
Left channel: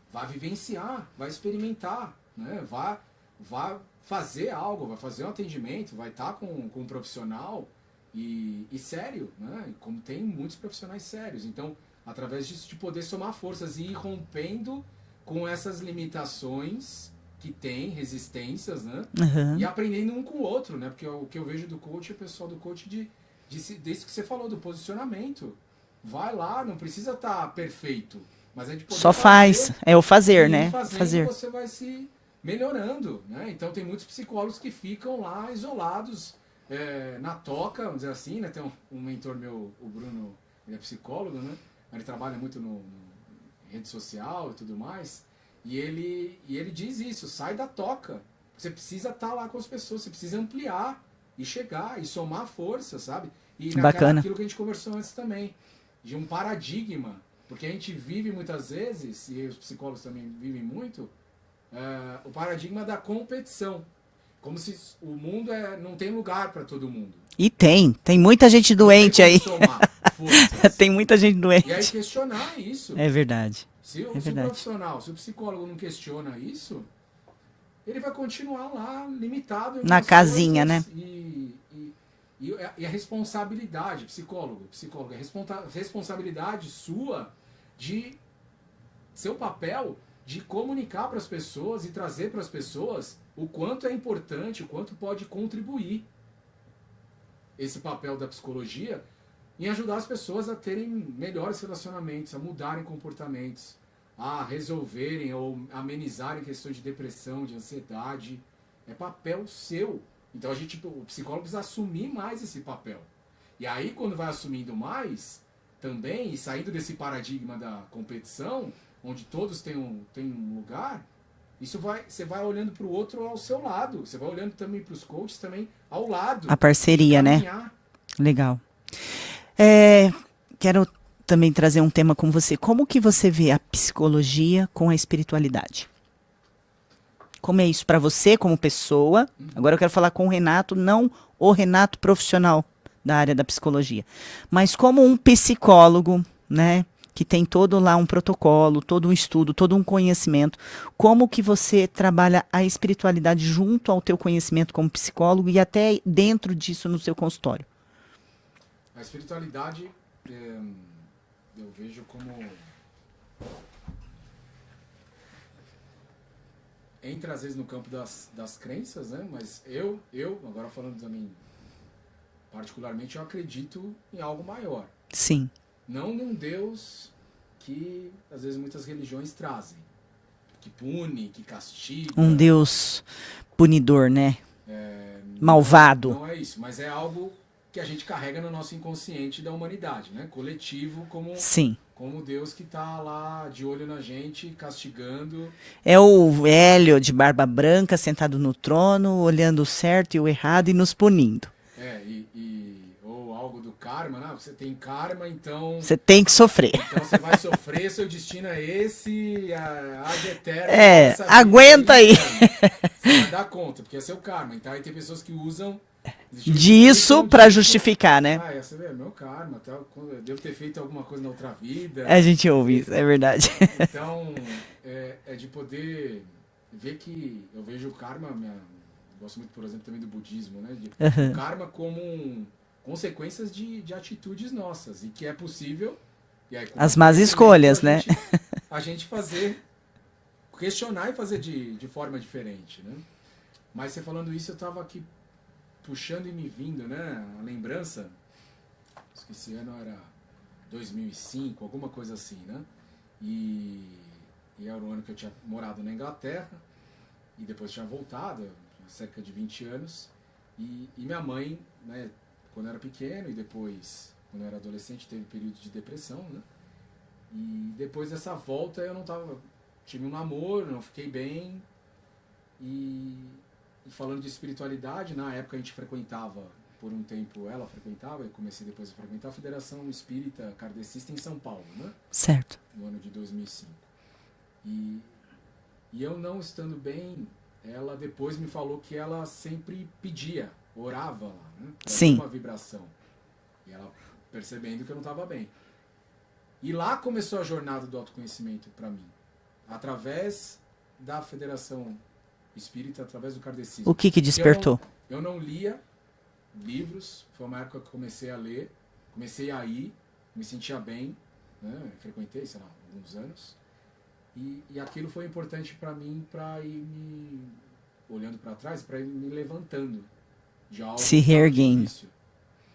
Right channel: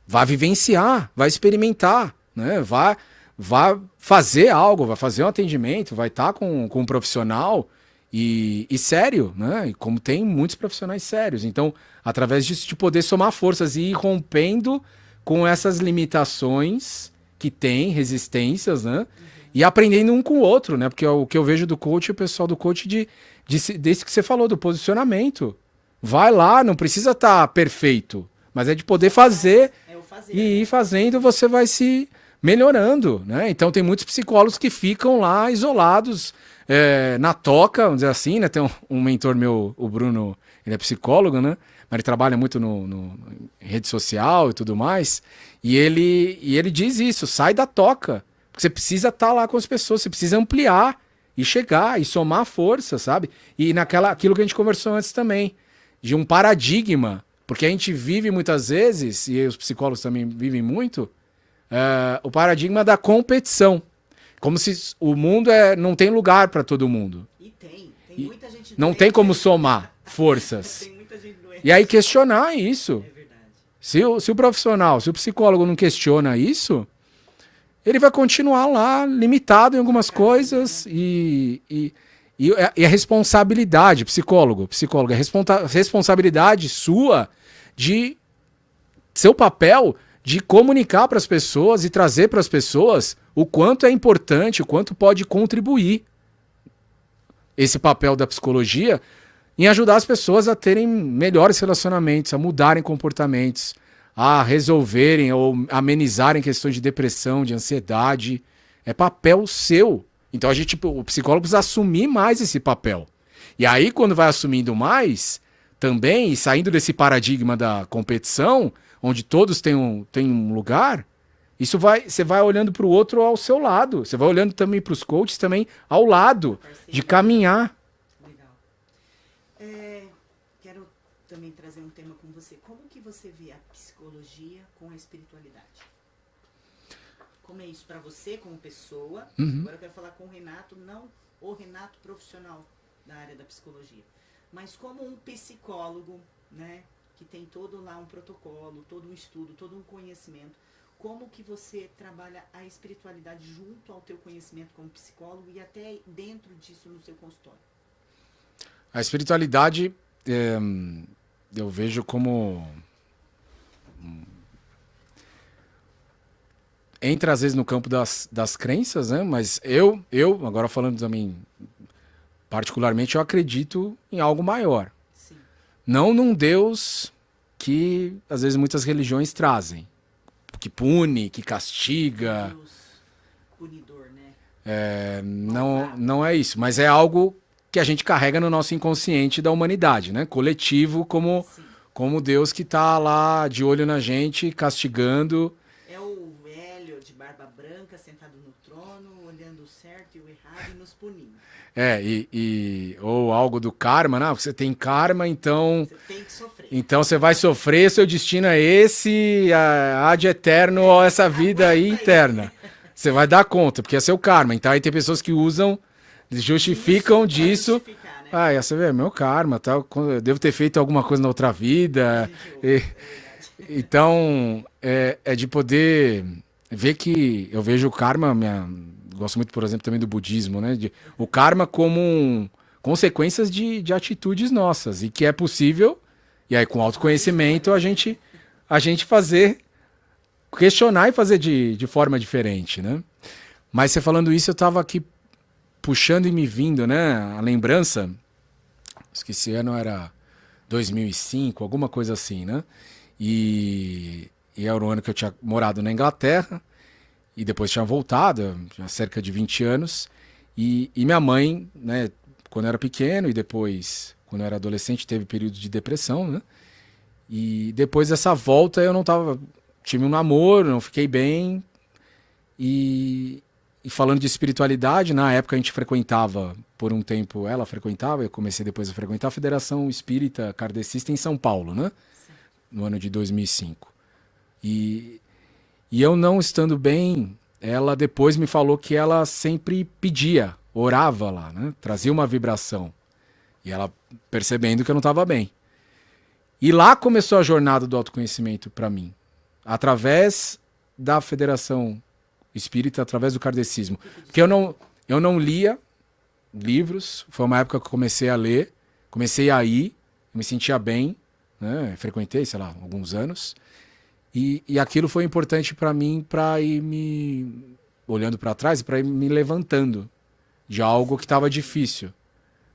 vai vivenciar, vai experimentar, né? Vai fazer algo, vai fazer um atendimento, vai estar com um profissional e sério, né? E como tem muitos profissionais sérios. Então, através disso, de poder somar forças e ir rompendo com essas limitações que tem, resistências, né? Uhum. E aprendendo um com o outro, né? Porque o que eu vejo do coach, o pessoal do coach, desse que você falou, do posicionamento. Vai lá, não precisa estar perfeito, mas é de poder Só fazer. faz. É o fazer, E né? fazendo, Fazer. você vai se melhorando, né? Então tem muitos psicólogos que ficam lá isolados na toca, vamos dizer assim, né? Tem um mentor meu, o Bruno, ele é psicólogo, né? Mas ele trabalha muito no rede social e tudo mais. E ele diz isso, sai da toca. Porque você precisa estar lá com as pessoas, você precisa ampliar e chegar e somar força, sabe? E Bacana. aquilo que a gente conversou antes também, de um paradigma. Porque a gente vive muitas vezes, e os psicólogos também vivem muito, o paradigma da competição. Como se o mundo não tem lugar para todo mundo. E tem muita gente Não tem doente como aí. somar forças. Tem muita gente doente. E aí questionar isso. É verdade. Se o profissional, se o psicólogo não questiona isso, ele vai continuar lá limitado em algumas casinha, coisas. né? E a responsabilidade, psicóloga, a responsabilidade sua de seu papel de comunicar para as pessoas e trazer para as pessoas o quanto é importante, o quanto pode contribuir esse papel da psicologia em ajudar as pessoas a terem melhores relacionamentos, a mudarem comportamentos, a resolverem ou amenizarem questões de depressão, de ansiedade. É papel seu. Então o psicólogo precisa assumir mais esse papel. E aí, quando vai assumindo mais, também, e saindo desse paradigma da competição, onde todos têm um lugar, você vai olhando para o outro ao seu lado. Você vai olhando também para os coaches também ao lado. A parceria, de caminhar. né? Legal. Quero também trazer um tema com você. Como que você vê a psicologia com a espiritualidade? Como é isso para você, como pessoa? Agora eu quero falar com o Renato, não o Renato profissional da área da psicologia, mas como um psicólogo, né? Que tem todo lá um protocolo, todo um estudo, todo um conhecimento. Como que você trabalha a espiritualidade junto ao teu conhecimento como psicólogo e até dentro disso no seu consultório? A espiritualidade, eu vejo como... Entra às vezes no campo das crenças, né? Mas eu, agora falando também particularmente, eu acredito em algo maior. Sim. Não num Deus que, às vezes, muitas religiões trazem. Que pune, que castiga. Um Deus punidor, né? Não- Malvado. Não é isso, mas é algo que a gente carrega no nosso inconsciente da humanidade, né? Coletivo, Sim. como Deus que tá lá de olho na gente, castigando. É o velho de barba branca sentado no trono, olhando o certo e o errado e nos punindo. Ou algo do karma, né? Você tem karma, então... Você tem que sofrer. Então você vai sofrer, seu destino é esse, ad eterno, É, essa vida aguenta aí. eterna. Você vai dar conta, porque é seu karma. Então aí tem pessoas que usam disso para justificar, né? Ah, você vê, é meu karma, tal. Eu devo ter feito alguma coisa na outra vida. A gente ouve, é verdade. Então, é de poder ver que eu vejo o karma, gosto muito, por exemplo, também do budismo, né? O karma como consequências de atitudes nossas, e que é possível, e aí com as más autoconhecimento escolhas, a gente questionar e fazer de forma diferente, né? Mas você falando isso, eu estava aqui puxando e me vindo, né? A lembrança, acho que esse ano era 2005, alguma coisa assim, né? E era o ano que eu tinha morado na Inglaterra e depois tinha voltado, há cerca de 20 anos. E minha mãe, né, quando eu era pequeno e depois, quando eu era adolescente, teve períodos de depressão, né? E depois dessa volta eu não tava... Tive um namoro, não fiquei bem. E falando de espiritualidade, na época a gente frequentava, por um tempo ela frequentava, eu comecei depois a frequentar a Federação Espírita Kardecista em São Paulo, né? Certo. No ano de 2005. E eu não estando bem, ela depois me falou que ela sempre pedia, orava lá, né? Trazia uma vibração. E ela percebendo que eu não estava bem. E lá começou a jornada do autoconhecimento para mim. Através da Federação Espírita, através do kardecismo. O que despertou? Eu não lia livros, foi uma época que eu comecei a ler, comecei a ir, me sentia bem, né? Frequentei, sei lá, alguns anos. E aquilo foi importante para mim, para ir me olhando para trás, para ir me levantando de algo que estava difícil.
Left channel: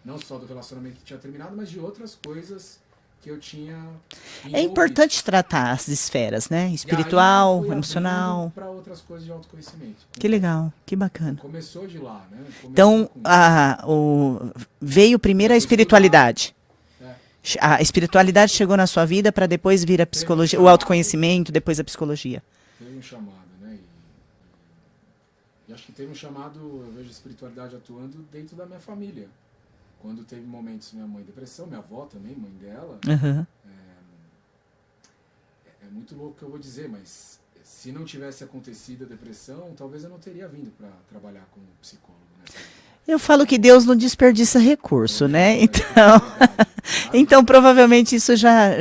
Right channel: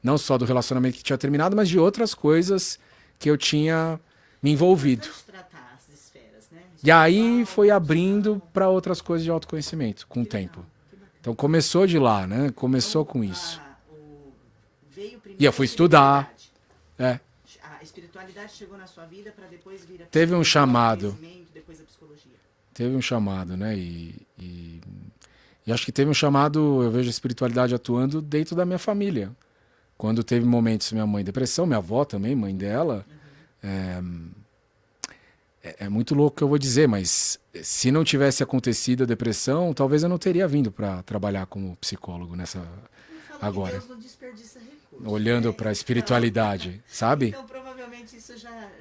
Não só do relacionamento que tinha terminado, mas de outras coisas que eu tinha me envolvido. É importante tratar as esferas, né? Espiritual, e aí foi emocional. abrindo para outras coisas de autoconhecimento. Que legal, que bacana. Então começou de lá, né? Começou com isso. Veio primeiro a espiritualidade. É. A espiritualidade chegou na sua vida para depois vir a psicologia, o autoconhecimento, depois a psicologia. Teve um chamado, né? E acho que teve um chamado, eu vejo a espiritualidade atuando dentro da minha família. Quando teve momentos, minha mãe depressão, minha avó também, mãe dela. É muito louco o que eu vou dizer, mas se não tivesse acontecido a depressão, talvez eu não teria vindo para trabalhar como psicólogo nessa... Eu falo que Deus não desperdiça recurso, olhando né? Então, espiritualidade, sabe? Então, provavelmente isso já é o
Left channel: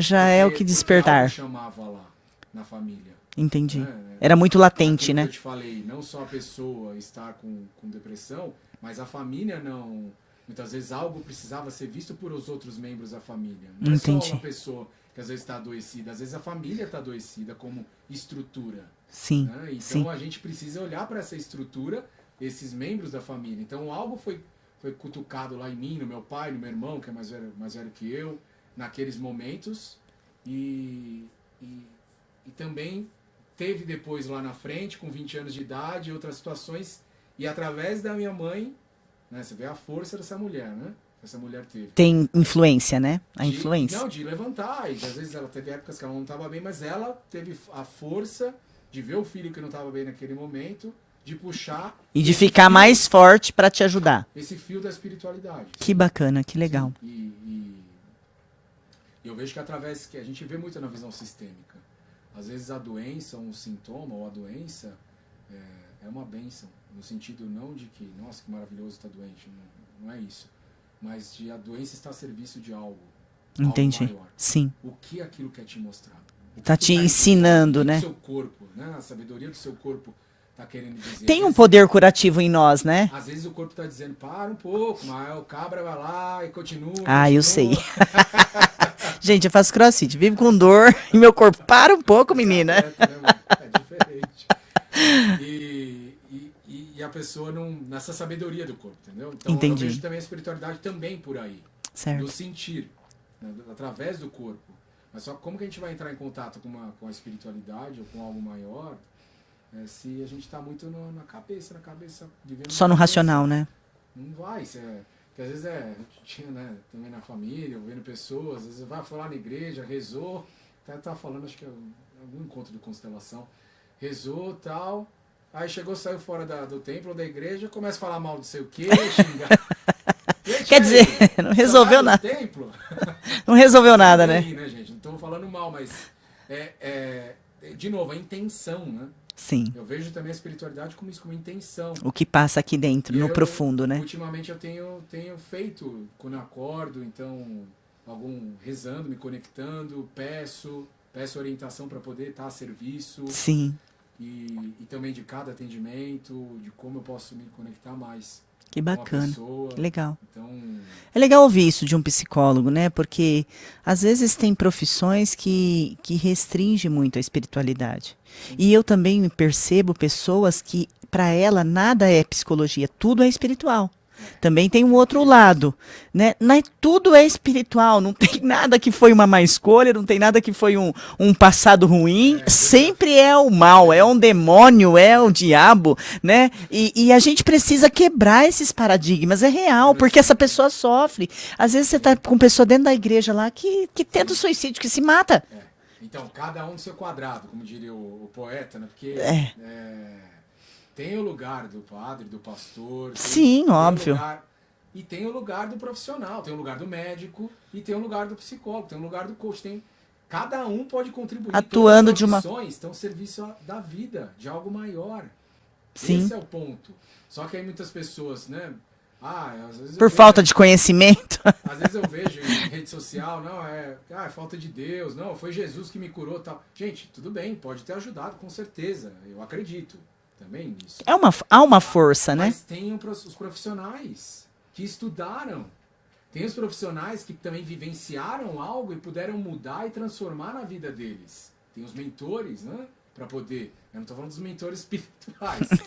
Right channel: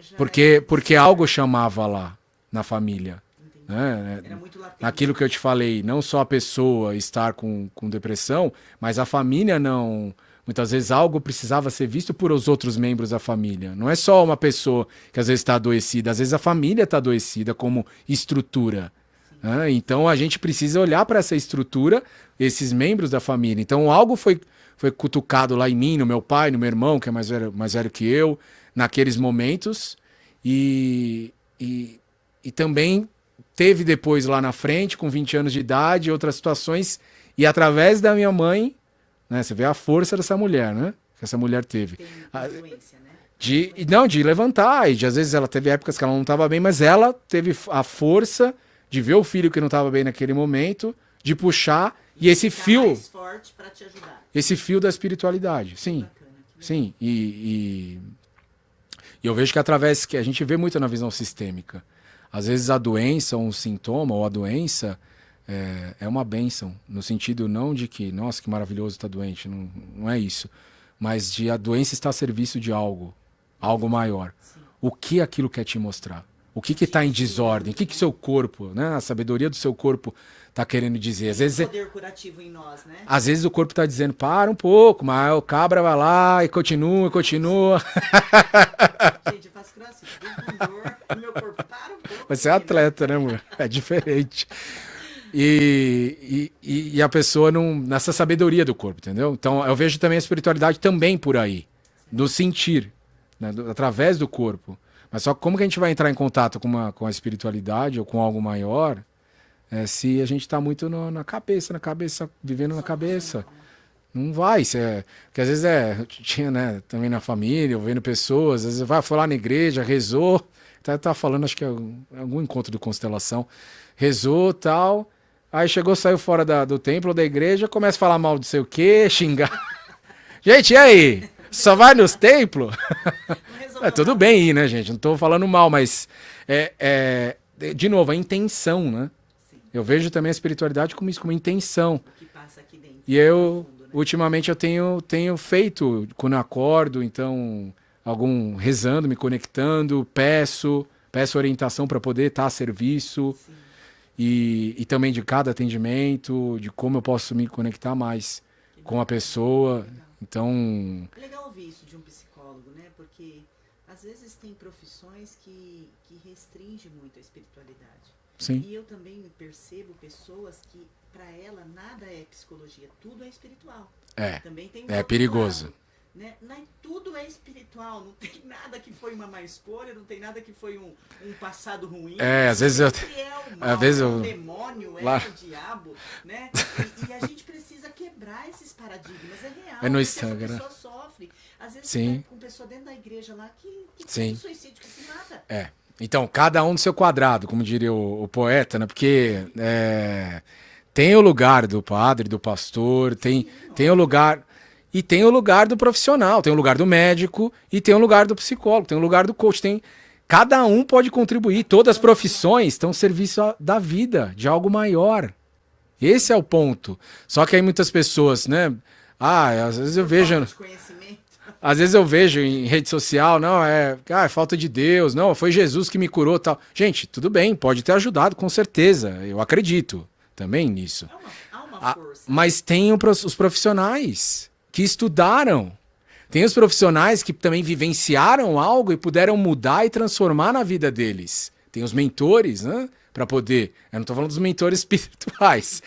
que despertar. Porque algo chamava lá na família. Entendi. Era muito latente, aquilo né? que eu te falei, não só a pessoa estar com depressão, mas a família não... Muitas vezes algo precisava ser visto por os outros membros da família. Não é só uma pessoa que às vezes está adoecida, às vezes a família está adoecida como estrutura. Sim. Né? Então a gente precisa olhar para essa estrutura, esses membros da família. Então algo foi cutucado lá em mim, no meu pai, no meu irmão, que é mais velho que eu, naqueles momentos. E também teve depois lá na frente, com 20 anos de idade, outras situações. E através da minha mãe... Né? Você vê a força dessa mulher, né? Que essa mulher teve. Tem influência, né? De levantar. E às vezes ela teve épocas que ela não estava bem, mas ela teve a força de ver o filho que não estava bem naquele momento, de puxar. E de ficar mais forte para te ajudar. Esse fio da espiritualidade. Que bacana, que legal. Sim. E eu vejo que através... que a gente vê muito na visão sistêmica. Às vezes a doença, um sintoma, ou a doença... É uma bênção, no sentido não de que, nossa, que maravilhoso estar doente, não é isso, mas de a doença estar a serviço de algo maior. Sim. O que aquilo quer te mostrar? O que te está ensinando, né? O que né? o seu corpo, né? A sabedoria do seu corpo está querendo dizer. Tem um poder curativo em nós, né? Às vezes o corpo está dizendo, para um pouco, mas o cabra vai lá e continua. Eu sei. Gente, eu faço crossfit, vivo com dor e meu corpo, para um pouco, Você menina. É atleta, né, amor? É diferente. E a pessoa nessa sabedoria do corpo, entendeu? Então eu vejo também a espiritualidade também por aí. Certo. Do sentir, né? Através do corpo. Mas só como que a gente vai entrar em contato com a espiritualidade ou com algo maior se a gente está muito na cabeça, vivendo só no racional, né? Não vai, porque às vezes eu tinha, né, também na família, vendo pessoas, às vezes foi lá na igreja, rezou, tá falando, acho que é algum encontro de constelação, rezou tal, aí saiu fora do templo, da igreja, começa a falar mal de sei o quê, xingar. Gente, e aí? Só vai nos templos? Não resolveu nada, tudo bem né? aí, né, gente? Não tô falando mal, mas de novo, a intenção, né? Sim. Eu vejo também a espiritualidade como isso, como intenção. O que passa aqui dentro, E no eu, profundo, né? ultimamente, eu tenho feito, quando eu acordo, então, rezando, me conectando, peço orientação para poder estar a serviço Sim. e também de cada atendimento, de como eu posso me conectar mais Que com a bacana. Que pessoa. legal. Então, É legal ouvir isso de um psicólogo, né? Porque às vezes tem profissões que restringem muito a espiritualidade. sim, E eu também percebo pessoas que, para ela, nada é psicologia, tudo é espiritual. Também tem um é outro perigoso. lado, né? Tudo é espiritual, não tem nada que foi uma má escolha, não tem nada que foi um passado ruim, Às vezes sempre é o mal, vezes é um demônio, é Ah. o diabo, né? E a gente precisa quebrar esses paradigmas, é real, no porque essa extremo, né? pessoa sofre. Às vezes você Sim. tá com pessoa dentro da igreja lá que tenta o Sim. suicídio, que se mata. Então, cada um no seu quadrado, como diria o poeta, né? Porque tem o lugar do padre, do pastor, Sim, tem o óbvio. lugar. E tem o lugar do profissional, tem o lugar do médico e tem o lugar do psicólogo, tem o lugar do coach. Cada um pode contribuir. Todas as Atuando de uma- profissões estão ao serviço da vida, de algo maior. Sim. Esse é o ponto. Só que aí muitas pessoas, né? Às vezes eu Por vejo. falta de conhecimento. Às vezes eu vejo em rede social, não, é falta de Deus, não, foi Jesus que me curou, tal. Gente, tudo bem, pode ter ajudado, com certeza. Eu acredito também nisso. Há uma força, Mas tem os profissionais que estudaram. Tem os profissionais que também vivenciaram algo e puderam mudar e transformar na vida deles. Tem os mentores, né? Para poder. Eu não estou falando dos mentores espirituais,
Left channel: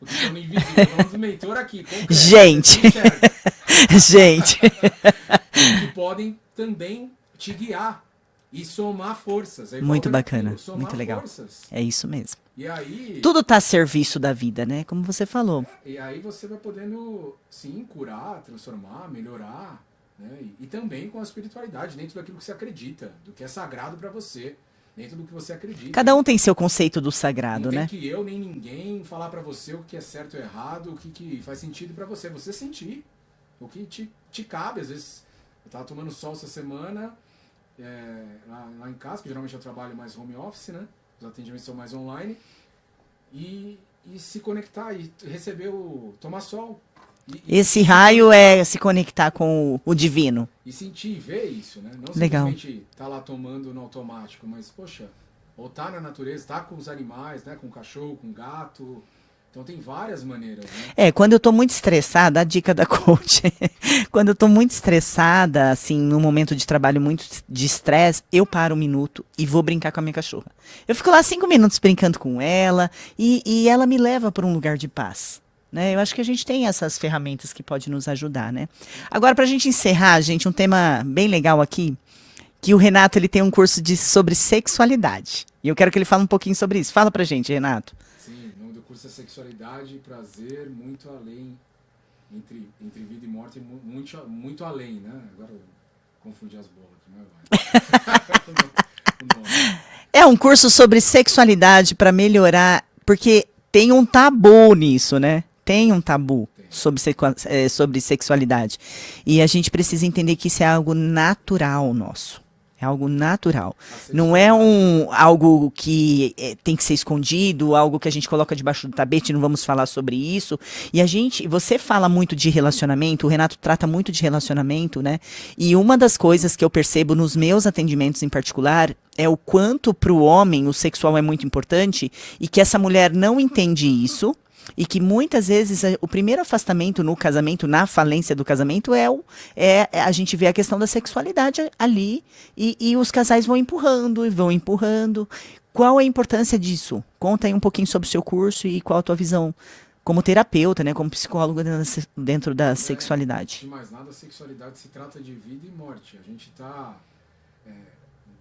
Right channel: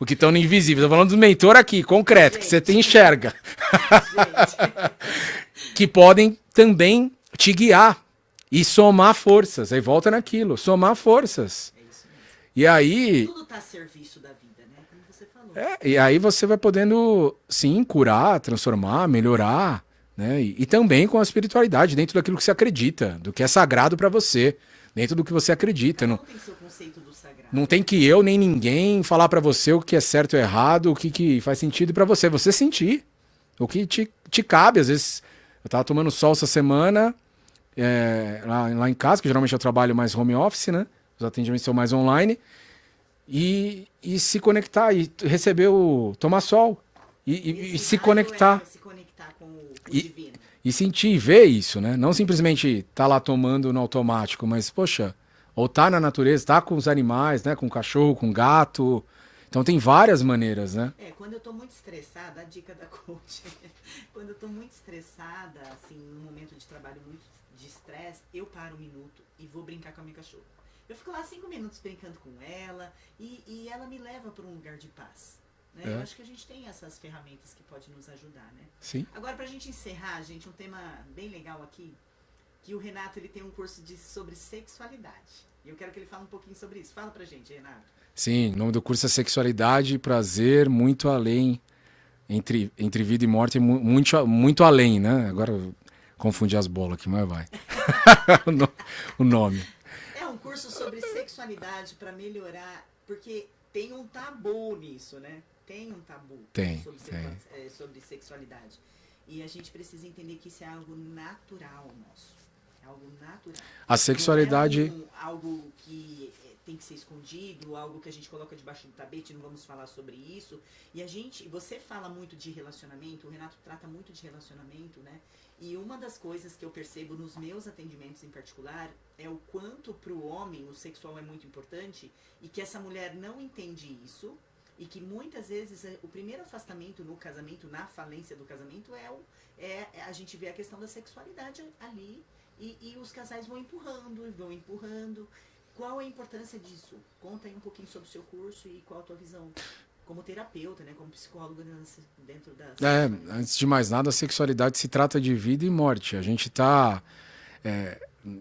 o que estão no invisível. Estou falando dos mentores aqui, concreto, que você te enxerga. né? Gente. Que podem também te guiar e somar forças. Aí Muito volta bacana, naquilo, somar muito legal. forças. É isso mesmo. E aí, Tudo está a serviço da vida, né? Como você falou. e aí você vai podendo, sim, curar, transformar, melhorar, né? E também com a espiritualidade, dentro daquilo que você acredita, do que é sagrado para você, dentro do que você acredita. Cada um tem seu conceito do sagrado, Não tem né? que eu nem ninguém falar para você o que é certo ou errado, o que faz sentido para você. Você sentir o que te cabe. Às vezes, eu tava tomando sol essa semana, lá em casa, que geralmente eu trabalho mais home office, né? Os atendimentos são mais online. E se conectar e tomar sol. Esse e se raio conectar. é se conectar com o divino. E sentir e ver isso, né? Não Legal. simplesmente tá lá tomando no automático, mas, poxa, ou tá na natureza, tá com os animais, né? Com o cachorro, com o gato. Então tem várias maneiras, né? Quando eu tô muito estressada, a dica da coach. Quando eu tô muito estressada, assim, num momento de trabalho muito de estresse, eu paro um minuto e vou brincar com a minha cachorra. Eu fico lá 5 minutos brincando com ela e ela me leva para um lugar de paz. Né? Eu acho que a gente tem essas ferramentas que podem nos ajudar, né? Sim. Agora, para a gente encerrar, gente, um tema bem legal aqui, que o Renato ele tem um curso sobre sexualidade. E eu quero que ele fale um pouquinho sobre isso. Fala pra gente, Renato. Sim, o nome do curso é Sexualidade e Prazer Muito Além, entre vida e morte, muito além, né? Agora eu confundi as bolas aqui, mas vai. O nome. É um curso sobre sexualidade para melhorar, porque tem um tabu nisso, né? Tem um tabu sobre sexualidade. E a gente precisa entender que isso é algo natural nosso. É algo natural. Não é algo que tem que ser escondido, algo que a gente coloca debaixo do tapete, não vamos falar sobre isso. E você fala muito de relacionamento, o Renato trata muito de relacionamento, né? E uma das coisas que eu percebo nos meus atendimentos em particular é o quanto para o homem o sexual é muito importante e que essa mulher não entende isso. E que muitas vezes o primeiro afastamento no casamento, na falência do casamento, a gente vê a questão da sexualidade ali e os casais vão empurrando e vão empurrando. Qual é a importância disso? Conta aí um pouquinho sobre o seu curso e qual a tua visão como terapeuta, né, como psicólogo dentro da sexualidade. Antes de mais nada, a sexualidade se trata de vida e morte. A gente está,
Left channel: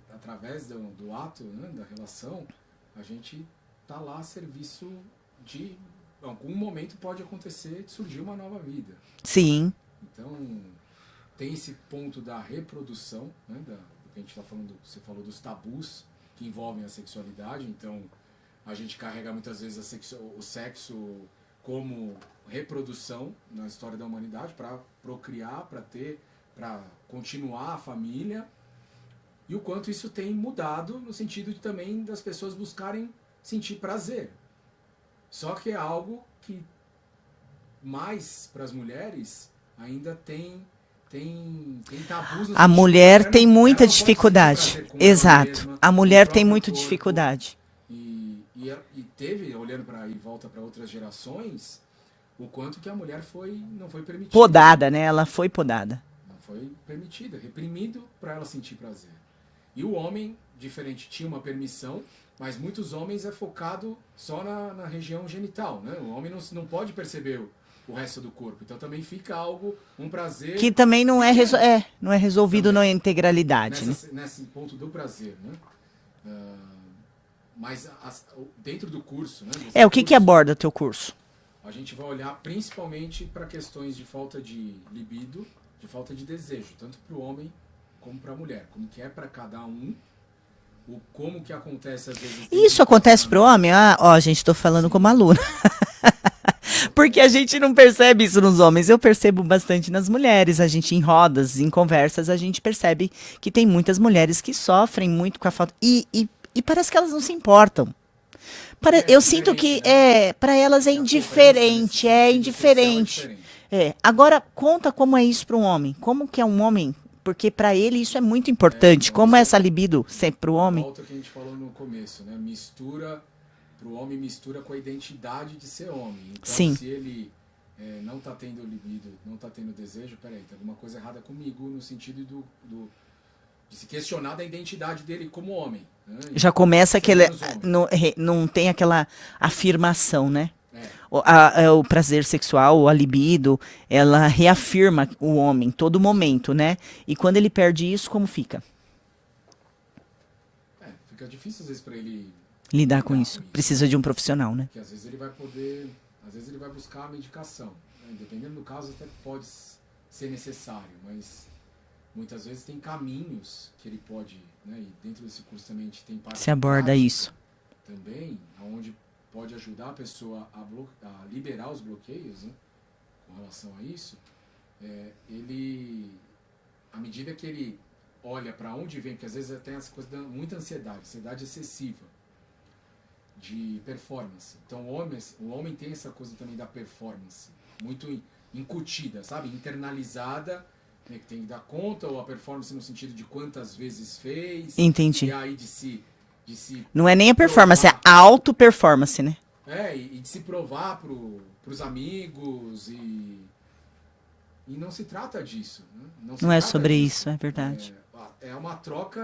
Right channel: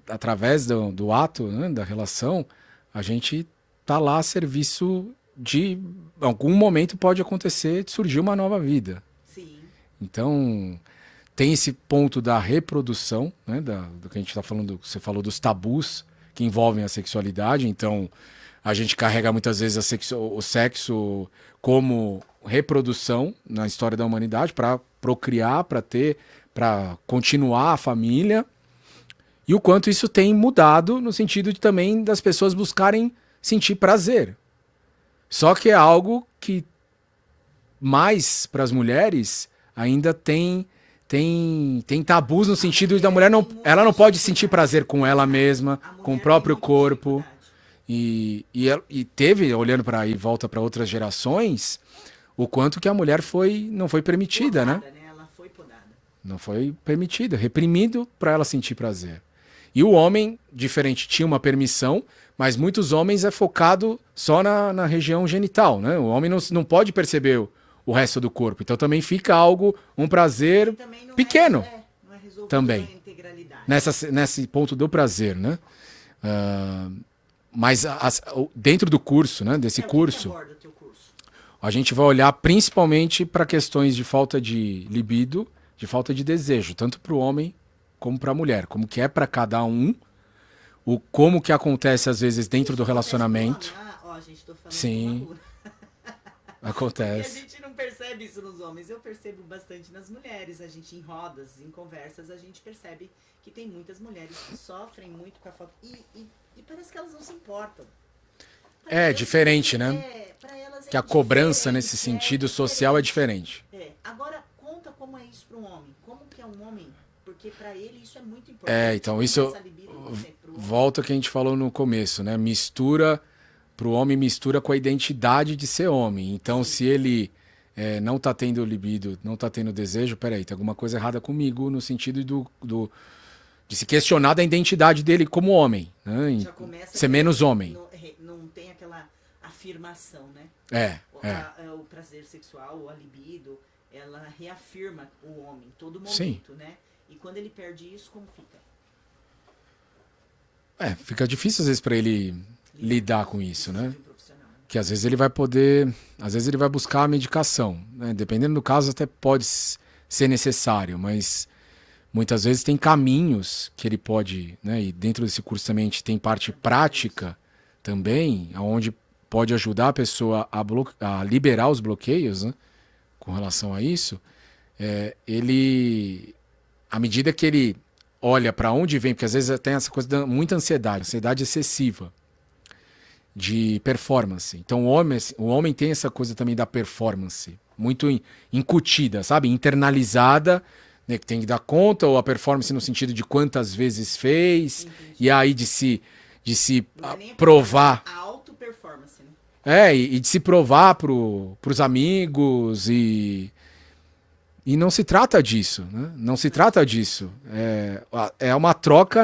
através do ato, né, da relação, a gente está lá a serviço de algum momento pode acontecer de surgir uma nova vida. Sim. Então, tem esse ponto da reprodução, né, do que a gente está falando, você falou dos tabus que envolvem a sexualidade. Então, a gente carrega muitas vezes o sexo como reprodução na história da humanidade, para procriar, para continuar a família. E o quanto isso tem mudado no sentido de também das pessoas buscarem sentir prazer. Só que é algo que mais para as mulheres ainda tem tabus no A sentido mulher da mulher tem não, muita ela não pode dificuldade. sentir prazer com Exato. ela mesma, A com o mulher tem próprio muita corpo. dificuldade. E teve, olhando para aí, volta para outras gerações, o quanto que a mulher não foi permitida. Podada, né? Ela foi podada. Não foi permitida, reprimido para ela sentir prazer. E o homem, diferente, tinha uma permissão, mas muitos homens é focado só na região genital, né? O homem não pode perceber o resto do corpo. Então também fica um prazer Que também não pequeno. Não é resolvido Também. na integralidade. Nesse ponto do prazer, né? Mas dentro do curso, né? Desse O que aborda o teu curso? A gente vai olhar principalmente para questões de falta de libido, de falta de desejo, tanto para o homem como para a mulher. Como que é para cada um, como que acontece às vezes dentro Isso do acontece pro relacionamento. homem? Gente, tô falando Sim. como aluna. Acontece. Porque a gente não percebe isso nos homens. Eu percebo bastante nas mulheres. A gente, em rodas, em conversas, a gente percebe que tem muitas mulheres que sofrem muito com a falta. E parece que elas não se importam. Eu sinto que né? para elas é que indiferente. A cobrança nesse sentido social é diferente. Agora, conta como é isso para um homem. Como que é um homem? Porque para ele isso é muito importante. Então, como é essa libido sempre para o homem? Volta ao que a gente falou no começo, né? Para o homem mistura com a identidade de ser homem. Então, Sim. se ele não está tendo libido, não está tendo desejo, peraí, tem alguma coisa errada comigo no sentido de se questionar da identidade dele como homem. Né? Já começa aquele... menos homem. Não tem aquela afirmação, né? É. O prazer sexual, a libido, ela reafirma o homem todo momento, né? E quando ele perde isso, como fica? Fica difícil às vezes para ele lidar com isso. Precisa né? de um profissional, né? Que às vezes ele vai buscar a medicação, né? Dependendo do caso até pode ser necessário, mas muitas vezes tem caminhos que ele pode, né? E dentro desse curso também a gente tem parte prática isso. também, onde pode ajudar a pessoa a liberar os bloqueios, né? Com relação a isso. À medida que ele olha para onde vem, porque às vezes tem essa coisa de muita ansiedade excessiva de performance. Então o homem tem essa coisa também da performance, muito incutida, sabe? Internalizada, né? Que tem que dar conta, ou a performance no sentido de quantas vezes fez. Entendi. E aí de se não é nem a performance, provar. é a auto-performance, né? E de se provar pros amigos e não se trata disso, né? Não se trata disso. Isso, é verdade. É uma troca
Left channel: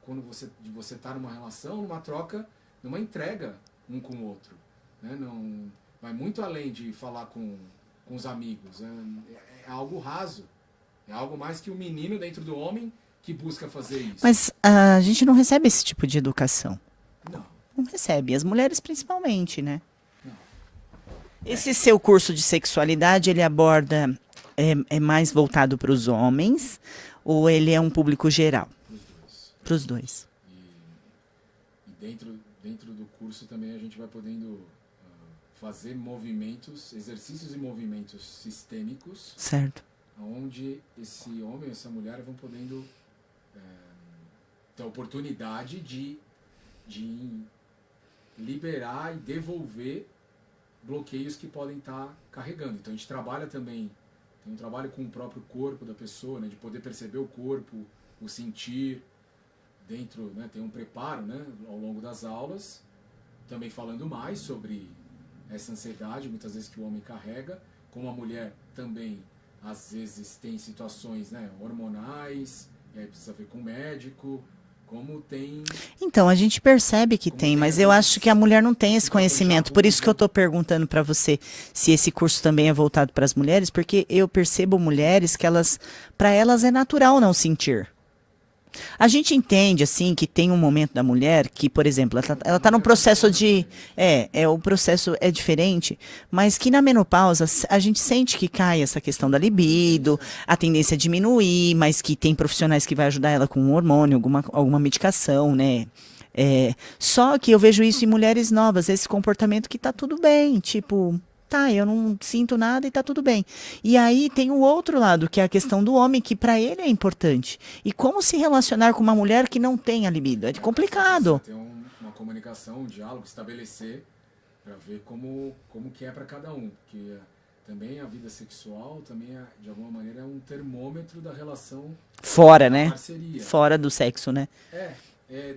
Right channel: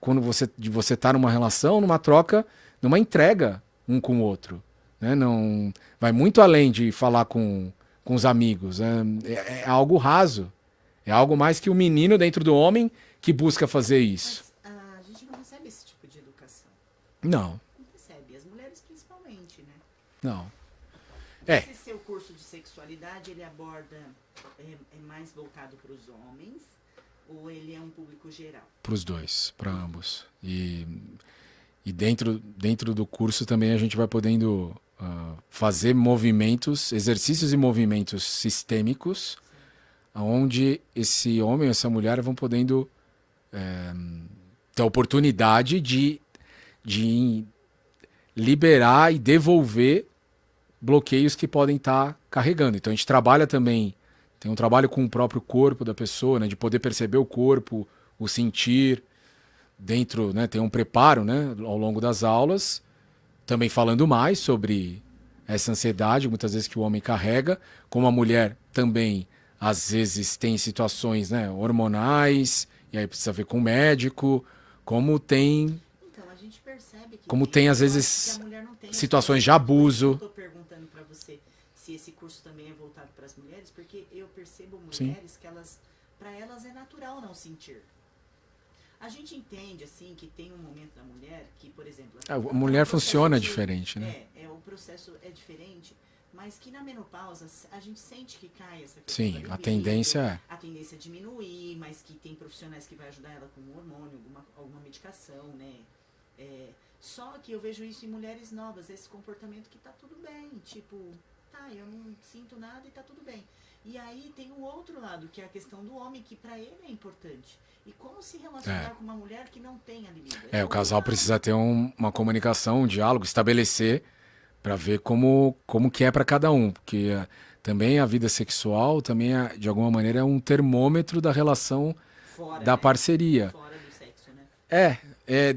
quando você tá numa relação, numa troca, numa entrega um com o outro, né? Não vai muito além de falar com os amigos. É algo raso. É algo mais que o menino dentro do homem que busca fazer isso. Mas a gente não recebe esse tipo de educação. Não. Não recebe. As mulheres principalmente, né? Não. Esse seu curso de sexualidade, ele aborda... É mais voltado para os homens ou ele é um público geral? Para os dois. Para os dois. E dentro do curso também a gente vai podendo fazer exercícios e movimentos sistêmicos. Certo. Onde esse homem e essa mulher vão podendo ter a oportunidade de liberar e devolver bloqueios que podem estar carregando. Então a gente trabalha também, tem um trabalho com o próprio corpo da pessoa, né, de poder perceber o corpo, o sentir dentro, né, tem um preparo, né, ao longo das aulas, também falando mais sobre essa ansiedade, muitas vezes que o homem carrega, como a mulher também, às vezes tem situações, né, hormonais, e aí precisa ver com o médico, como tem... Então, a gente percebe que tem, mas eu acho que a mulher não tem esse conhecimento. Por isso que eu estou perguntando para você se esse curso também é voltado para as mulheres, porque eu percebo mulheres que para elas é natural não sentir. A gente entende, assim, que tem um momento da mulher que, por exemplo, ela está num processo de... Né? O processo é diferente, mas que na menopausa a gente sente que cai essa questão da libido, a tendência é diminuir, mas que tem profissionais que vai ajudar ela com um hormônio, alguma medicação, né? Só que eu vejo isso em mulheres novas, esse comportamento que tá tudo bem, tipo... tá, eu não sinto nada e tá tudo bem. E aí tem o outro lado, que é a questão do homem, que para ele é importante. E como se relacionar com uma mulher que não tem a libido? É O casal precisa complicado. ter uma comunicação, um diálogo, estabelecer para ver como que é para cada um, porque também a vida sexual também de alguma maneira é um termômetro da relação Fora, da né? parceria. Fora do sexo, né?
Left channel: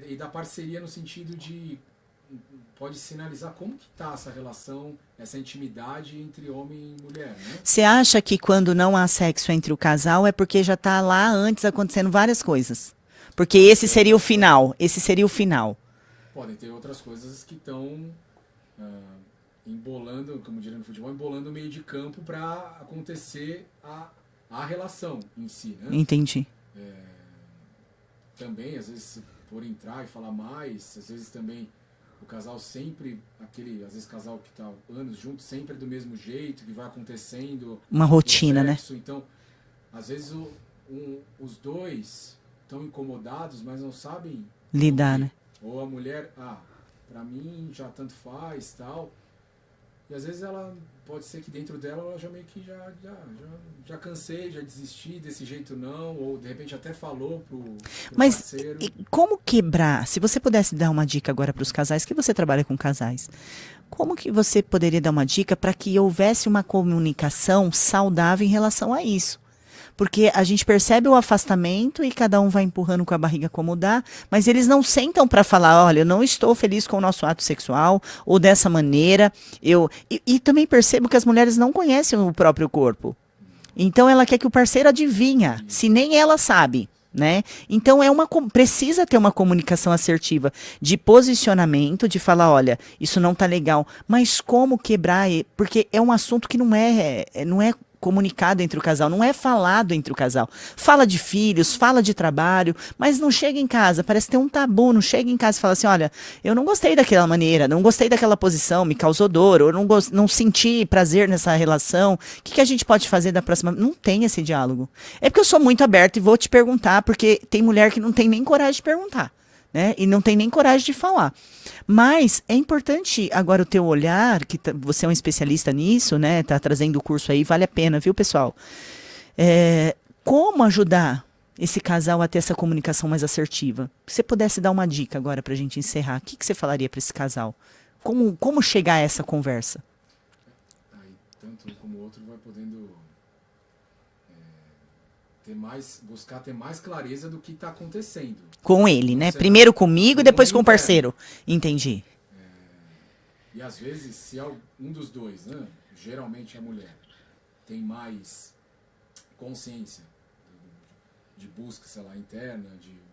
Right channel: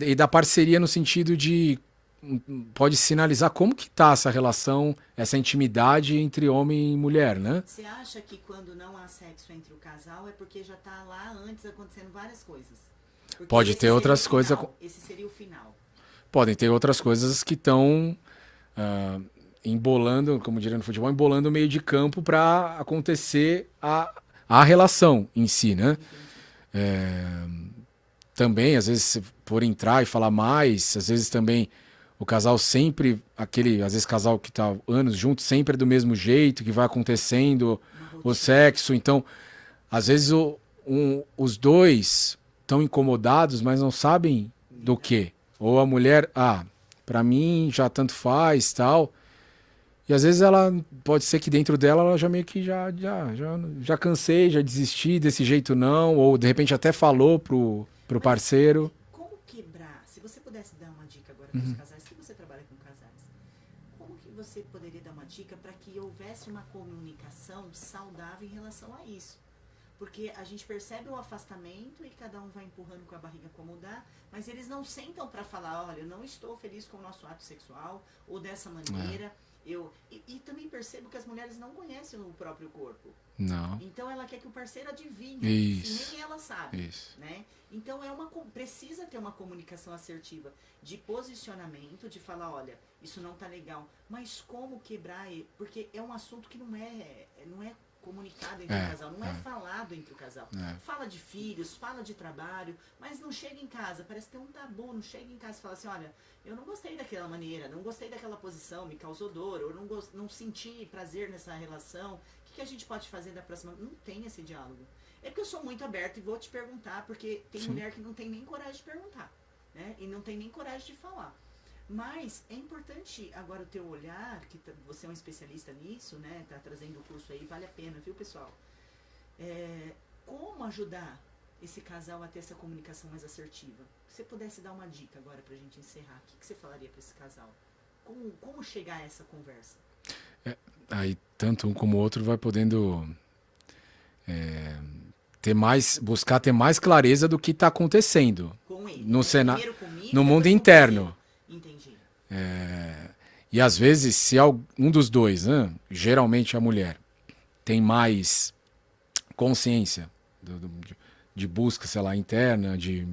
E da parceria no sentido de pode sinalizar como que tá essa relação, essa intimidade entre homem e mulher, né? Você acha que quando não há sexo entre o casal é porque já tá lá antes acontecendo várias coisas? Porque Pode esse ter seria o outras final. Esse seria o final. Podem ter outras coisas que estão embolando, como diria no futebol, embolando o meio de campo para acontecer a relação em si, né? Entendi. Também, às vezes, se for entrar e falar mais, às vezes também o casal sempre, às vezes casal que tá anos junto, sempre é do mesmo jeito, que vai acontecendo Uma o rotina, né? sexo. Então, às vezes os dois estão incomodados, mas não sabem Lidar, do quê. né? Ou a mulher, pra mim já tanto faz, tal. E às vezes ela pode ser que dentro dela ela já meio que já cansei, já desisti desse jeito não, ou de repente até falou pro Mas parceiro. e como quebrar? Se você pudesse dar uma dica agora para os casais, que você trabalha com casais, como que você poderia dar uma dica para que houvesse uma comunicação saudável em relação a isso? Porque a gente percebe o afastamento e cada um vai empurrando com a barriga como dá, mas eles não sentam para falar, olha, eu não estou feliz com o nosso ato sexual, ou dessa maneira. E também percebo que as mulheres não conhecem o próprio corpo. Não. Então ela quer que o parceiro adivinha, Isso. se nem ela sabe, Isso. né? Então precisa ter uma comunicação assertiva de posicionamento, de falar, olha, isso não tá legal, mas como quebrar? Porque é um assunto que não é comunicado entre o casal, não é falado entre o casal. Fala de filhos, fala de trabalho, mas não chega em casa, parece ter um tabu, não chega em casa e fala assim, olha, eu não gostei daquela maneira, não gostei daquela posição, me causou dor, ou não senti prazer nessa relação, o que a gente pode fazer da próxima? Não tem esse diálogo. É porque eu sou muito aberta e vou te perguntar, porque tem mulher que não tem nem coragem de perguntar, né? E não tem nem coragem de falar. Mas é importante agora o teu olhar, que você é um especialista nisso, né? Tá trazendo o curso aí, vale a pena, viu, pessoal? Como ajudar esse casal a ter essa comunicação mais assertiva? Se você pudesse dar uma dica agora pra gente encerrar, o que você falaria para esse casal? Como chegar a essa conversa? Aí tanto um como o outro vai podendo buscar ter mais clareza do que está acontecendo. Com ele, No né? cenário- Primeiro comigo no e depois mundo com o interno. parceiro. Entendi. E às vezes, se um dos dois, né, geralmente a mulher, tem mais consciência de busca, sei lá, interna, de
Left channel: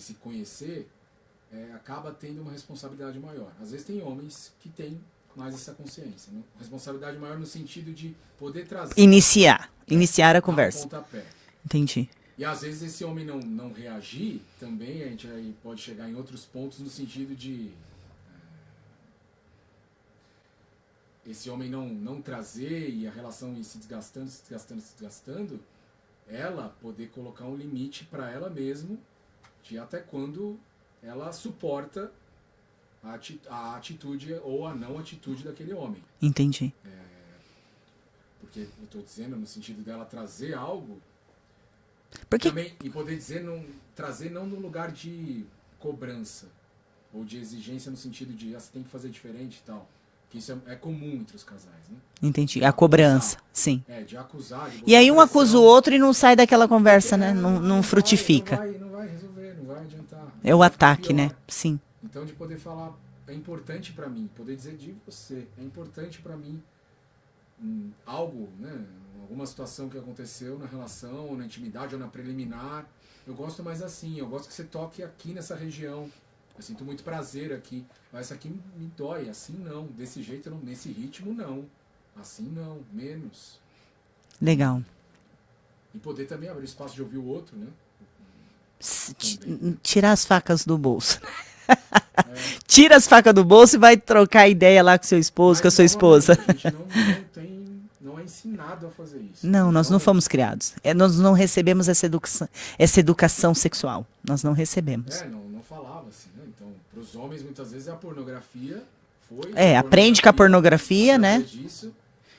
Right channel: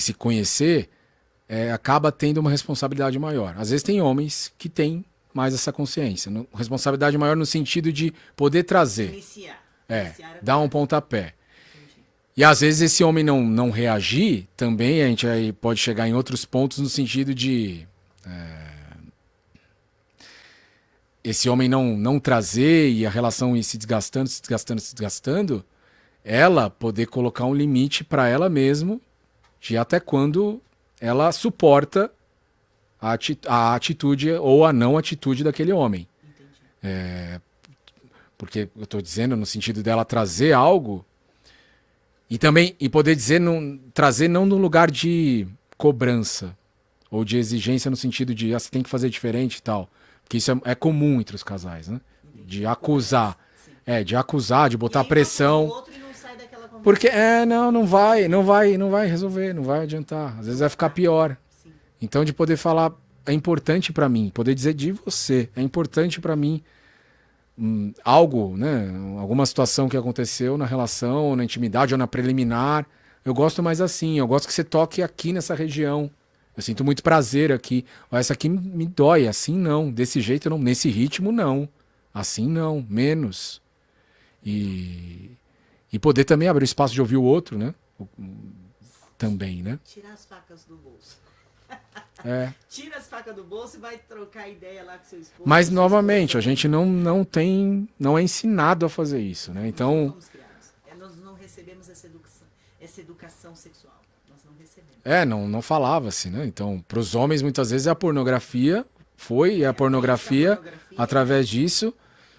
se conhecer, acaba tendo uma responsabilidade maior. Às vezes tem homens que têm mais essa consciência. Responsabilidade maior no sentido de poder trazer. Iniciar a Dar conversa. um pontapé. Entendi. E às vezes esse homem não reagir, também a gente aí pode chegar em outros pontos no sentido de esse homem não trazer e a relação ir se desgastando, ela poder colocar um limite para ela mesma de até quando ela suporta a atitude ou a não atitude daquele homem. Entendi. Porque eu estou dizendo no sentido dela trazer algo e poder dizer, trazer não no lugar de cobrança ou de exigência no sentido de você tem que fazer diferente e tal. Porque isso é comum entre os casais, né? Entendi. De A acusar. cobrança. Sim. De acusar, de botar E aí um pressão. acusa o outro e não sai daquela conversa, Porque, né? Não frutifica. não vai resolver, não vai adiantar. Às vezes É o vai ficar ataque, pior. né? Sim. Então, de poder falar, é importante para mim, poder dizer de você, é importante para mim algo, né? Alguma situação que aconteceu na relação, ou na intimidade, ou na preliminar. Eu gosto mais assim, eu gosto que você toque aqui nessa região. Eu sinto muito prazer aqui. Essa aqui me dói, assim não. Desse jeito não, nesse ritmo não. Assim não, menos. Legal. E poder também abrir espaço de ouvir o outro, né? Também, né? Tirar as facas do bolso. Tira as facas do bolso e vai trocar ideia lá com seu esposo, Mas, com a sua novamente, esposa. a gente não é ensinado a fazer isso. Não, né? nós Então, não fomos criados. Nós não recebemos essa educação sexual. Nós não recebemos. não falava-se, né? Então, para os homens, muitas vezes, é a pornografia foi aprende com a pornografia, através né? disso.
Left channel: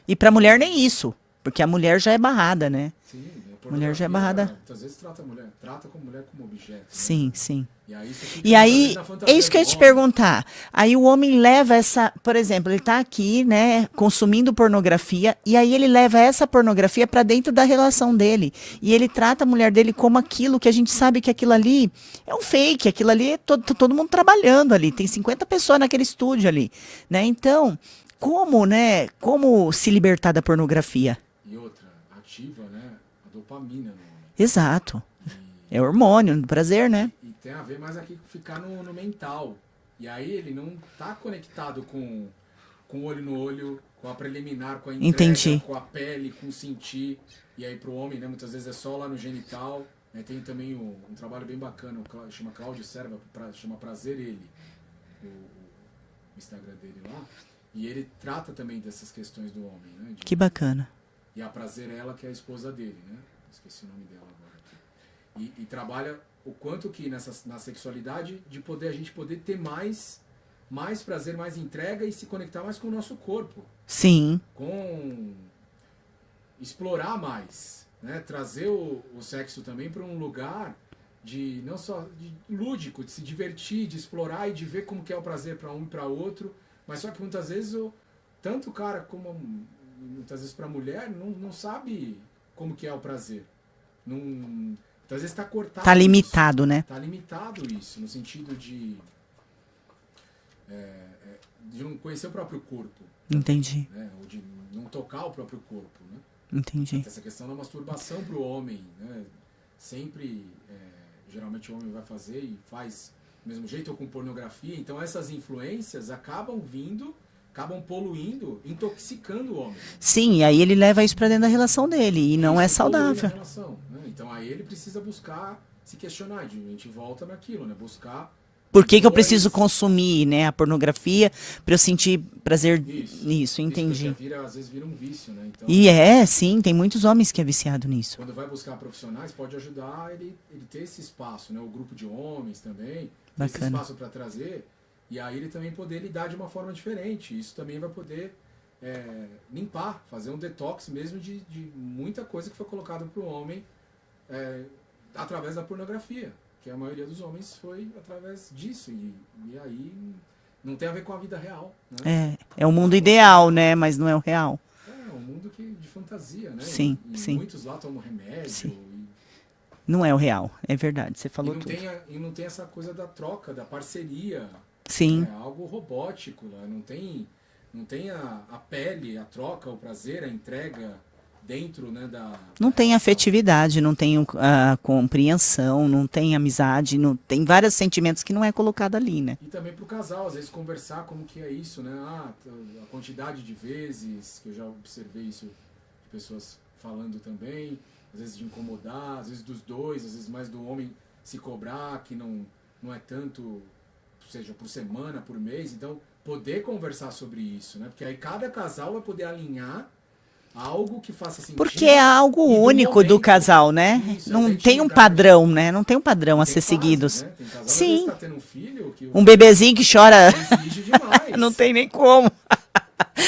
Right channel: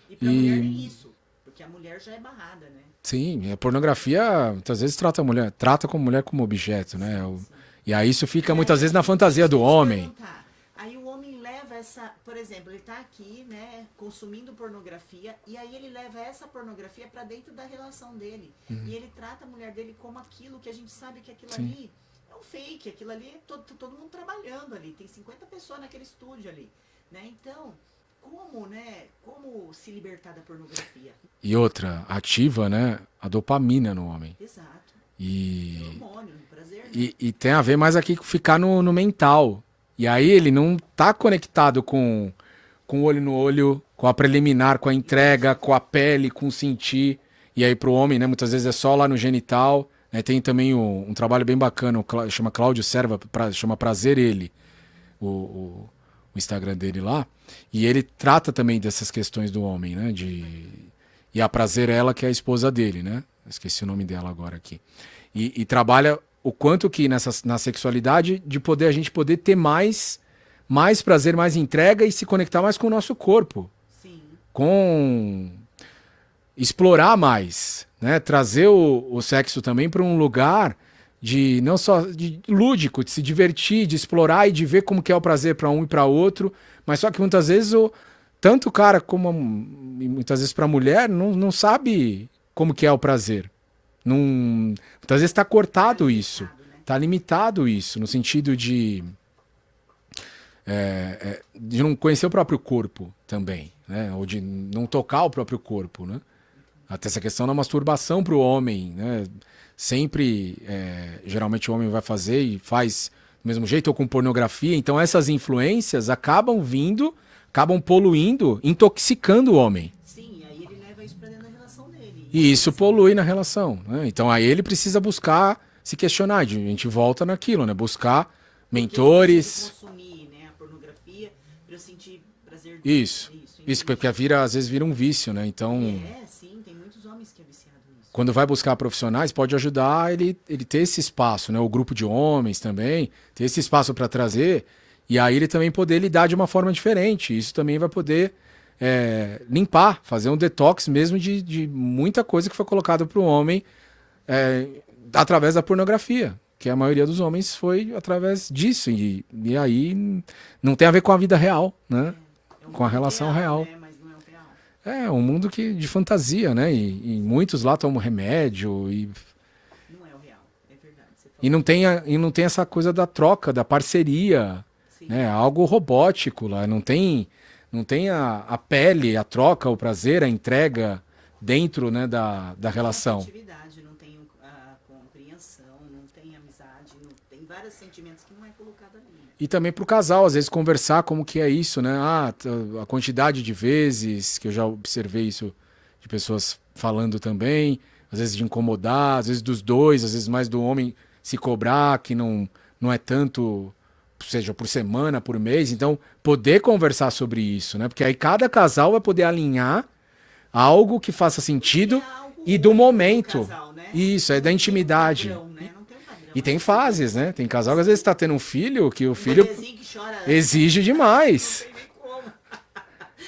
E pra mulher nem isso. Porque a mulher já é barrada, né? Sim, a pornografia muitas vezes trata a mulher como objeto, né? Sim, sim. E aí isso fica E muitas aí, vezes na fantasia é isso do que eu ia te homem. perguntar. Aí o homem leva essa, por exemplo, ele tá aqui, né, consumindo pornografia, e aí ele leva essa pornografia pra dentro da relação dele. E ele trata a mulher dele como aquilo que a gente sabe que aquilo ali é um fake, aquilo ali é todo mundo trabalhando ali, tem 50 pessoas naquele estúdio ali, né? Então, como se libertar da pornografia? E outra, ativa, né, a dopamina no homem. Exato. E, É hormônio do prazer, né? e tem a ver mais aqui com ficar no mental. E aí ele não tá conectado com o olho no olho, com a preliminar, com a entrega, Entendi. com a pele, com o sentir. E aí pro homem, né, muitas vezes é só lá no genital. Né? Tem também um trabalho bem bacana, chama Cláudio Serva, chama Prazer Ele, o Instagram dele lá. E ele trata também dessas questões do homem, né? Que bacana. E a Prazer Ela, que é a esposa dele, né? Esqueci o nome dela agora aqui. E trabalha o quanto que na sexualidade a gente poder ter mais prazer, mais entrega e se conectar mais com o nosso corpo. Sim. Com explorar mais, né? Trazer o sexo também para um lugar de não só de lúdico, de se divertir, de explorar e de ver como que é o prazer para um e para outro. Mas só que muitas vezes tanto o cara como muitas vezes para a mulher não sabe como que é o prazer. Muitas vezes está cortado Tá limitado, isso. né? Está limitado isso, no sentido de não conhecer o próprio corpo também. Entendi. Né? Ou de não tocar o próprio corpo. Né? Entendi. Até essa questão da masturbação para o homem. Né? Sempre, geralmente o homem vai fazer e faz do mesmo jeito ou com pornografia. Então essas influências acabam poluindo, intoxicando o homem. Sim, e aí ele leva isso pra dentro da relação dele. E E não isso é saudável. polui na relação. Né? Então aí ele precisa buscar se questionar. A gente volta naquilo, né? Buscar Por que eu mentores. preciso consumir, né, a pornografia pra eu sentir prazer nisso? Entendi. Isso, porque às vezes vira um vício, né? Então, E sim, tem muitos homens que é viciado nisso. quando vai buscar profissionais, pode ajudar ele ter esse espaço, né? O grupo de homens também, ter esse espaço para trazer. E aí ele também poder lidar de uma forma diferente. Isso também vai poder limpar, fazer um detox mesmo de muita coisa que foi colocada para o homem através da pornografia. Que a maioria dos homens foi através disso. E aí não tem a ver com a vida real, né? É o Com a mundo relação ideal, real. né? Mas não é o real. É um mundo de fantasia, né? Sim, E sim. muitos lá tomam remédio Não é o real. É verdade. Você falou. e não tem essa coisa da troca, da parceria. Sim. É algo robótico lá. Não tem a pele, a troca, o prazer, a entrega dentro, né, da Não tem relação. afetividade, não tem a compreensão, não tem amizade, não tem vários sentimentos que não é colocado ali, né? E também para o casal, às vezes, conversar como que é isso, né? A quantidade de vezes que eu já observei isso de pessoas falando também, às vezes de incomodar, às vezes dos dois, às vezes mais do homem se cobrar, que não é tanto, seja por semana, por mês. Então, poder conversar sobre isso, né? Porque aí cada casal vai poder alinhar algo que faça sentido. Porque é algo e único do momento. casal, né? Isso, não da tem um intimidade. padrão, né? Não tem um padrão E a tem ser fases, seguido. né? Tem casal que Sim. às vezes tá tendo um filho que o Um filho bebezinho que chora. exige demais. Não tem nem como.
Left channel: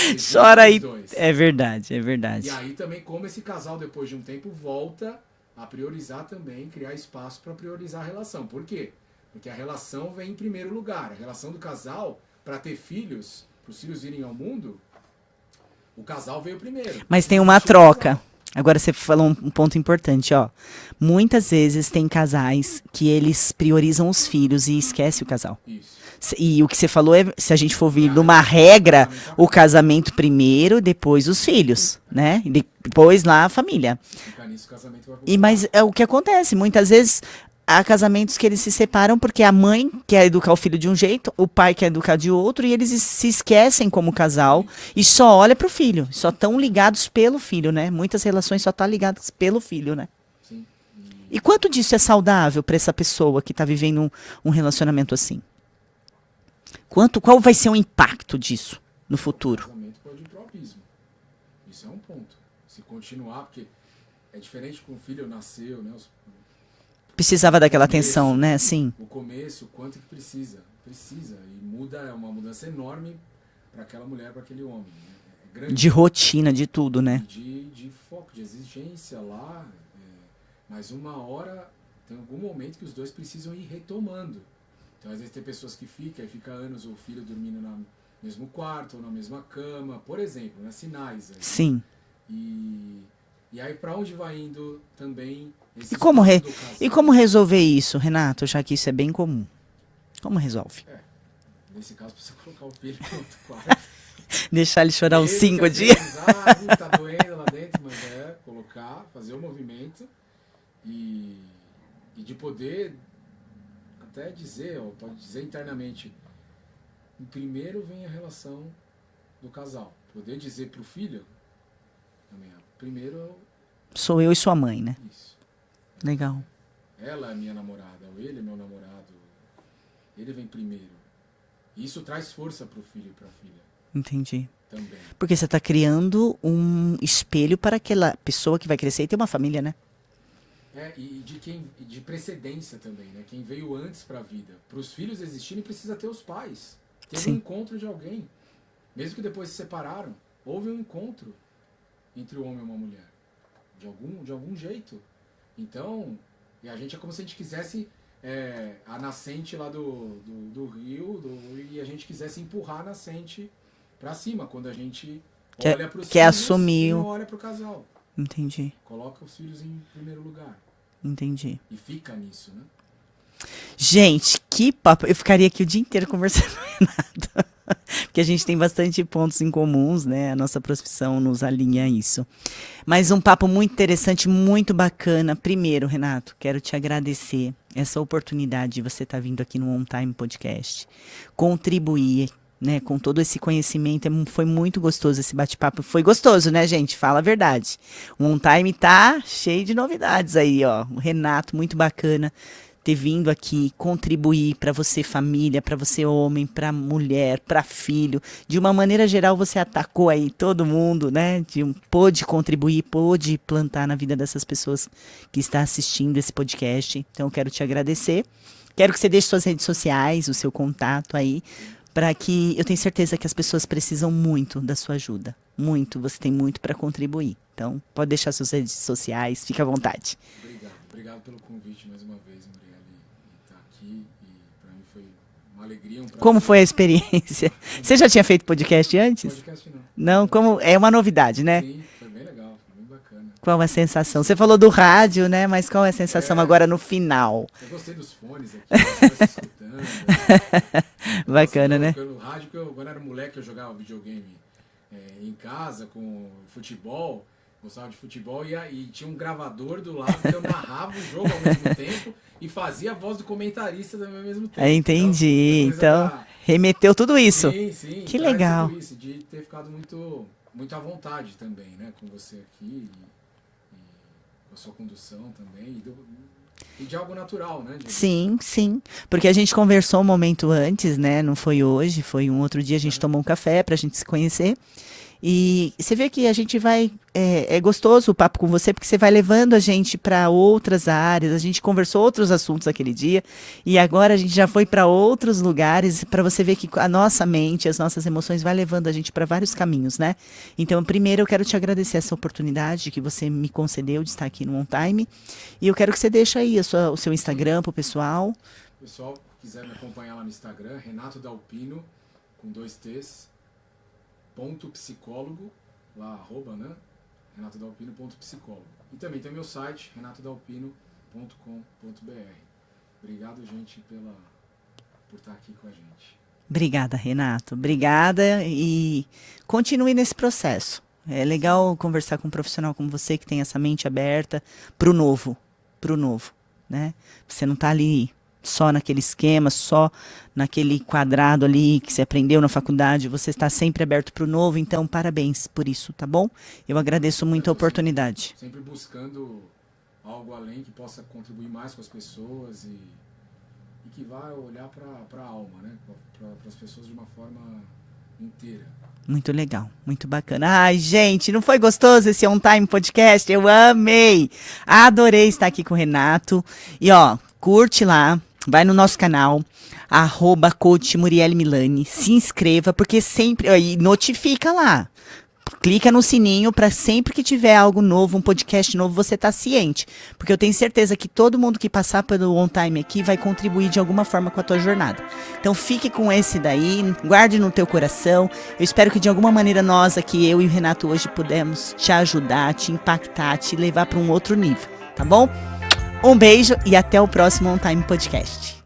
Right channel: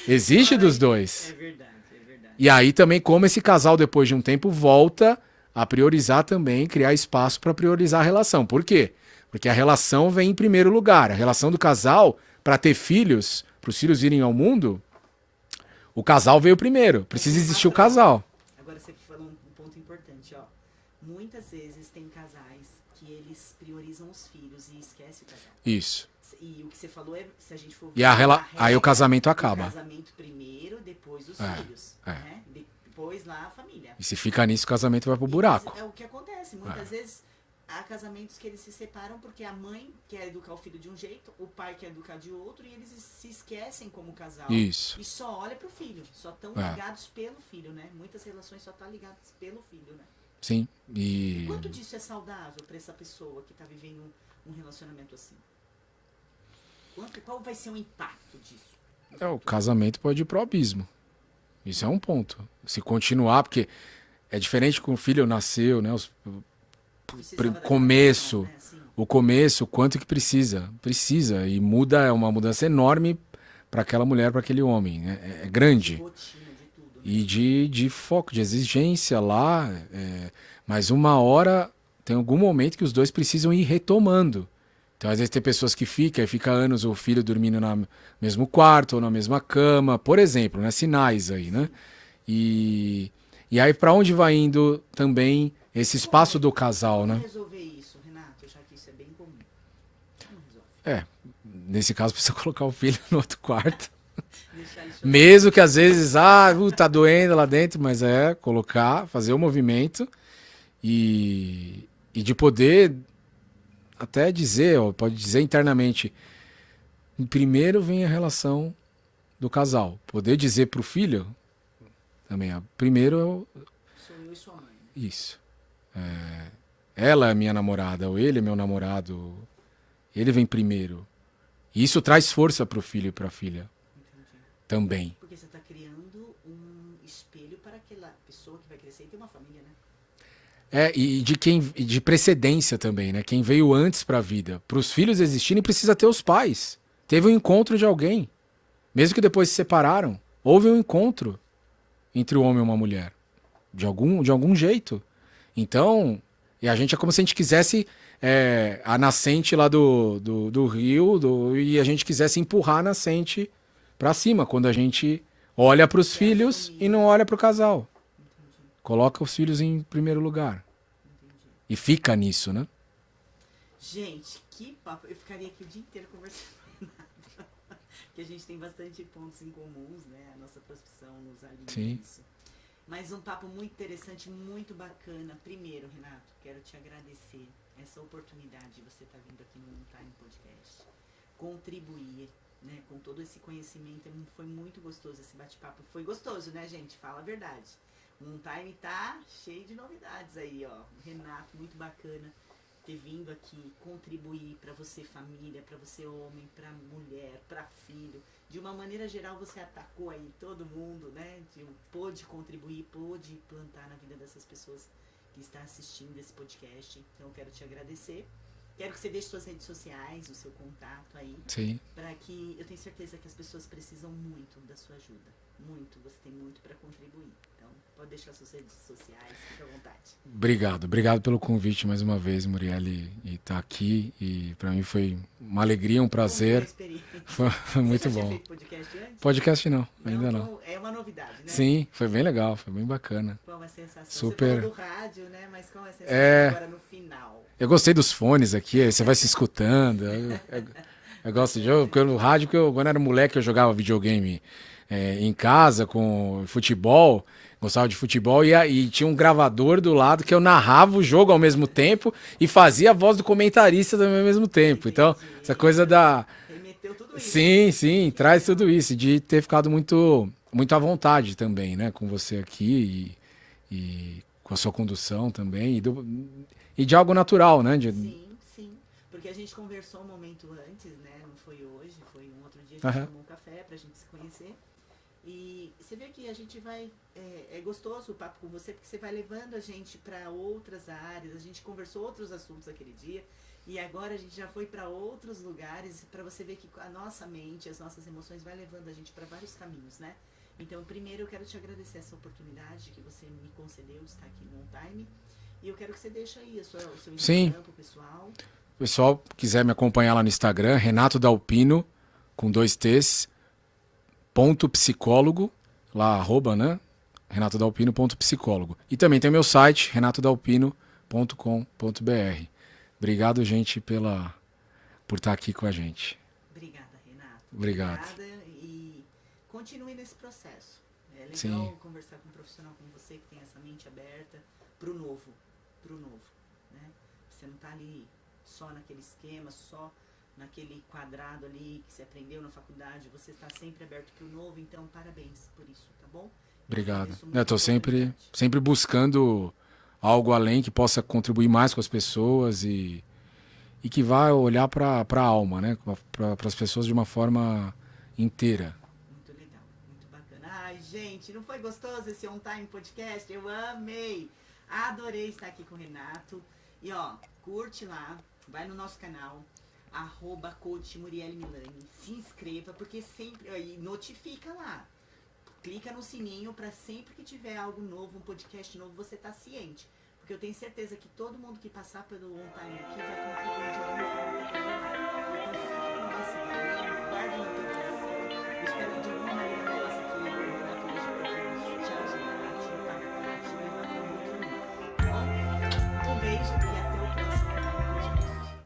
Exige Chora dos e- dois. É verdade, é verdade. E aí também como esse casal depois de um tempo volta a priorizar também, criar espaço para priorizar a relação. Por quê? Porque a relação vem em primeiro lugar. A relação do casal para ter filhos, para os filhos virem ao mundo, o casal veio primeiro. Mas Precisa tem uma existir o troca. casal. Agora você falou um ponto importante, ó. Muitas vezes tem casais que eles priorizam os filhos e esquece o casal. Isso. E o que você falou é, se a gente for vir E a de uma aí o regra, casamento acaba. o casamento primeiro, depois os filhos, né? E depois lá a família. E se fica nisso, o casamento vai pro E buraco. mas é o que acontece, muitas vezes há casamentos que eles se separam porque a mãe quer educar o filho de um jeito, o pai quer educar de outro e eles se esquecem como casal Isso. e só olha pro filho, só estão ligados pelo filho, né? Muitas relações só estão ligadas pelo filho, né? Sim. E quanto disso é saudável para essa pessoa que está vivendo um relacionamento assim? Qual vai ser o impacto disso no O futuro? casamento pode ir pro abismo. Isso é um ponto. Se continuar, porque é diferente com o filho nasceu, né? Precisava daquela começo. atenção, né? Sim. O começo, o quanto que precisa. Precisa. E muda, é uma mudança enorme para aquela mulher, para aquele homem. É grande. De rotina, de tudo, né? E de foco, de exigência lá. Mas uma hora, tem algum momento que os dois precisam ir retomando. Então, às vezes, tem pessoas que fica anos o filho dormindo no mesmo quarto ou na mesma cama, por exemplo, né? Sinais aí, Sim. né? E aí, para onde vai indo também esse E como espaço do casal? E como né? resolver isso, Renato? Já que isso é bem comum. Como resolve? Nesse caso, precisa colocar o filho no outro quarto. Deixar ele chorar Mesmo os que às 5 dias. vezes, tá doendo lá dentro, mas colocar, fazer o movimento e de poder até dizer, pode dizer internamente, primeiro vem a relação do casal. Poder dizer pro filho também, primeiro Sou eu e sua mãe, né? isso. Legal. Ela é minha namorada, ou ele é meu namorado. Ele vem primeiro. E isso traz força pro filho e pra filha Entendi. também. Porque você está criando um espelho para aquela pessoa que vai crescer e ter uma família, né? E de precedência também, né? Quem veio antes pra vida. Para os filhos existirem, precisa ter os pais. Teve um encontro de alguém. Mesmo que depois se separaram, houve um encontro entre o homem e uma mulher. De algum jeito. Então, e a gente é como se a gente quisesse a nascente lá do rio e a gente quisesse empurrar a nascente pra cima, quando a gente olha pros filhos assumir e não olha pro casal. Entendi, Coloca os filhos em primeiro lugar. entendi. E fica nisso, né? Gente, que papo. Eu ficaria aqui o dia inteiro conversando com o Renato. Porque a gente tem bastante pontos em comuns, né? A nossa profissão nos alinha a isso. Mas um papo muito interessante, muito bacana. Primeiro, Renato, quero te agradecer essa oportunidade de você estar vindo aqui no On Time Podcast. Contribuir, né, com todo esse conhecimento. Foi muito gostoso esse bate-papo. Foi gostoso, né, gente? Fala a verdade. O On Time tá cheio de novidades aí, ó. O Renato, muito bacana ter vindo aqui contribuir para você família, para você homem, para mulher, para filho. De uma maneira geral, você atacou aí todo mundo, né? Pôde contribuir, pôde plantar na vida dessas pessoas que estão assistindo esse podcast. Então, eu quero te agradecer. Quero que você deixe suas redes sociais, o seu contato aí, para que eu tenho certeza que as pessoas precisam muito da sua ajuda. Muito, você tem muito para contribuir. Então, pode deixar suas redes sociais, fica à vontade. Obrigado pelo convite mais uma vez, Murielle, e estar aqui. E para mim foi uma alegria, um prazer. Como foi a experiência? Você já tinha feito podcast antes? Podcast não. Não, como é uma novidade, né? Sim, foi bem legal, foi bem bacana. Qual é a sensação? Super. Você falou do rádio, né? Mas qual é a sensação agora no final? Eu gostei dos fones aqui, você vai se escutando. Bacana, né? No rádio, quando eu era moleque, eu jogava videogame em casa com futebol. Gostava de futebol e tinha um gravador do lado que eu narrava o jogo ao mesmo tempo e fazia a voz do comentarista também ao mesmo tempo. Entendi. Então, essa coisa então, remeteu tudo isso. Sim, que traz legal. tudo isso. De ter ficado muito à vontade também, né? Com você aqui e com a sua condução também. E de algo natural, né? Sim. Porque a gente conversou um momento antes, né? Não foi hoje, foi um outro dia. A gente tomou um café pra gente se conhecer. E você vê que a gente vai... É gostoso o papo com você, porque você vai levando a gente para outras áreas. A gente conversou outros assuntos aquele dia. E agora a gente já foi para outros lugares, para você ver que a nossa mente, as nossas emoções vai levando a gente para vários caminhos, né? Então, primeiro, eu quero te agradecer essa oportunidade que você me concedeu de estar aqui no On Time. E eu quero que você deixe aí o seu Instagram para o pessoal. O pessoal quiser me acompanhar lá no Instagram, Renato Dalpino, com 2 T's. .psicólogo, lá, @, né? renatodalpino.psicólogo. E também tem o meu site, renatodalpino.com.br. Obrigado, gente, por estar aqui com a gente. Obrigada, Renato. Obrigada e continue nesse processo. É legal conversar com um profissional como você, que tem essa mente aberta pro novo, né? Você não tá ali só naquele esquema, só naquele quadrado ali que você aprendeu na faculdade, você está sempre aberto para o novo, então parabéns por isso, tá bom? Eu agradeço muito a oportunidade. Sempre buscando algo além que possa contribuir mais com as pessoas e que vá olhar para a alma, né? Para as pessoas de uma forma inteira. Muito legal, muito bacana. Ai, gente, não foi gostoso esse On Time Podcast? Eu amei! Adorei estar aqui com o Renato. E ó, curte lá. vai no nosso canal, @coach Murielle Milani, se inscreva, porque sempre, e notifica lá. Clica no sininho para sempre que tiver algo novo, um podcast novo, você tá ciente. Porque eu tenho certeza que todo mundo que passar pelo On Time aqui vai contribuir de alguma forma com a tua jornada. Então fique com esse daí, guarde no teu coração. Eu espero que de alguma maneira nós aqui, eu e o Renato hoje, pudemos te ajudar, te impactar, te levar para um outro nível, tá bom? Um beijo e até o próximo On Time Podcast.